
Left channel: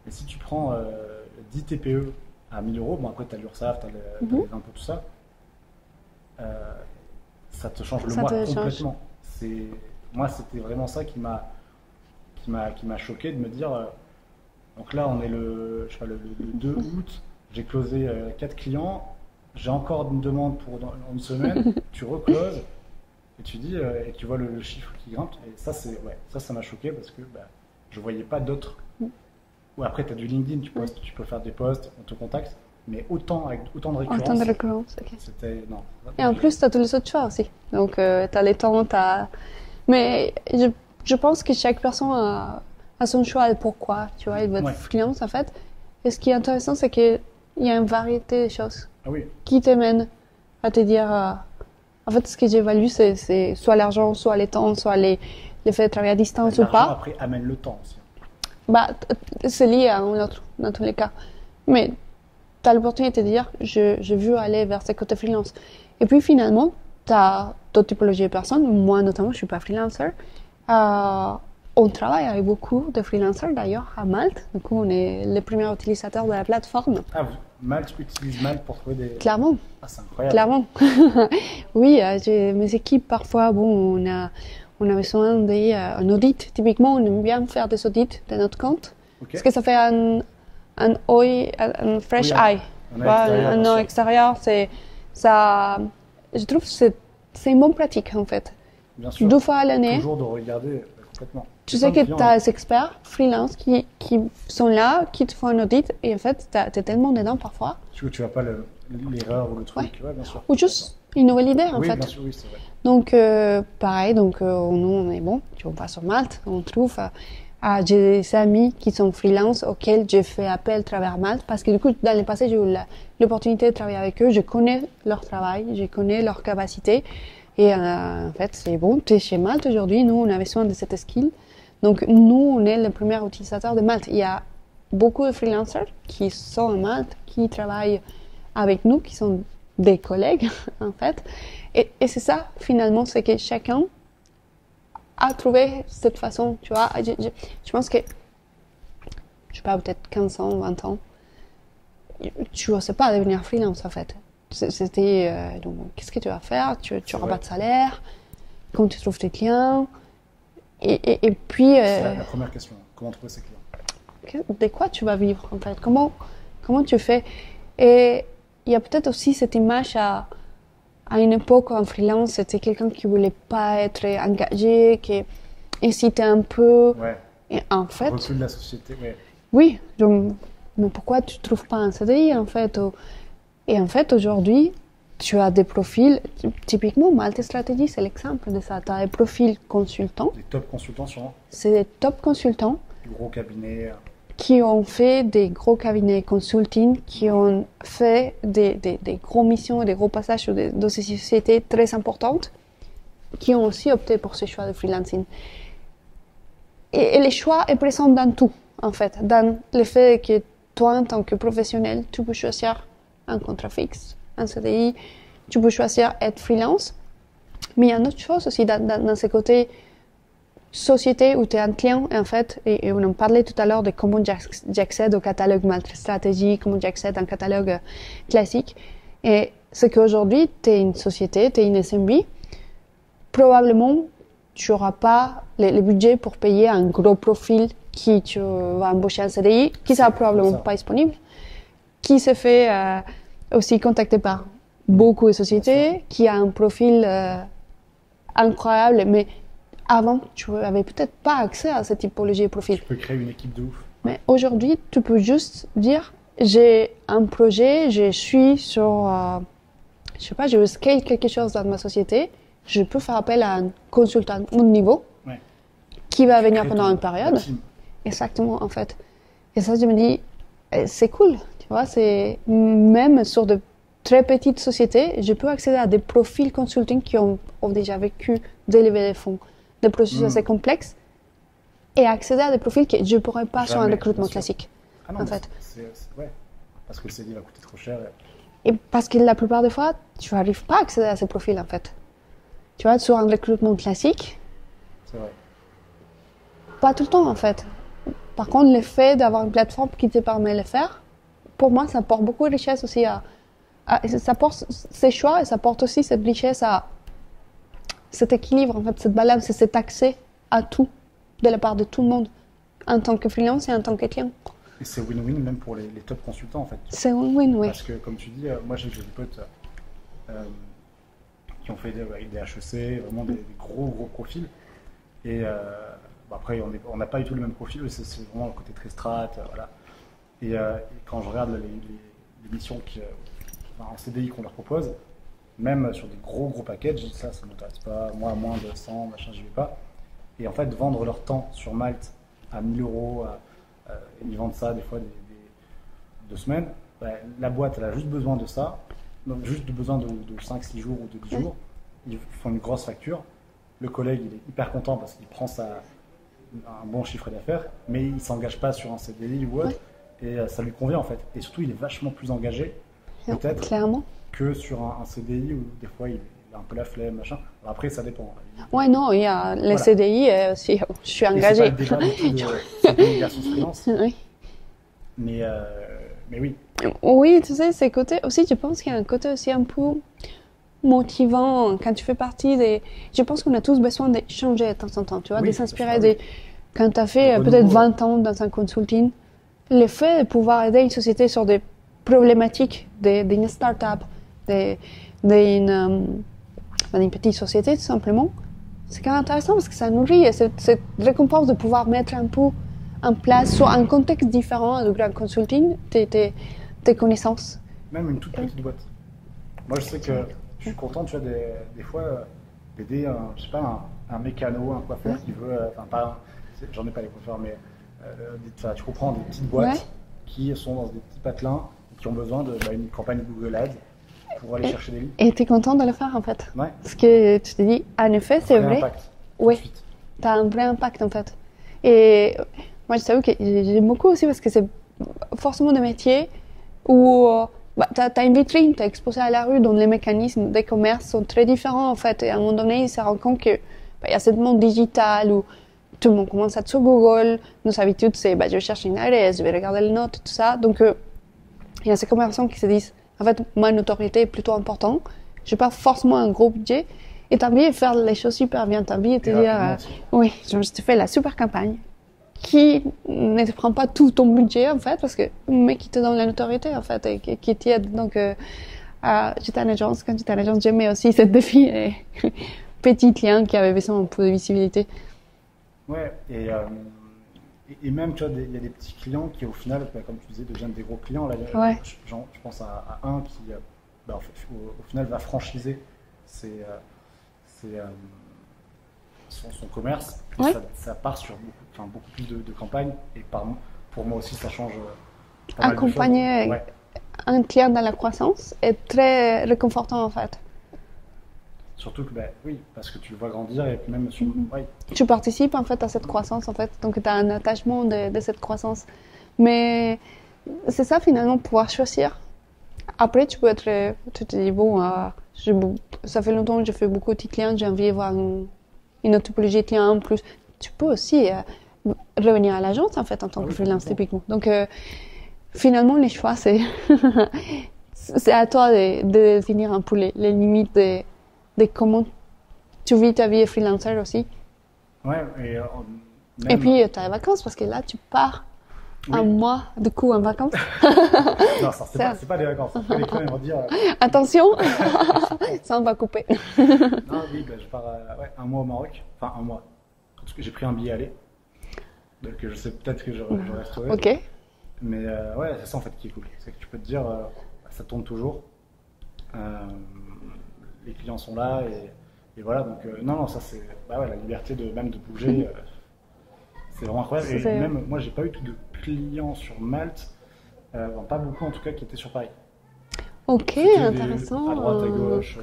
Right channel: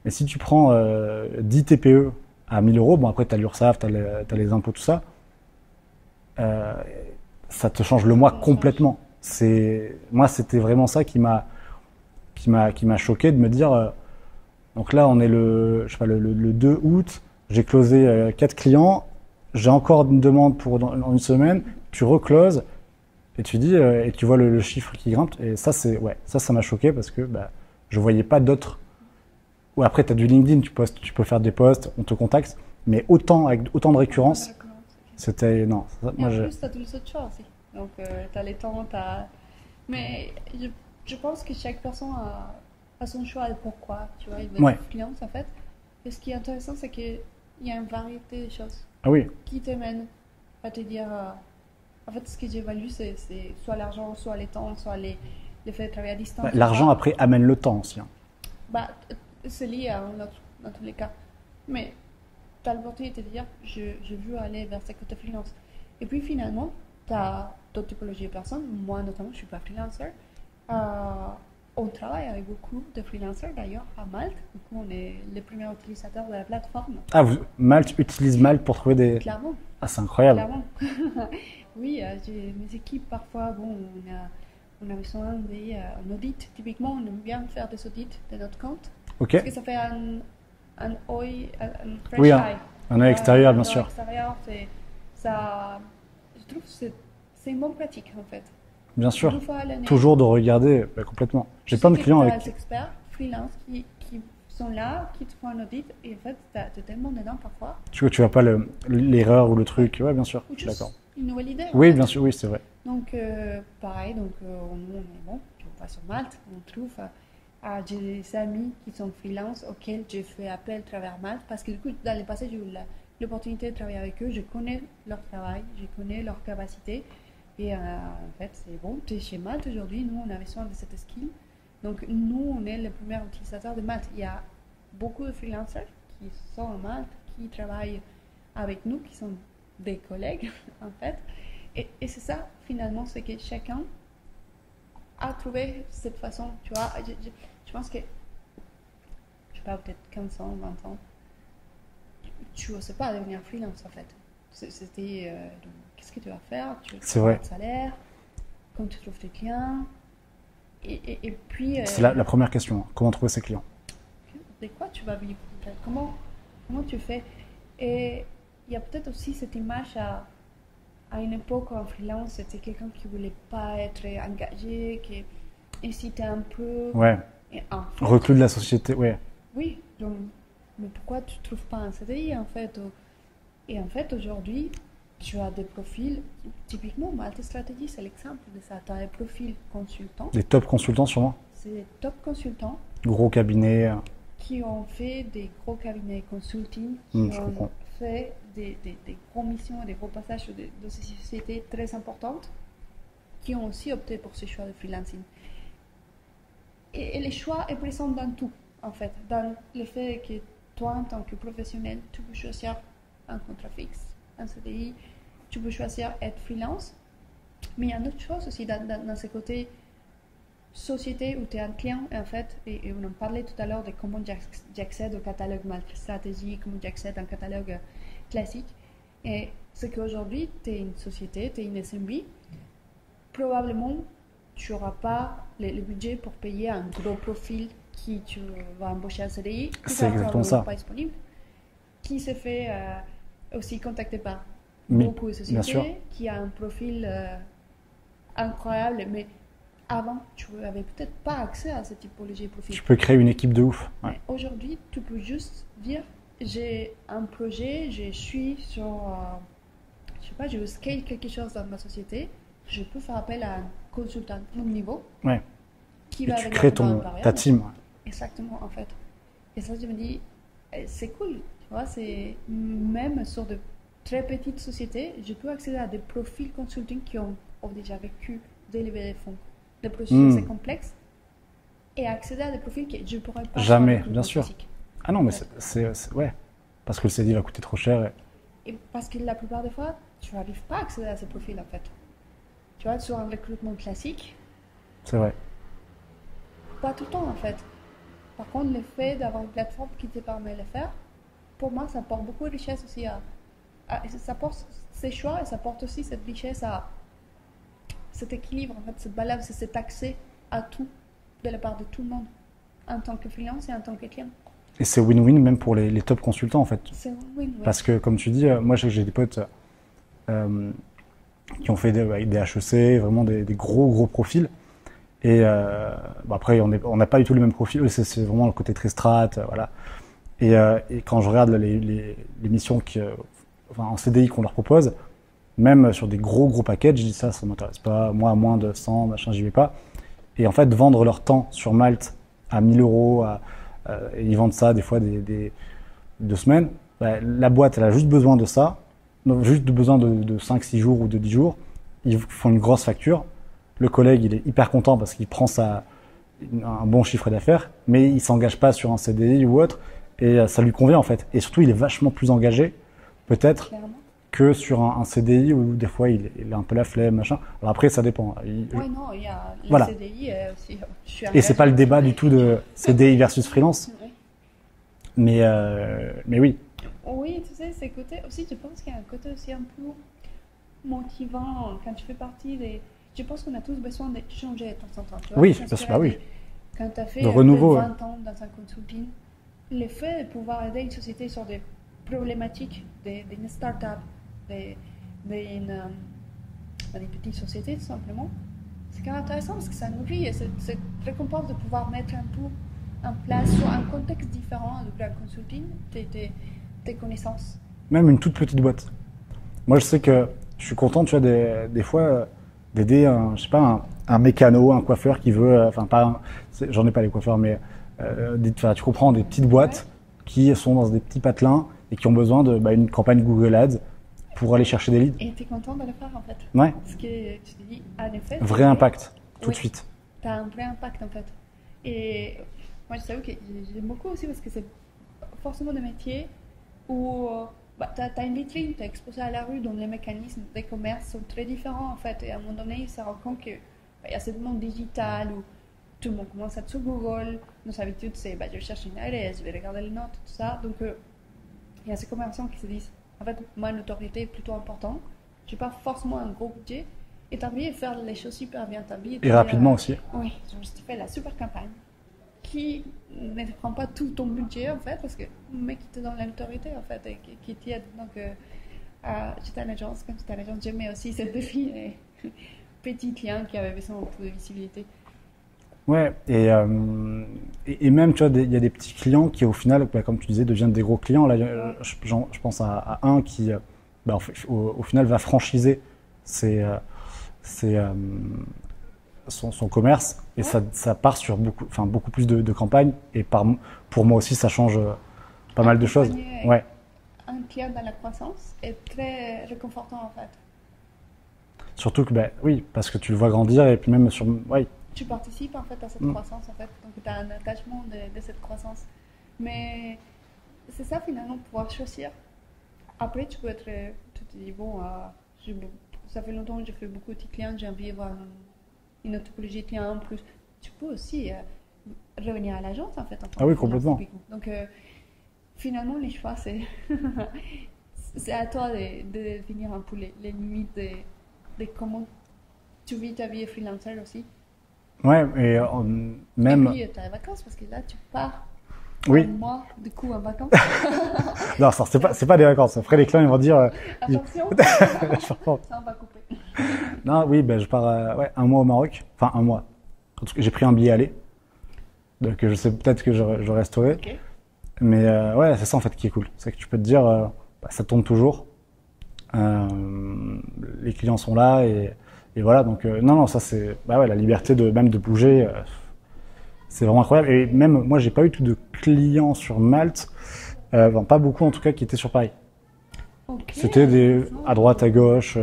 Et si tu prends 10 TPE à 1000 €, bon après tu as l'URSSAF, tu as les impôts, tout ça, ça te change le mois complètement. Moi, c'était vraiment ça qui m'a choqué de me dire, donc là on est le 2 août, j'ai closé 4 clients, j'ai encore une demande dans une semaine, tu recloses et tu dis et tu vois le chiffre qui grimpe, et ça ça m'a choqué parce que je voyais pas d'autres. Ou après tu as du LinkedIn, tu peux faire des posts, on te contacte, mais avec autant de récurrence. C'était non. Et en plus tu as tous les autres choix aussi. Donc tu as les temps, mais je pense que chaque personne a son choix et pourquoi, tu vois, il veut être freelance en fait. Et ce qui est intéressant, c'est qu'il y a une variété de choses qui t'amènent à te dire... en fait, ce que j'évalue, c'est soit l'argent, soit les temps, soit les faits de travailler à distance. L'argent, après, amène le temps aussi. C'est lié à un autre, dans tous les cas. Mais tu as l'opportunité de dire, je veux aller vers ce côté freelance. Et puis finalement, tu as d'autres typologies de personnes. Moi, notamment, je ne suis pas freelancer. On travaille avec beaucoup de freelancers d'ailleurs à Malte. Du coup, on est les premiers utilisateurs de la plateforme. Ah, Malte utilise Malte pour trouver des... Clairement. Ah, c'est incroyable. Clairement. Oui, mes équipes, parfois, on a besoin d'un audit. Typiquement, on aime bien faire des audits de notre compte. Parce que ça fait un fresh eye. Un œil extérieur, bien sûr. Un œil extérieur, je trouve que c'est une bonne pratique, en fait. Bien sûr. 2 fois à l'année. Toujours de regarder, complètement. Tu sais que tu as des experts freelance qui sont là, qui te font un audit, et en fait, tu es tellement dedans parfois. Tu vois pas l'erreur ou le truc, bien sûr. Ou juste une nouvelle idée en Oui, fait. bien sûr, oui, c'est vrai. Donc, pareil, donc, nous, on est bon, on va sur Malte, on trouve. J'ai des amis qui sont freelance auxquels j'ai fait appel à travers Malte parce que du coup, dans le passé, j'ai eu l'opportunité de travailler avec eux. Je connais leur travail, je connais leurs capacités. Et en fait, c'est bon, tu es chez Malte aujourd'hui. Nous, on avait besoin de cette skill. Donc, nous, on est le premier utilisateur de Malte. Il y a beaucoup de freelancers qui sont à Malte, qui travaillent avec nous, qui sont des collègues, en fait. Et c'est ça, finalement, c'est que chacun a trouvé cette façon, tu vois. Je pense que, je sais pas, peut-être 15 ans, 20 ans, tu ne sais pas devenir freelance, en fait. C'était, donc, qu'est-ce que tu vas faire? Tu n'auras pas de salaire, comment tu trouves tes clients? Et puis... c'est la première question, comment trouver ses clients? De quoi tu vas vivre, en fait? Comment tu fais? Et il y a peut-être aussi cette image à une époque en freelance, c'était quelqu'un qui ne voulait pas être engagé, qui hésitait un peu. Ouais. Et en fait... Recul de la société, ouais. Oui, donc, mais pourquoi tu ne trouves pas un CDI, en fait? Et en fait, aujourd'hui, tu as des profils, typiquement, Malte Stratégie, c'est l'exemple de ça. Tu as des profils consultants. Des top consultants, sûrement. C'est des top consultants. Gros cabinets. Qui ont fait des gros cabinets consulting, qui ont fait des gros missions et des gros passages dans ces sociétés très importantes, qui ont aussi opté pour ce choix de freelancing. Et le choix est présent dans tout, en fait. Dans le fait que toi, en tant que professionnel, tu peux choisir un contrat fixe, un CDI, tu peux choisir être freelance. Mais il y a une autre chose aussi dans ce côté société où tu es un client, en fait, et on en parlait tout à l'heure de comment j'accède au catalogue Malte Stratégie, comment j'accède à un catalogue classique. Et c'est qu'aujourd'hui, tu es une société, tu es une SMB, probablement, tu n'auras pas le budget pour payer un gros profil qui tu vas embaucher en CDI, qui sera probablement pas disponible, qui se fait aussi contacter par beaucoup de sociétés, qui a un profil incroyable, mais avant, tu n'avais peut-être pas accès à cette typologie de profil. Tu peux créer une équipe de ouf. Mais aujourd'hui, tu peux juste dire, j'ai un projet, je suis sur, je sais pas, je veux scale quelque chose dans ma société, je peux faire appel à un consultant de niveau qui va venir pendant une période. Ta team. Exactement, en fait. Et ça, je me dis, c'est cool, tu vois, c'est même sur de très petites sociétés, je peux accéder à des profils consulting qui ont déjà vécu des levées de fonds, des processus assez complexes, et accéder à des profils que je ne pourrais pas sur un recrutement classique. Ah non, mais c'est ouais, parce que le CDI va coûter trop cher. Et parce que la plupart des fois, tu n'arrives pas à accéder à ces profils, en fait. Tu vois, sur un recrutement classique, c'est vrai. Pas tout le temps, en fait. Par contre, le fait d'avoir une plateforme qui te permet de le faire, pour moi, ça apporte beaucoup de richesse aussi ça porte ces choix et ça porte aussi cette richesse à cet équilibre, en fait, cette balance et cet accès à tout de la part de tout le monde, en tant que freelance et en tant que client. Et c'est win-win même pour les top consultants, en fait. C'est win-win, oui. Parce que, comme tu dis, moi j'ai des potes qui ont fait des HEC, vraiment des gros profils. Et après, on n'a pas du tout le même profil. C'est vraiment le côté très strat, voilà. Et quand je regarde les missions en CDI qu'on leur propose, même sur des gros packages, je dis ça m'intéresse pas. Moi, à moins de 100, machin, j'y vais pas. Et en fait, vendre leur temps sur Malte à 1000 €, et ils vendent ça des fois des 2 semaines, la boîte, elle a juste besoin de ça, juste besoin de 5-6 jours ou de 10 jours. Ils font une grosse facture. Le collègue, il est hyper content parce qu'il prend un bon chiffre d'affaires, mais il ne s'engage pas sur un CDI ou autre, et ça lui convient en fait. Et surtout, il est vachement plus engagé, peut-être, que sur un CDI où des fois, il a un peu la flemme, machin. Alors après, ça dépend. Oui, non, il y a les CDI, si je suis engagé. Et ce n'est pas le débat du tout de CDI versus freelance. Oui. Mais oui. Oui, tu sais, c'est côté aussi, je pense qu'il y a un côté aussi un peu motivant quand tu fais partie des... Je pense qu'on a tous besoin de changer de temps en temps, tu vois, de s'inspirer Quand tu as fait peut-être 20 ans dans un consulting, le fait de pouvoir aider une société sur des problématiques d'une start-up, d'une petite société tout simplement, c'est quand même intéressant parce que ça nourrit et cette récompense de pouvoir mettre un peu en place sur un contexte différent du grand consulting tes connaissances. Même une toute petite boîte. Moi, je sais que Je suis content, tu vois, des fois, d'aider je sais pas, un mécano, un coiffeur qui veut, enfin, j'en ai pas les coiffeurs, mais tu comprends, des petites boîtes qui sont dans des petits patelins et qui ont besoin d'une campagne Google Ads pour aller chercher des leads. Et tu es content de le faire en fait. Ouais. Parce que tu te dis, en effet, c'est Vrai vrai. impact, tout de suite. Tu as un vrai impact en fait. Et moi, je t'avoue que j'aime beaucoup aussi parce que c'est forcément des métiers où tu as une vitrine, tu es exposé à la rue, dont les mécanismes des commerces sont très différents en fait. Et à un moment donné, il se rend compte qu'il y a ce monde digital où tout le monde commence à être sur Google. Nos habitudes, c'est je cherche une adresse, je vais regarder les notes, tout ça. Donc, il y a ces commerçants qui se disent, en fait, ma notoriété est plutôt importante. Je n'ai pas forcément un gros budget. Et tu as envie de faire les choses super bien. Tu as envie de te rapidement aussi. Oui, je te fais la super campagne qui ne te prend pas tout ton budget, en fait, mais qui te donne la notoriété, en fait, et qui t'aide. Donc, j'étais en agence. Quand j'étais en agence, j'aimais aussi ce défi et petit client qui avait besoin un peu de visibilité. Ouais, et même, tu vois, il y a des petits clients qui, au final, comme tu disais, deviennent des gros clients. Là, je pense à un qui, au final, va franchiser son commerce. Et ça part sur beaucoup plus de campagnes. Et pour moi aussi, ça change pas mal de choses. Accompagner un client dans la croissance est très réconfortant, en fait. Surtout que, oui, parce que tu le vois grandir et puis même sur... Tu participes en fait à cette croissance, en fait, donc tu as un attachement de cette croissance. Mais c'est ça finalement, pouvoir choisir. Après, tu te dis, bon, ça fait longtemps que je fais beaucoup de clients, j'ai envie de voir une autre typologie de clients en plus. Tu peux aussi revenir à l'agence en fait en tant que freelance typiquement. Donc finalement, les choix, c'est à toi de définir un peu les limites de comment tu vis ta vie de freelancer aussi. Ouais, et même... Et puis, tu as les vacances, parce que là, tu pars un mois, du coup, en vacances. Non, c'est pas des vacances. Après, les clients, ils vont dire... Attention, ça, on va couper. Non, oui, je pars un mois au Maroc. Enfin, un mois. En tout cas, j'ai pris un billet aller. Donc, je sais peut-être que je resterai. Ok. Mais c'est ça, en fait, qui est cool. C'est que tu peux te dire, ça tourne toujours. Les clients sont là et voilà, donc non, ça c'est la liberté même de bouger, c'est vraiment incroyable. Et même moi, j'ai pas eu tout de clients sur Malte, pas beaucoup en tout cas, qui étaient sur Paris. Ok. C'était à droite, à gauche,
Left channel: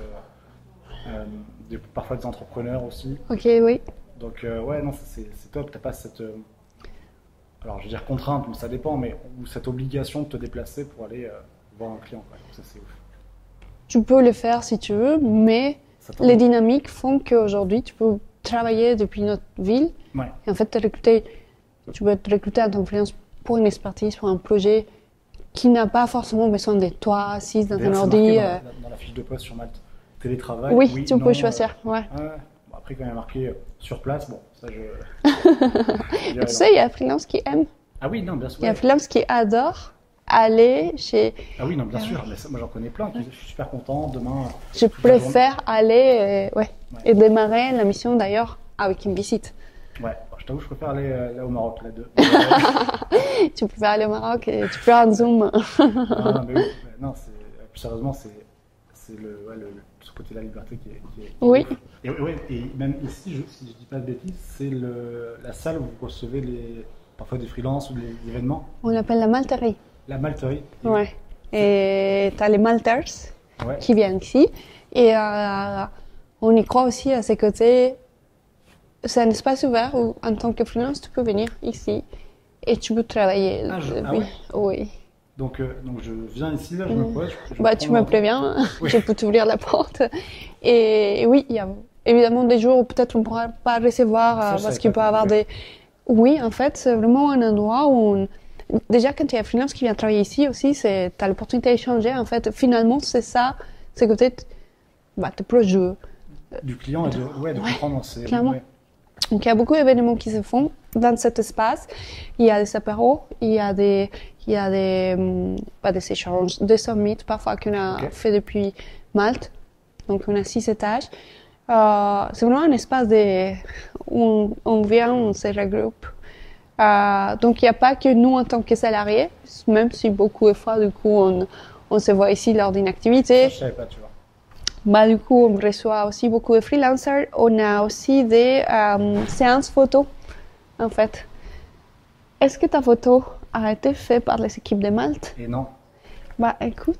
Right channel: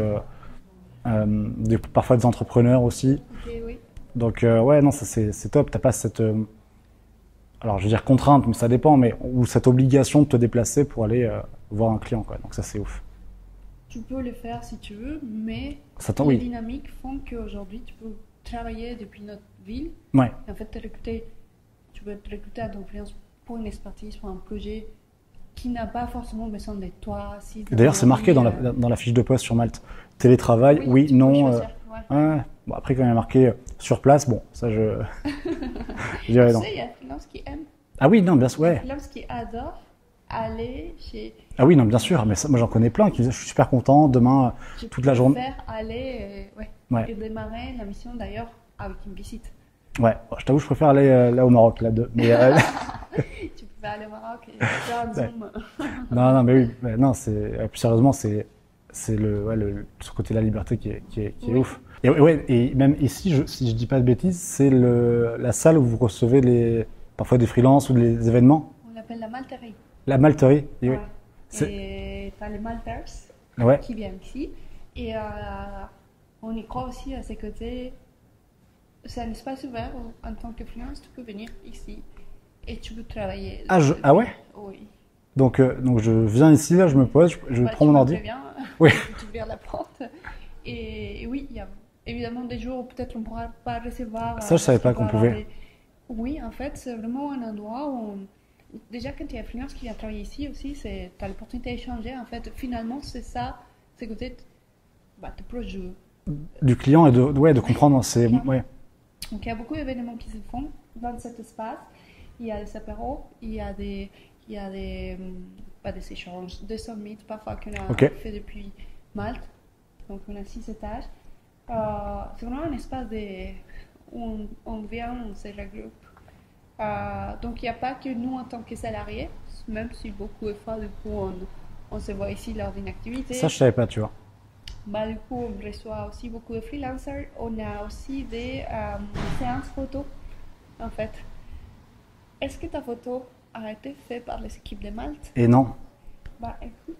parfois des entrepreneurs aussi. Ok, oui. Donc non, ça c'est top. T'as pas cette, alors je veux dire contrainte, mais ça dépend, ou cette obligation de te déplacer pour aller voir un client, quoi. Donc ça c'est ouf. Tu peux le faire si tu veux, mais les dynamiques font qu'aujourd'hui, tu peux travailler depuis notre ville. Ouais. Et en fait, tu peux te recruter en tant que freelance pour une expertise, pour un projet qui n'a pas forcément besoin de toi assise dans ton ordi. D'ailleurs, c'est marqué dans la fiche de poste sur Malte. Télétravail, oui, tu non. peux choisir. Bon, après, quand il y a marqué sur place, bon, ça je... Tu sais, il y a un freelance qui aime. Ah oui, non, bien sûr. Il y a un freelance qui adore aller chez... Ah oui, non, bien sûr, mais ça, moi j'en connais plein qui disent je suis super content, demain, je préfère aller et démarrer la mission d'ailleurs avec une visite. Ouais, je t'avoue, je préfère aller là au Maroc, là-dedans. Tu préfères aller au Maroc et tu peux un zoom. Non, mais oui, non, plus sérieusement, c'est ce côté de la liberté qui est ouf. Et même ici, si je dis pas de bêtises, c'est la salle où vous recevez parfois des freelances ou des événements. On l'appelle la malterie. La malterie. Et tu as les malters qui viennent ici. Et on y croit aussi à ces côtés. C'est un espace ouvert où, en tant que freelance, tu peux venir ici et tu peux travailler. Ah ouais? Oui. Donc je viens ici, là, je me pose, je prends tu mon me ordi. préviens, je peux t'ouvrir la porte. Et oui, il y a évidemment des jours où peut-être on ne pourra pas recevoir parce qu'il peut y avoir des... Oui, en fait, c'est vraiment un endroit où déjà, quand il y a un freelance qui vient travailler ici aussi, tu as l'opportunité d'échanger. En fait, finalement, c'est ça, c'est côté tes proches. Du client et de comprendre. Donc, il y a beaucoup d'événements qui se font dans cet espace. Il y a des apéros, il y a des échanges, des summits parfois qu'on a fait depuis Malte. Donc, on a 6 étages. C'est vraiment un espace où on vient, on se regroupe. Donc, il n'y a pas que nous en tant que salariés, même si beaucoup de fois, du coup, on se voit ici lors d'une activité. Ça, je ne savais pas, tu vois. Bah, du coup, on reçoit aussi beaucoup de freelancers. On a aussi des séances photos, en fait. Est-ce que ta photo a été faite par les équipes de Malte? Et non. Bah, écoute.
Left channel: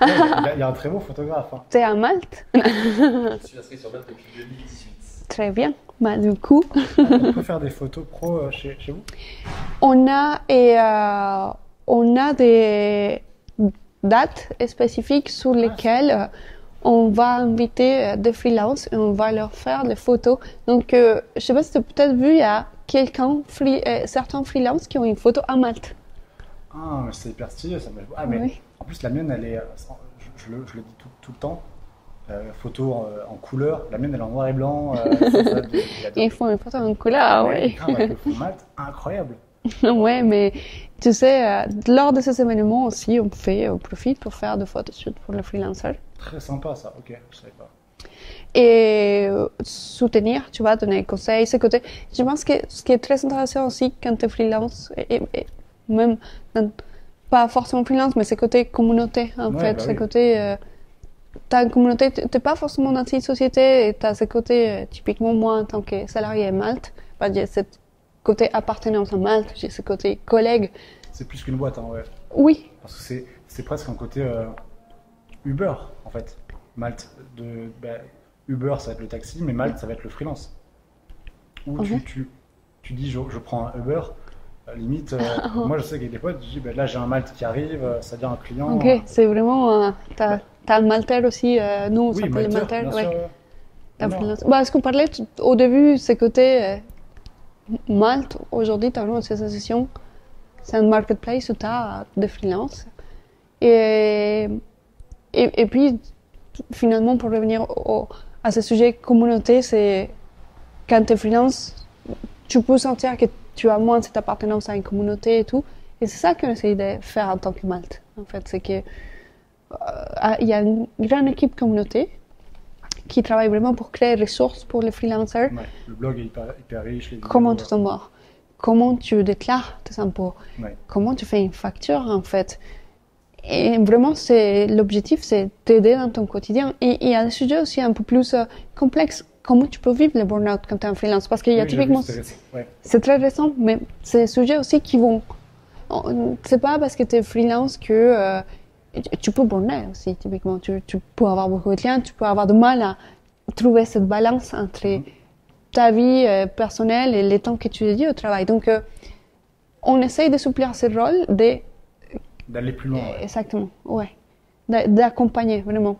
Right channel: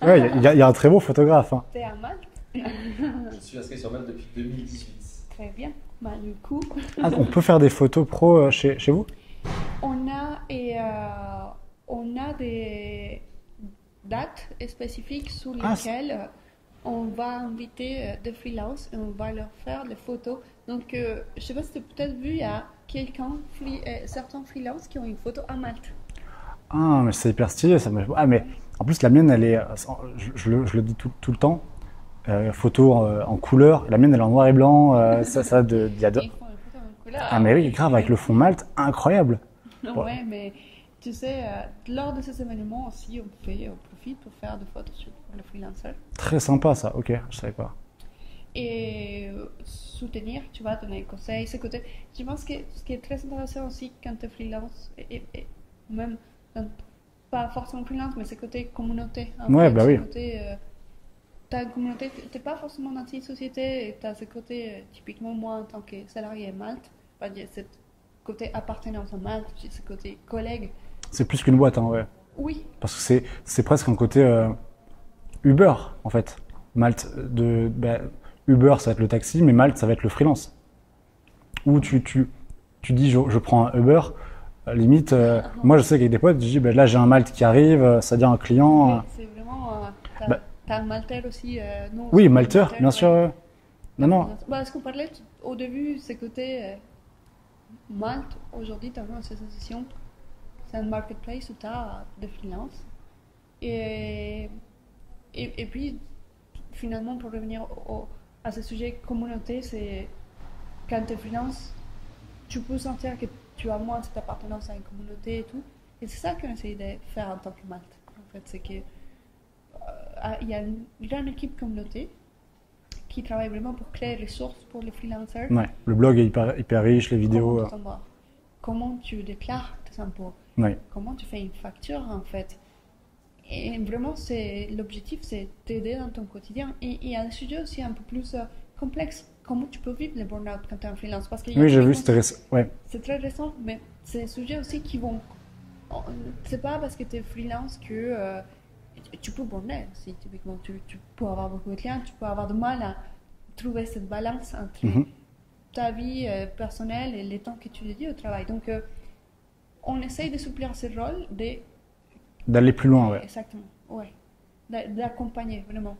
Ouais, il y a un très beau photographe. Hein. T'es à Malte? Je suis inscrit sur Malte depuis 2018. Très bien. Bah, du coup, On peut faire des photos pro chez vous? on a des dates spécifiques sur lesquelles on va inviter des freelances et on va leur faire des photos. Donc, je ne sais pas si tu as peut-être vu, il y a certains freelances qui ont une photo à Malte. Ah, mais c'est hyper stylé. Ça. Ah, mais Oui. en plus, la mienne, elle est, je le dis tout le temps, photo en couleur. La mienne, elle est en noir et blanc. Il y a Et ils font une photo en couleur. Ah, mais oui. oui, grave, avec le fond Malte, incroyable. Ouais, mais tu sais, lors de ces événements aussi, on profite pour faire des photoshoots pour les freelancers. Très sympa ça, ok, je savais pas. Et soutenir, tu vois, donner des conseils, ce côté. Je pense que ce qui est très intéressant aussi quand tu es freelance, et même pas forcément freelance, mais ce côté communauté, en Ouais, fait. bah Ce oui. côté, t'as une communauté, t'es pas forcément dans une société, et t'as ce côté, typiquement moi en tant que salarié à Malte, bah, j'ai ce côté appartenance à Malte, j'ai ce côté collègue. C'est plus qu'une boîte, hein, ouais. Oui, Parce que c'est presque un côté Uber, en fait. Malte, Uber, ça va être le taxi, mais Malte, ça va être le freelance. Où tu dis, je prends un Uber, limite, moi je sais qu'avec des potes, je dis, là j'ai un Malte qui arrive, c'est-à-dire un client. ok, c'est vraiment, t'as un Maltais aussi, nous on Oui, s'appelle Maltais, Maltais, bien ouais. sûr. T'as Non, non. freelance. Bah, ce qu'on parlait au début, c'est côté Malte, aujourd'hui, tu as une association, c'est un marketplace où tu as des freelances. Et puis, finalement, pour revenir à ce sujet communauté, c'est quand tu es freelance, tu peux sentir que tu as moins cette appartenance à une communauté et tout. Et c'est ça qu'on essaie de faire en tant que Malte. En fait, c'est que il y a une grande équipe communauté qui travaille vraiment pour créer des ressources pour les freelancers. Ouais, le blog est hyper riche, les vidéos. Comment tu t'embarques? Comment tu déclares tes impôts? Ouais. Comment tu fais une facture en fait? Et vraiment, l'objectif, c'est t'aider dans ton quotidien. Et il y a des sujets aussi un peu plus complexes. Comment tu peux vivre le burn-out quand tu es en freelance? Parce qu'il y a Oui, j'ai vu, typiquement, c'était récent. Ouais. c'est très récent, mais c'est des sujets aussi qui vont. C'est pas parce que tu es freelance que tu peux burn-out aussi, typiquement. Tu peux avoir beaucoup de clients, tu peux avoir du mal à trouver cette balance entre ta vie personnelle et le temps que tu dédies au travail. Donc, on essaye de souplir ce rôle, D'aller plus loin, ouais. exactement, ouais, d'accompagner vraiment.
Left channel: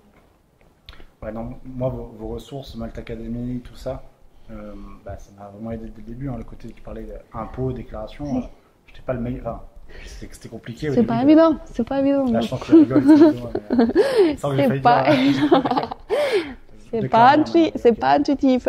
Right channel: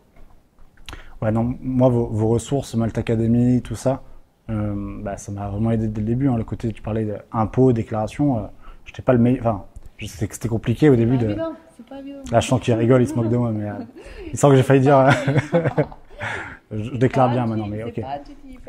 Ouais, non, moi, vos ressources, Malte Academy, tout ça, ça m'a vraiment aidé dès le début. Hein, le côté, tu parlais d'impôts, déclaration, j'étais pas le meilleur. Enfin, je sais que c'était compliqué au C'est début. pas évident, c'est pas évident. Là, je sens qu'il rigole, il se moque de moi, mais il sent que j'ai failli pas- dire. Je déclare bien maintenant, mais c'est ok. pas intuitif.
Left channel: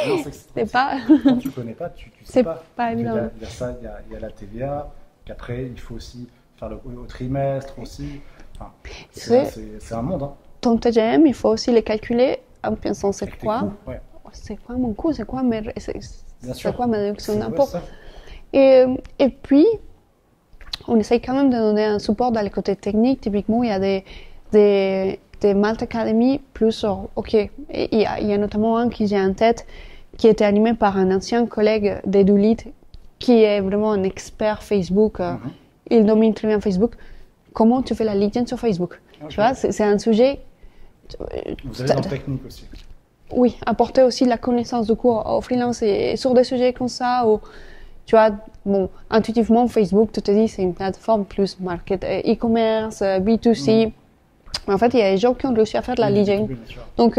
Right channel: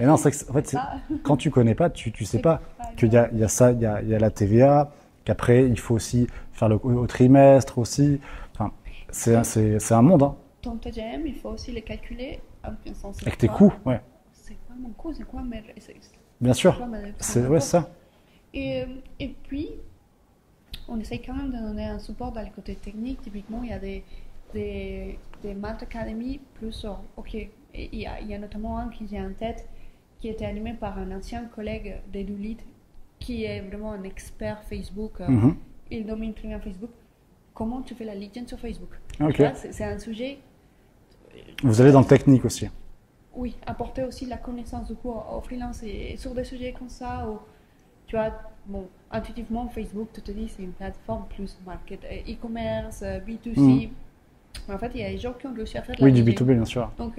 Mais non, c'est que, en fait, C'est pas. quand tu connais pas, tu sais C'est pas. pas Qu'il évident. y a ça, il y a la TVA, qu'après, il faut aussi faire au trimestre aussi. Enfin, c'est un monde, hein. Ton TGM, il faut aussi le calculer en pensant c'est Avec tes quoi. coûts, ouais. C'est quoi mon coût? C'est quoi mes. Bien sûr. C'est quoi ma déduction Ouais, d'impôt? ça. Et puis, on essaye quand même de donner un support dans le côté technique. Typiquement, il y a des Malte Academy plus, ok, et il y a notamment un qui j'ai en tête qui était animé par un ancien collègue d'Edulit qui est vraiment un expert Facebook. Il domine très bien Facebook. Comment tu fais la LinkedIn sur Facebook? Ok. Tu vois, c'est un sujet. Vous allez dans le technique aussi. Oui, apporter aussi de la connaissance du coup aux freelances et sur des sujets comme ça où, tu vois, bon, intuitivement, Facebook, tu te dis, c'est une plateforme plus market, e-commerce, B2C. En fait, il y a des gens qui ont réussi à faire de la Oui, du LinkedIn. B2B, bien sûr. Donc,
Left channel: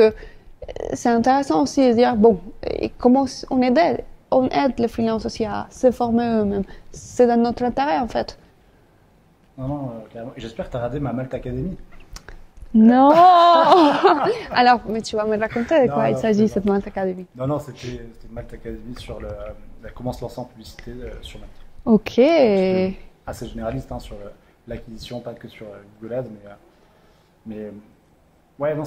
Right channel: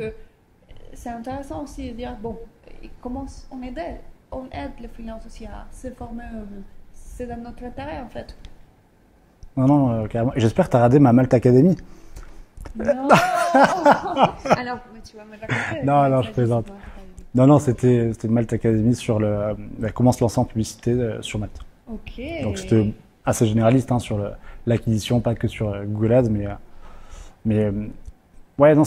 c'est intéressant aussi de dire, bon, et comment on aide les freelances aussi à se former eux-mêmes. C'est dans notre intérêt, en fait. Non, non, carrément. Et j'espère que tu as radé ma Malte Academy. Non. Alors, mais tu vas me raconter de Non, quoi il non, je s'agit, plaisante. cette Malte Academy. Non, non, c'était une Malte Academy sur comment se lancer en publicité sur Malte. Ok. Donc, c'était assez généraliste hein, sur l'acquisition, pas que sur Google Ads, mais ouais, non,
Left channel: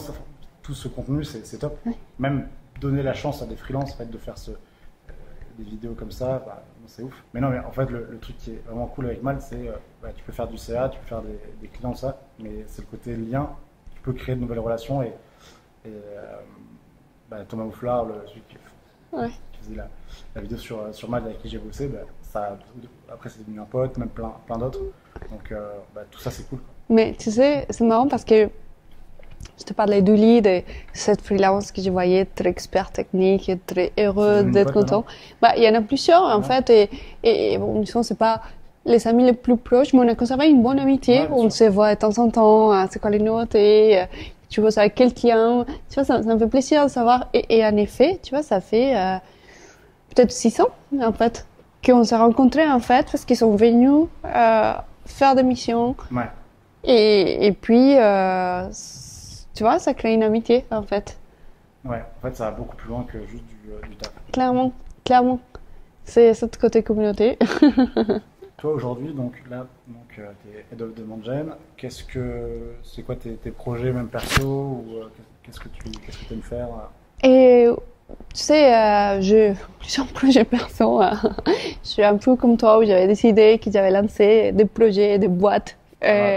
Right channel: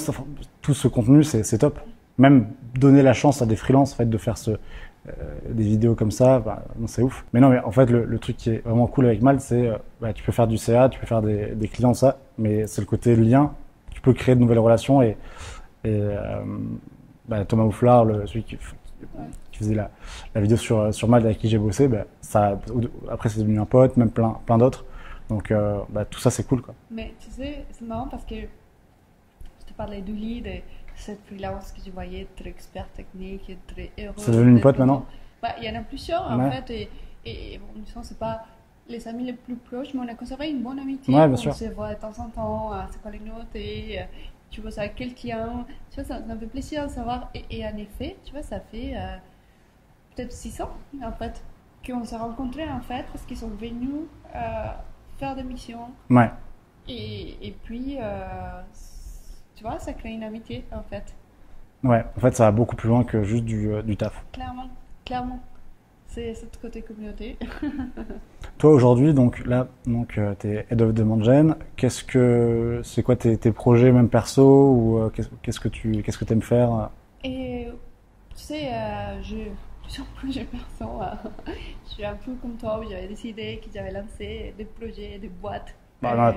tout ce contenu, c'est top. Ouais. Même donner la chance à des freelances en fait, de faire des vidéos comme ça, bah, non, c'est ouf. Mais non, mais en fait, le truc qui est vraiment cool avec Malte, c'est bah, tu peux faire du CA, tu peux faire des clients, ça, mais c'est le côté lien. Tu peux créer de nouvelles relations bah, Thomas Houflard, celui qui faisait la vidéo sur Malte avec qui j'ai bossé, bah, après c'est devenu un pote, même plein d'autres. Donc bah, tout ça c'est cool, quoi. Mais tu sais, c'est marrant parce que je te parlais d'Uli, de cette freelance que je voyais très expert technique et très heureux d'être content. Bah, il y en a plusieurs en fait, et bon, disons, c'est pas les amis les plus proches, mais on a conservé une bonne amitié. On se voit de temps en temps, c'est quoi les notes, et tu vois ça avec quel client. Tu vois, ça me fait plaisir de savoir. Et en effet, tu vois, ça fait peut-être 6 ans en fait qu'on s'est rencontrés en fait parce qu'ils sont venus faire des missions. Ouais. Et puis, tu vois, ça crée une amitié, en fait. Ouais, en fait, ça va beaucoup plus loin que juste du taf. Clairement, clairement. C'est ce côté communauté. Toi, aujourd'hui, donc tu es Head of Demand Gen. C'est quoi tes projets, même perso, ou qu'est-ce que tu aimes faire? Et tu sais, j'ai plusieurs projets perso. Je suis un peu comme toi, où j'avais décidé que j'avais lancé des projets, des boîtes.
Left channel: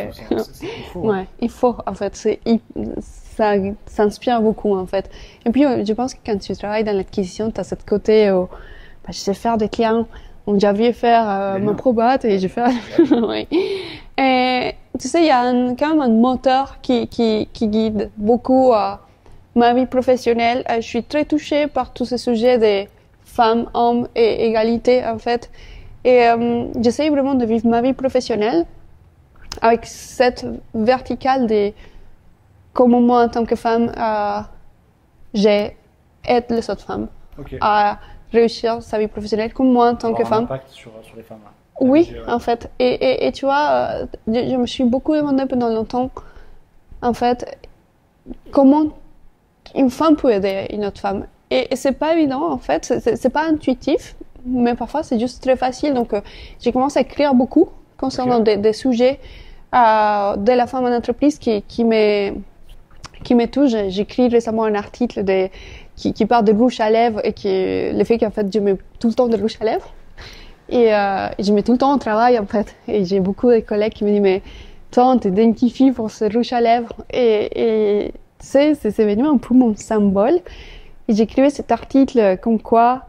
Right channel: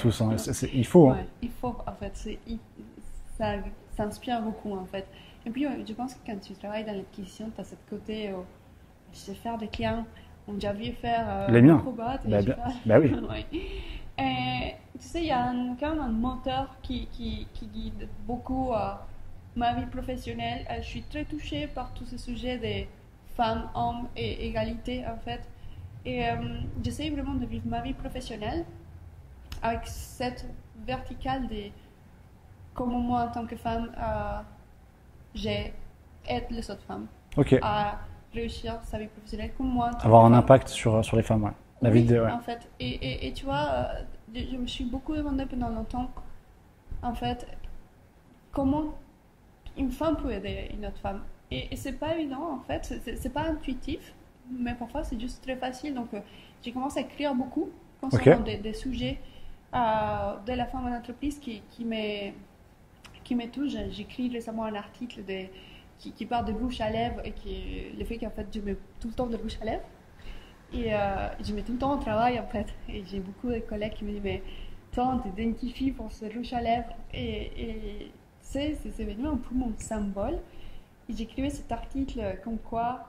Tous, hein. Il faut. Ouais, il faut, en fait. Ça inspire beaucoup, en fait. Et puis, je pense que quand tu travailles dans l'acquisition, tu as ce côté où bah, je sais faire des clients. Donc, j'avais faire mon probat et j'ai fait. Oui. Et tu sais, il y a quand même un moteur qui guide beaucoup ma vie professionnelle. Je suis très touchée par tous ces sujets des femmes, hommes et égalité, en fait. Et j'essaie vraiment de vivre ma vie professionnelle avec cette verticale de comment moi, en tant que femme, j'aide les autres femmes à réussir sa vie professionnelle, comme moi, en tant que femme. Avoir un impact sur les femmes, ouais. Oui, en fait. Et tu vois, je me suis beaucoup demandé pendant longtemps, en fait, comment une femme peut aider une autre femme. Et c'est pas évident, en fait. C'est pas intuitif, mais parfois c'est juste très facile. Donc, j'ai commencé à écrire beaucoup concernant des sujets de la femme en entreprise qui me touchent. J'ai écrit récemment un article qui parle de rouge à lèvres et le fait qu'en fait, je mets tout le temps de rouge à lèvres. Et je mets tout le temps au travail, en fait. Et j'ai beaucoup de collègues qui me disent, mais toi, on t'identifie pour ce rouge à lèvres. Et tu sais, c'est devenu un peu mon symbole. Et j'écrivais cet article comme quoi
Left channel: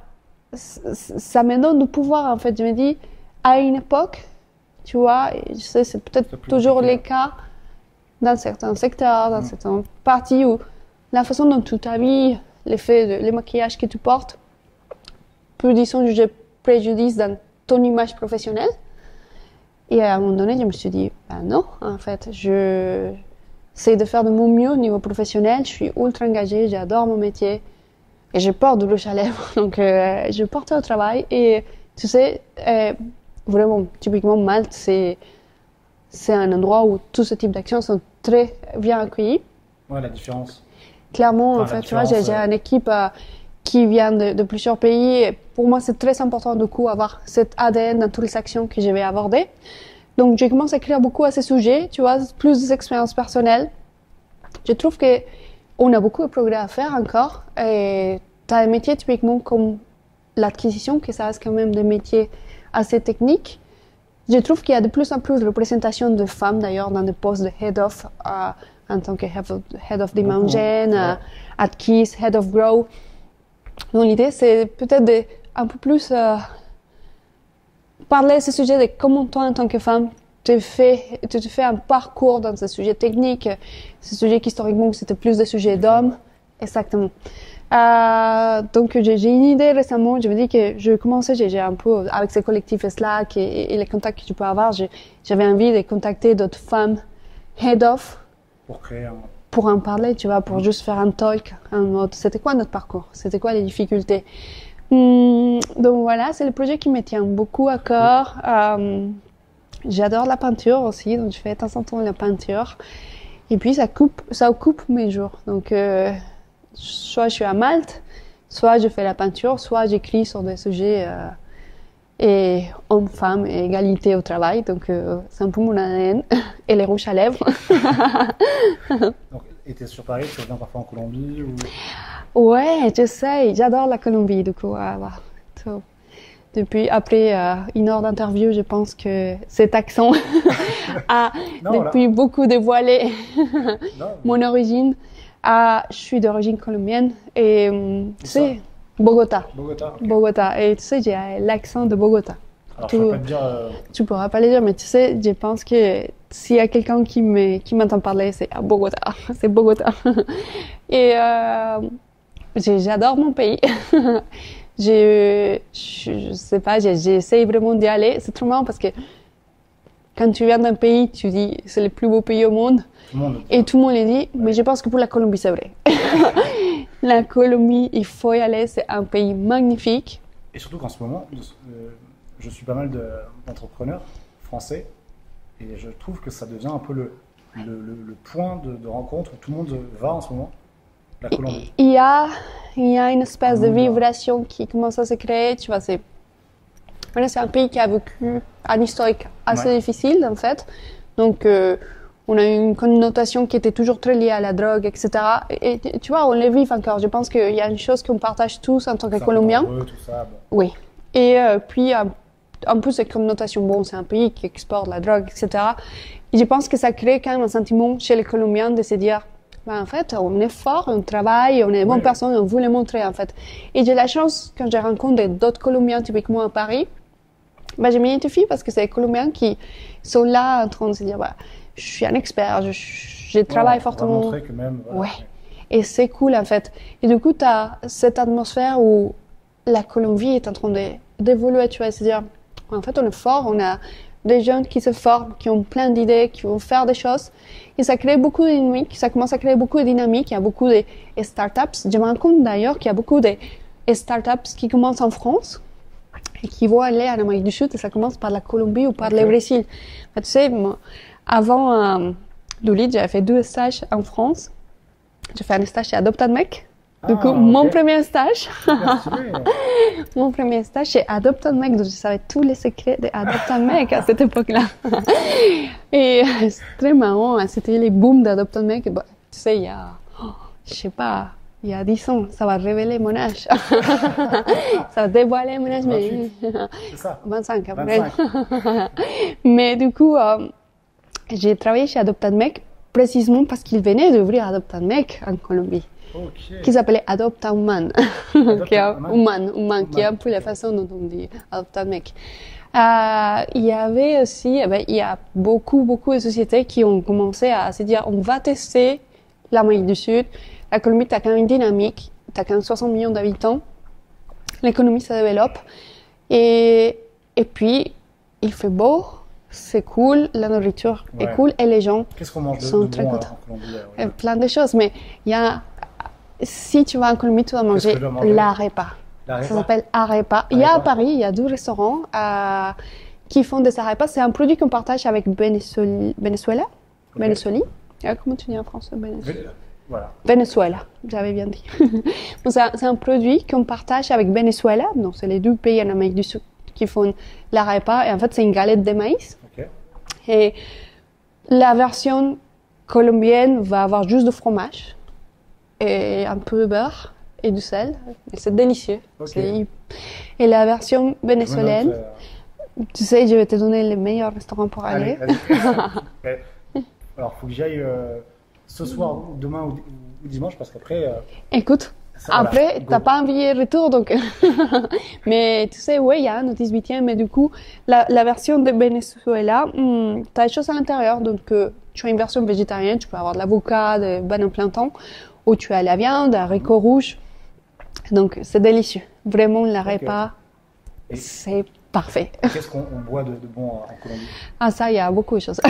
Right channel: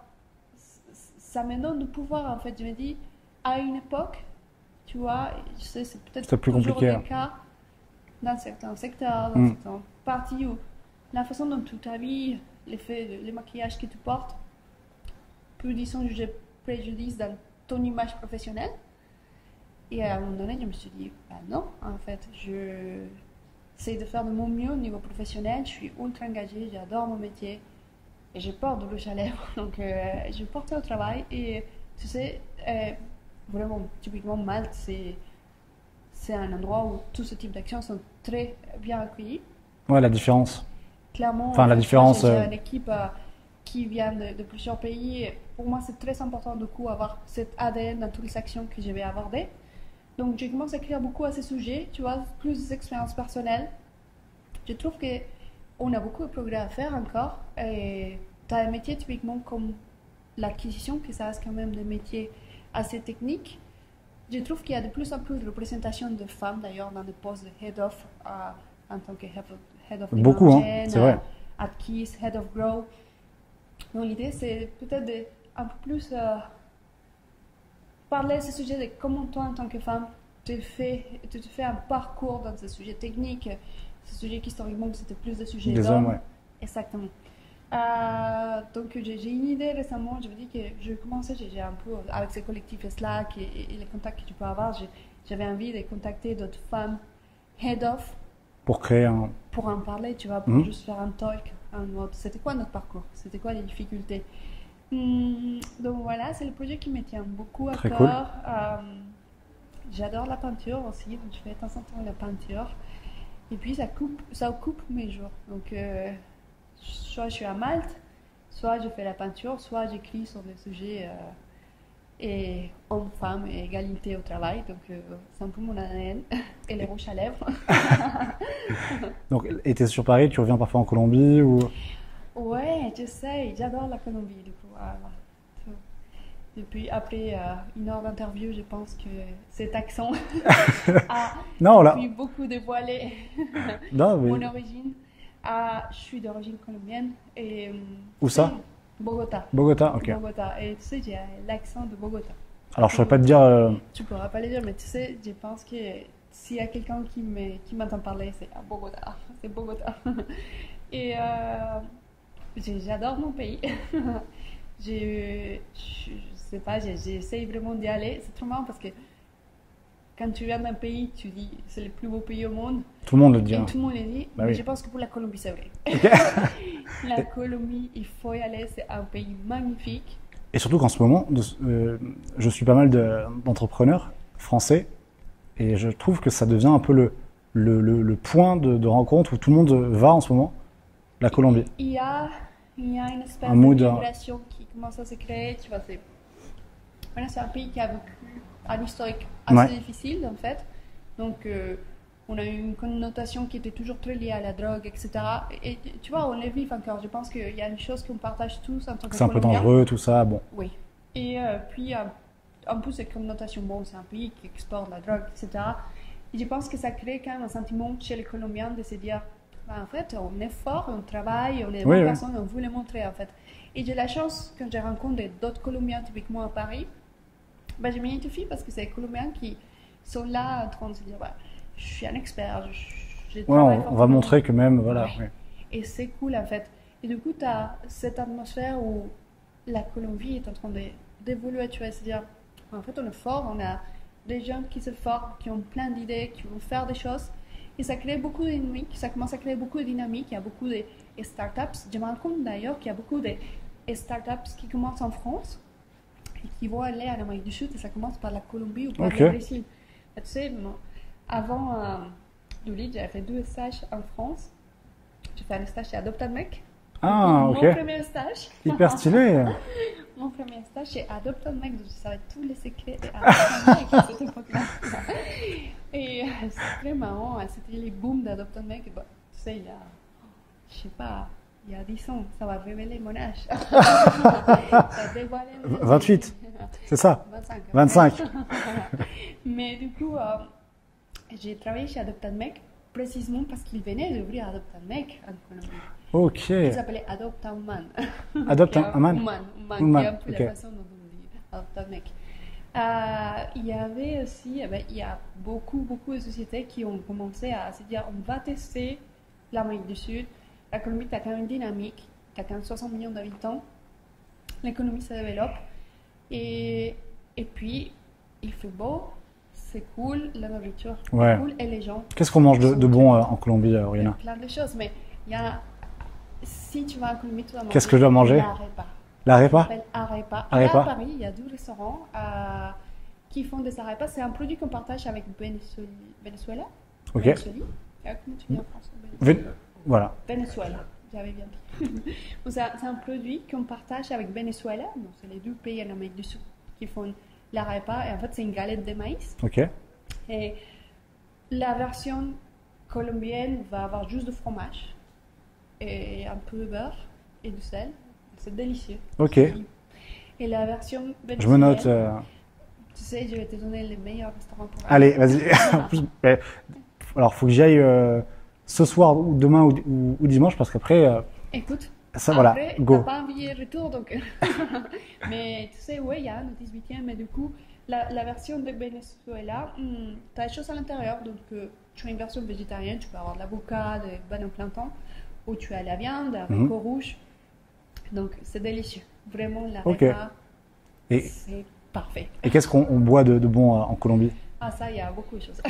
ça me donne du pouvoir, en fait. Je me dis, à une époque, tu vois, et je sais, c'est peut-être toujours le cas dans certains secteurs, dans certaines parties où la façon dont tu t'habilles, le maquillage que tu portes, peut, disons, juger préjudice dans ton image professionnelle. Et à un moment donné, je me suis dit, ben non, en fait, j'essaie de faire de mon mieux au niveau professionnel, je suis ultra engagée, j'adore mon métier et je porte du rouge à lèvres, donc je porte au travail. Et tu sais, vraiment, typiquement, Malte, c'est un endroit où tout ce type d'actions sont très bien accueillis. Ouais, la différence. Clairement, enfin, tu vois, j'ai une équipe qui vient de plusieurs pays. Et pour moi, c'est très important du coup avoir cet ADN dans toutes les actions que je vais aborder. Donc, j'ai commencé à écrire beaucoup à ces sujets, tu vois, plus des expériences personnelles. Je trouve qu'on a beaucoup de progrès à faire encore. Et tu as un métier typiquement comme l'acquisition, que ça reste quand même des métiers assez techniques. Je trouve qu'il y a de plus en plus de représentation de femmes, d'ailleurs, dans des postes de head of, en tant que head of Demand Gen, at Keys, head of Grow. Donc, l'idée, c'est peut-être un peu plus parler de ce sujet de comment toi, en tant que femme, tu te fais un parcours dans ce sujet technique, ce sujet historiquement, c'était plus des sujets d'hommes. Ouais. Exactement. Donc, j'ai une idée récemment. Je me dis que je commençais, j'ai un peu, avec ce collectif Slack et les contacts que tu peux avoir, j'avais envie de contacter d'autres femmes head of. Pour créer un. Pour en parler, tu vois, pour juste faire un talk en mode c'était quoi notre parcours, c'était quoi les difficultés. Donc voilà, c'est le projet qui me tient beaucoup à cœur. Cool. J'adore la peinture aussi, donc je fais de temps en temps la peinture. Et puis ça occupe mes jours. Donc soit je suis à Malte, soit je fais la peinture, soit j'écris sur des sujets et hommes-femmes et égalité au travail. Donc c'est un peu mon ADN et les rouges à lèvres. Donc, et tu es sur Paris, tu reviens parfois en Colombie ou... Ouais, j'essaie. J'adore la Colombie, du coup. So, depuis, après une heure d'interview, je pense que cet accent a Non, là. depuis beaucoup dévoilé Non, mais- mon origine. Je suis d'origine colombienne et tu Où ça sais, Bogota. Bogota, ok. Bogota. Et tu sais, j'ai l'accent de Bogota. Alors, je ne peux pas te dire. Tu pourras pas le dire, mais tu sais, je pense que s'il y a quelqu'un qui m'entend parler, c'est à Bogota. C'est Bogota. Et j'adore mon pays. Je sais pas, j'essaie vraiment d'y aller. C'est trop marrant parce que quand tu viens d'un pays, tu dis c'est le plus beau pays au monde. Tout le monde le dit. Et tout le monde le dit, Bah mais oui. je pense que pour la Colombie, c'est vrai. La Colombie, il faut y aller, c'est un pays magnifique. Et surtout qu'en ce moment, je suis pas mal d'entrepreneurs français et je trouve que ça devient un peu le point de rencontre où tout le monde va en ce moment, la Colombie. Il y a une espèce Un de mood, vibration qui commence à se créer, tu vois, voilà, c'est un pays qui a vécu un historique assez Ouais. difficile, en fait. Donc, on a une connotation qui était toujours très liée à la drogue, etc. Et tu vois, on le vit encore. Je pense qu'il y a une chose qu'on partage tous en tant que C'est un peu Colombiens. dangereux, tout ça. Bon, Oui. Et puis, en plus, cette connotation, bon, c'est un pays qui exporte la drogue, etc. Et je pense que ça crée quand même un sentiment chez les Colombiens de se dire, ben, en fait, on est fort, on travaille, on est de bonnes oui. personnes, on veut le montrer, en fait. Et j'ai la chance, quand je rencontre d'autres Colombiens, typiquement à Paris, ben, je m'identifie parce que c'est les Colombiens qui sont là en train de se dire, bah, je suis un expert, je travaille ouais, on fortement. va montrer que même, voilà. Ouais. Ouais. Et c'est cool en fait. Et du coup, tu as cette atmosphère où la Colombie est en train d'évoluer, tu vois, c'est-à-dire, en fait, on est fort, on a des jeunes qui se forment, qui ont plein d'idées, qui vont faire des choses. Et ça crée beaucoup de dynamique, ça commence à créer beaucoup de dynamique. Il y a beaucoup de startups. Je me rends compte d'ailleurs qu'il y a beaucoup de startups qui commencent en France et qui vont aller en Amérique du Sud, et ça commence par la Colombie ou par Ok. le Brésil. Tu sais, moi, avant Doolittle, j'avais fait 2 stages en France. J'ai fait un stage chez Adoptad Mec. Du coup, mon ok. premier stage, Super stylé. mon premier stage chez Adoptad Mec, donc je savais tous les secrets de Adoptad Mec à cette époque-là. Et c'est très marrant, hein, c'était les booms d'Adoptad Mec. Bah, tu sais, il y a, je sais pas, il y a 10 ans, ça va révéler mon âge. Ça va dévoiler mon âge. 28. C'est ça. 25 après. 25. Mais du coup, j'ai travaillé chez Adoptad Mec précisément parce qu'ils venaient d'ouvrir Adoptad Mec en Colombie, Ok. qui s'appelait Adopta Human. Adopta Qui est Human? Human, qui est un peu la ok. façon dont on dit Adoptad Mec. Il y avait aussi, il y a beaucoup de sociétés qui ont commencé à se dire on va tester l'Amérique du Sud. La Colombie, tu as quand même une dynamique, tu as quand même 60 millions d'habitants, l'économie se développe, et puis il fait beau, c'est cool, la nourriture Ouais. est cool, et les gens, Qu'est-ce qu'on mange sont de très bon contents. en Colombie, Aurélien plein de choses, mais il y a, si tu vas en Colombie, tu vas manger, Qu'est-ce que je dois manger l'arepa. Ça L'arepa? s'appelle arepa. Il y a Arepa. à Paris, il y a 2 restaurants qui font des arepas. C'est un produit qu'on partage avec Venezuela. Ok. Venezuela. Comment tu dis en français? Voilà. Venezuela, j'avais bien dit. Bon, c'est un produit qu'on partage avec Venezuela. Donc, c'est les 2 pays en Amérique du Sud qui font l'arepa. Et en fait, c'est une galette de maïs. Ok. Et la version colombienne va avoir juste du fromage et un peu de beurre et du sel. Et c'est délicieux. Ok. Et la version Je me note. vénézuélienne, tu sais, je vais te donner les meilleurs restaurants pour Allez, aller. vas-y. Mais, alors, faut que j'y aille ce soir, ou demain ou dimanche, parce qu'après, Écoute, ça, voilà, après, go. t'as pas envie de retour, donc. Mais tu sais, oui, il y a un au 18e, mais du coup, la version de Venezuela, tu as des choses à l'intérieur. Donc, tu as une version végétarienne, tu peux avoir de l'avocat, des bananes plein temps, ou tu as la viande, haricots rouges. Donc, c'est délicieux. Vraiment, l'arepa, Et- c'est parfait. Et qu'est-ce qu'on boit de bon en Colombie? Ah, ça, il y a beaucoup de choses.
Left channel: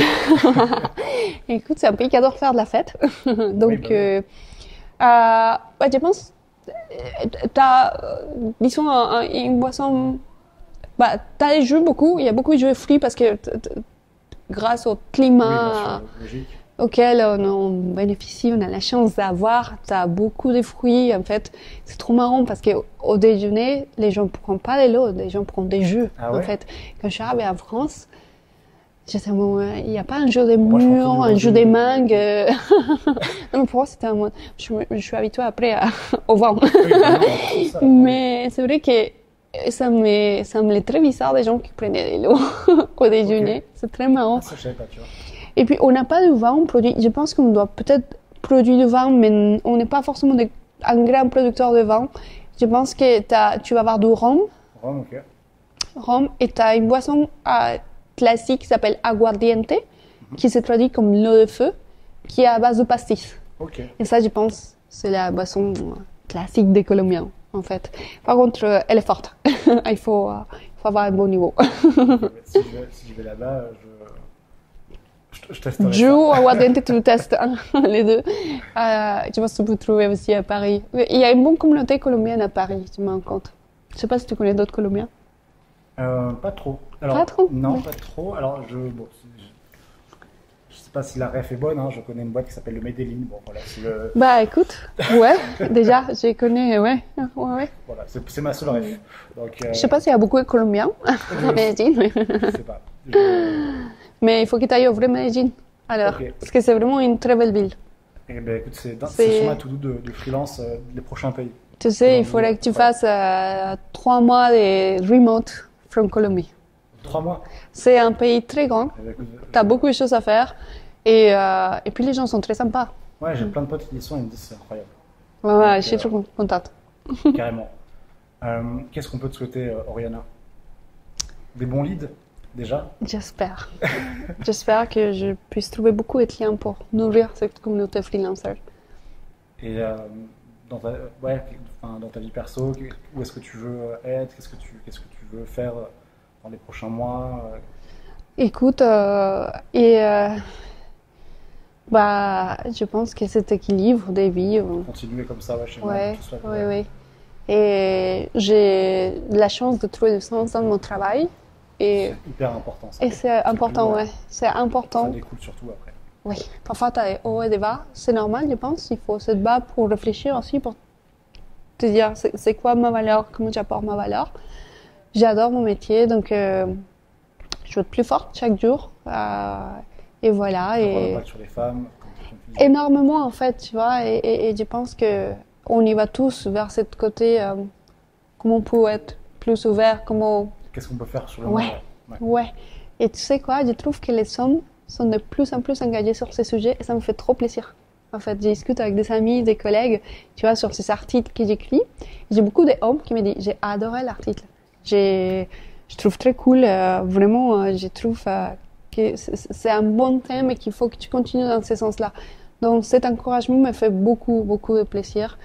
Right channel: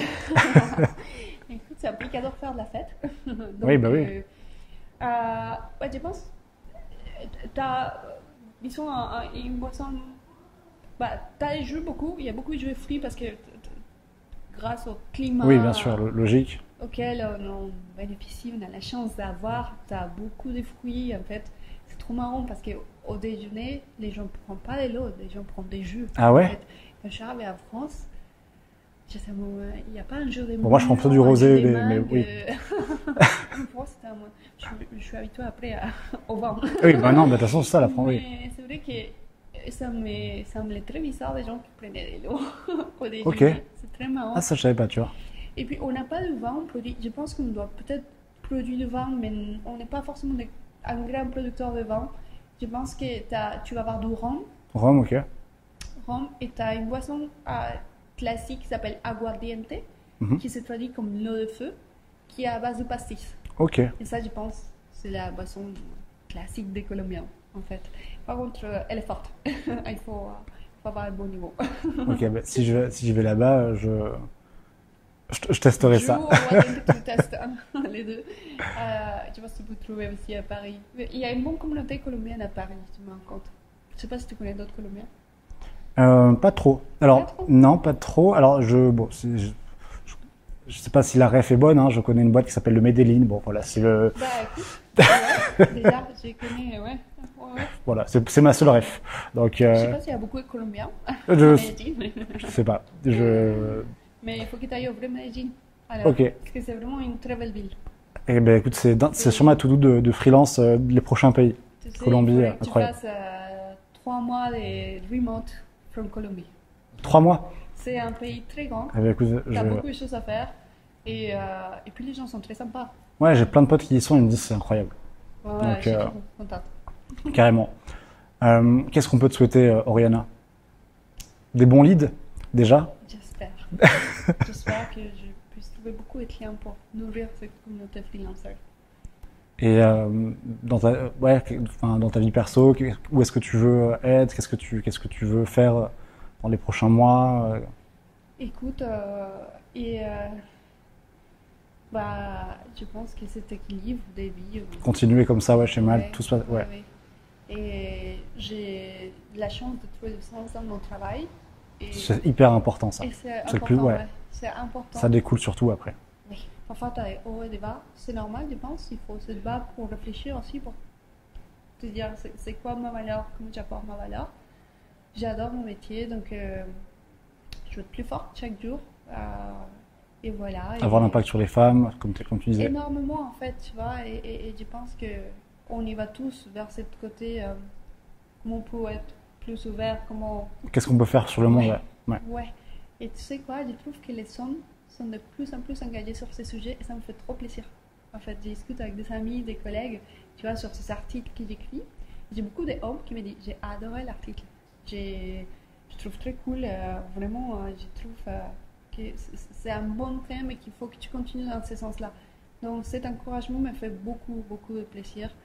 Écoute, c'est un pays qui adore faire de la fête. Donc, Oui, bah oui. ouais, je pense, t'as, disons, une boisson, t'as des jus beaucoup, il y a beaucoup de jus fruits parce que grâce au climat Oui, bien sûr, logique. auquel on bénéficie, on a la chance d'avoir, t'as beaucoup de fruits. En fait, c'est trop marrant parce qu'au déjeuner, les gens ne prennent pas de l'eau, les gens prennent des jus. Ah ouais? En fait, quand je suis arrivée en France, j'étais il n'y a pas un jus de Moi, je prends plutôt du mûre, un rosé, jus de mais mangue. oui. Non, mais pour moi, c'était un mot. Je suis habituée après au vin. Oui, bah non, de toute façon, c'est ça la France. Mais c'est vrai que Et ça me semblait très bizarre des gens qui prenaient de l'eau au déjeuner. C'est très marrant. Ah, ça, je savais pas, tu vois. Et puis, on n'a pas de vin produit. Je pense qu'on doit peut-être produire du vin, mais on n'est pas forcément un grand producteur de vin. Je pense que tu vas avoir du rhum. Rhum, ok. Rhum, et tu as une boisson classique qui s'appelle aguardiente, qui se traduit comme l'eau de feu, qui est à base de pastis. Ok. Et ça, je pense, c'est la boisson classique des Colombiens, en fait. Par contre, elle est forte. Il faut avoir un bon niveau. Ok, bah, si je vais là-bas, je testerai Ju ça. ou aguardiente, tu le testes, hein, les deux. Je pense que tu peux trouver aussi à Paris. Il y a une bonne communauté colombienne à Paris, je me rends compte. Je ne sais pas si tu connais d'autres Colombiens. Pas trop. Alors, Pas trop? Non, Ouais. pas trop. Alors, je sais pas si la ref est bonne, hein. Je connais une boîte qui s'appelle le Medellin. Bon, voilà, c'est le, Bah écoute, ouais, déjà, je connais, ouais. voilà, c'est ma seule ref. Donc, Je sais pas s'il y a beaucoup de Colombiens à je Medellín, mais... sais pas. mais il faut que tu ailles au vrai Medellín. Alors, Ok. parce que c'est vraiment une très belle ville. Eh ben, écoute, c'est sur ma to-do de freelance les prochains pays. Tu sais, il Colombie, faudrait que tu incroyable. fasses 3 mois de remote from Colombie. 3 mois. C'est un pays très grand, Eh ben, écoute, tu as beaucoup de choses à faire et puis les gens sont très sympas. Ouais, j'ai plein de potes qui y sont, ils me disent c'est incroyable, Ouais, ouais, Donc, je suis trop contente. carrément. Qu'est-ce qu'on peut te souhaiter, Oriana? Des bons leads, déjà? J'espère. J'espère que je puisse trouver beaucoup de clients pour nourrir cette communauté freelancer. Et dans dans ta vie perso, où est-ce que tu veux être? Qu'est-ce que tu veux faire dans les prochains mois? Écoute, je pense que cet équilibre des vies. Continuer comme ça, ouais, chez Mal, Ouais, tout se passe. ouais, Ouais. ouais. Et j'ai la chance de trouver du sens dans mon travail. Et, C'est hyper important ça. et c'est le important, plus- ouais. ouais. C'est important. Ça découle surtout après. Oui. Parfois, tu as des hauts et des bas. C'est normal, je pense. Il faut se bas pour réfléchir aussi, pour te dire c'est quoi ma valeur, comment j'apporte ma valeur. J'adore mon métier, donc je veux être plus forte chaque jour. Et voilà. Avoir Et l'impact sur les femmes, comme tu disais. énormément, en fait, tu vois. Et je pense qu'on y va tous vers ce côté, comment on peut être plus ouvert, comment... Qu'est-ce qu'on peut faire sur le monde? Ouais. Ouais. Ouais. Et tu sais quoi, je trouve que les hommes sont de plus en plus engagés sur ces sujets et ça me fait trop plaisir. En fait, je discute avec des amis, des collègues, tu vois, sur ces articles que j'écris. J'ai beaucoup d'hommes qui me disent, j'ai adoré l'article. Je trouve très cool, vraiment, je trouve que c'est un bon thème et qu'il faut que tu continues dans ce sens-là. Donc cet encouragement me fait beaucoup, beaucoup de plaisir.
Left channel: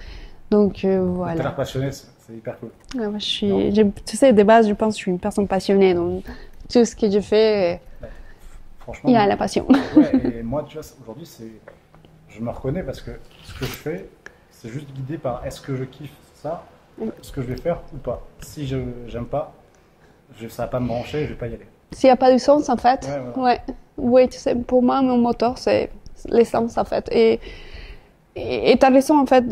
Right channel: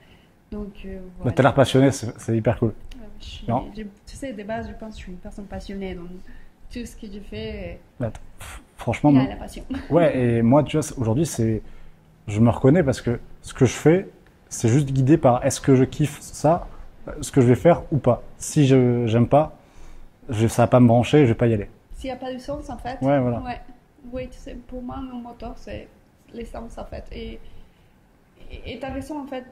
Donc Tu voilà. as l'air passionné, c'est hyper cool. Ouais, moi, Non. tu sais, de base, je pense que je suis une personne passionnée. Donc tout ce que je fais, Là, franchement, il y a la passion. ouais, et moi, tu vois, aujourd'hui, je me reconnais parce que ce que je fais, c'est juste guidé par est-ce que je kiffe ça, ce que je vais faire ou pas. Si je j'aime pas, ça va pas me brancher, je vais pas y aller. S'il n'y a pas de sens, en fait. Ouais, voilà. Ouais. Oui, tu sais, pour moi, mon moteur, c'est l'essence, en fait. Et tu as raison, en fait.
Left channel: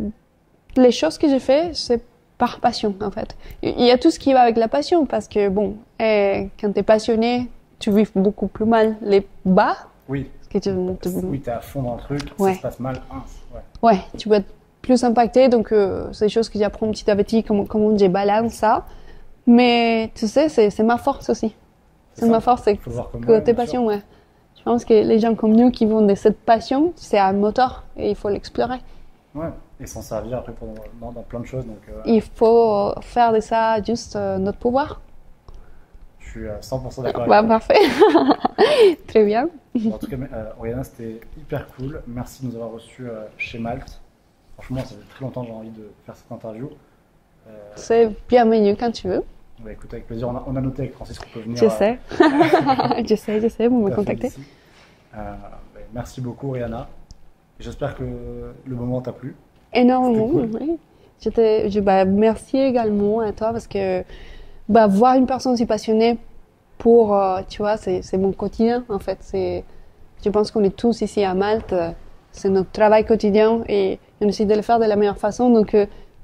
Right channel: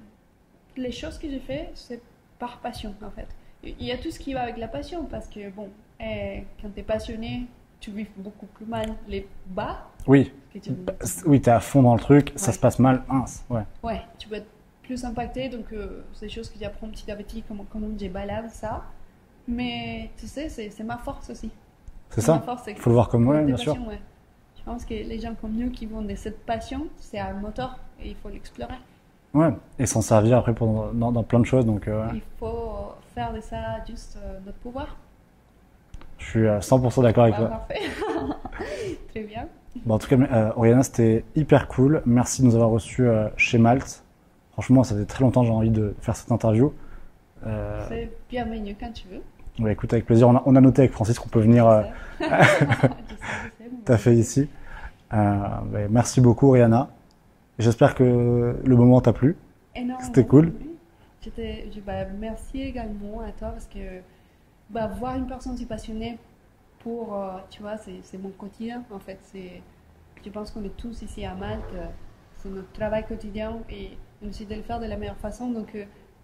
Les choses que j'ai fait, c'est par passion, en fait. Il y a tout ce qui va avec la passion, parce que, bon, quand tu es passionné, tu vis beaucoup plus mal les bas. Oui, Que oui, t'es à fond dans le truc, ça Ouais. se passe mal, ouais. Ouais, tu peux être plus impacté, donc c'est des choses que j'apprends petit à petit, comment je balance ça. Mais tu sais, c'est ma force aussi. C'est C'est ça. ma force, c'est Il faut le voir comme côté bien sûr. passion, ouais. Je pense que les gens comme nous qui vont de cette passion, c'est un moteur et il faut l'explorer. Ouais, et s'en servir après dans plein de choses. Donc, Il faut faire de ça juste notre pouvoir. je suis à 100% d'accord avec Bah, toi. parfait. Très bien. Bon, en tout cas, Oriana, c'était hyper cool. Merci de nous avoir reçus chez Malte. Franchement, ça fait très longtemps que j'ai envie de faire cette interview. C'est bienvenu quand tu veux. Ouais, écoute, avec plaisir. On a noté avec Francis qu'on peut venir Je sais. je sais, vous me t'as fait contactez. ici. Merci beaucoup, Oriana. J'espère que le moment t'a plu. Énormément. C'était cool. Oui. Merci également à toi parce que voir une personne si passionnée pour, tu vois, c'est mon quotidien en fait. Je pense qu'on est tous ici à Malte, c'est notre travail quotidien et on essaie de le faire de la meilleure façon. Donc,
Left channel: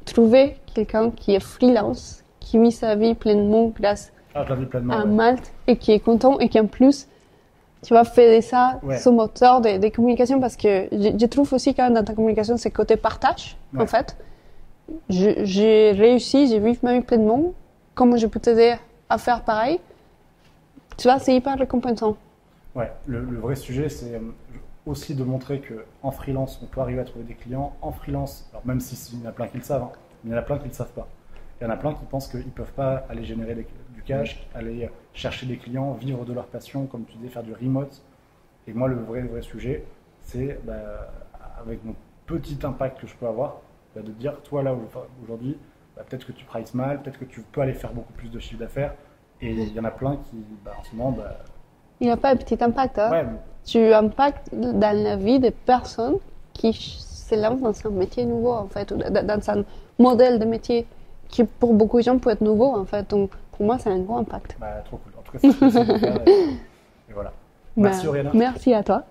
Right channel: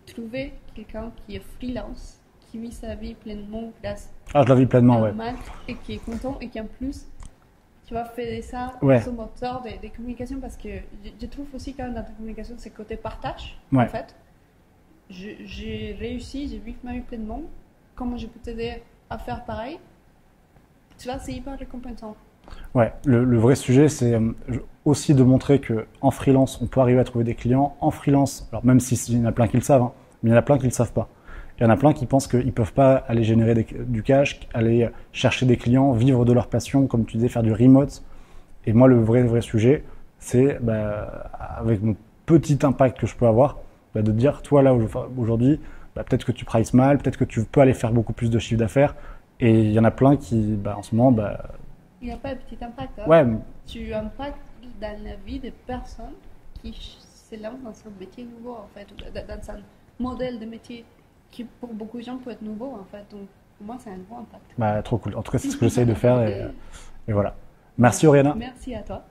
trouver quelqu'un qui est freelance, qui vit sa vie pleinement grâce Ah, je la vis pleinement, à ouais. Malte et qui est content et qui en plus, tu vas faire ça Ouais. son moteur de communication parce que je trouve aussi quand même dans ta communication c'est côté partage Ouais. en fait. J'ai réussi, j'ai vécu ma vie pleinement comment je peux t'aider à faire pareil. Tu vois, c'est hyper récompensant. Ouais, le vrai sujet, c'est aussi de montrer qu'en freelance, on peut arriver à trouver des clients. En freelance, alors même s'il y en a plein qui le savent, hein, mais il y en a plein qui ne le savent pas. Il y en a plein qui pensent qu'ils ne peuvent pas aller générer du cash, aller chercher des clients, vivre de leur passion, comme tu disais, faire du remote. Et moi, le vrai sujet, c'est avec mon petit impact que je peux avoir, de te dire, toi là, aujourd'hui, peut-être que tu prices mal, peut-être que tu peux aller faire beaucoup plus de chiffre d'affaires. Et il y en a plein qui, en ce moment, il n'y a pas de petit impact. Hein. Ouais. Tu impactes dans la vie des personnes qui se lancent dans un métier nouveau, en fait, ou dans un modèle de métier qui, pour beaucoup de gens, peut être nouveau, en fait. Donc, pour moi, c'est un gros impact. Trop cool. En tout cas, c'est ce que j'essaie de faire. Et voilà. Merci, Oriana. Merci à toi.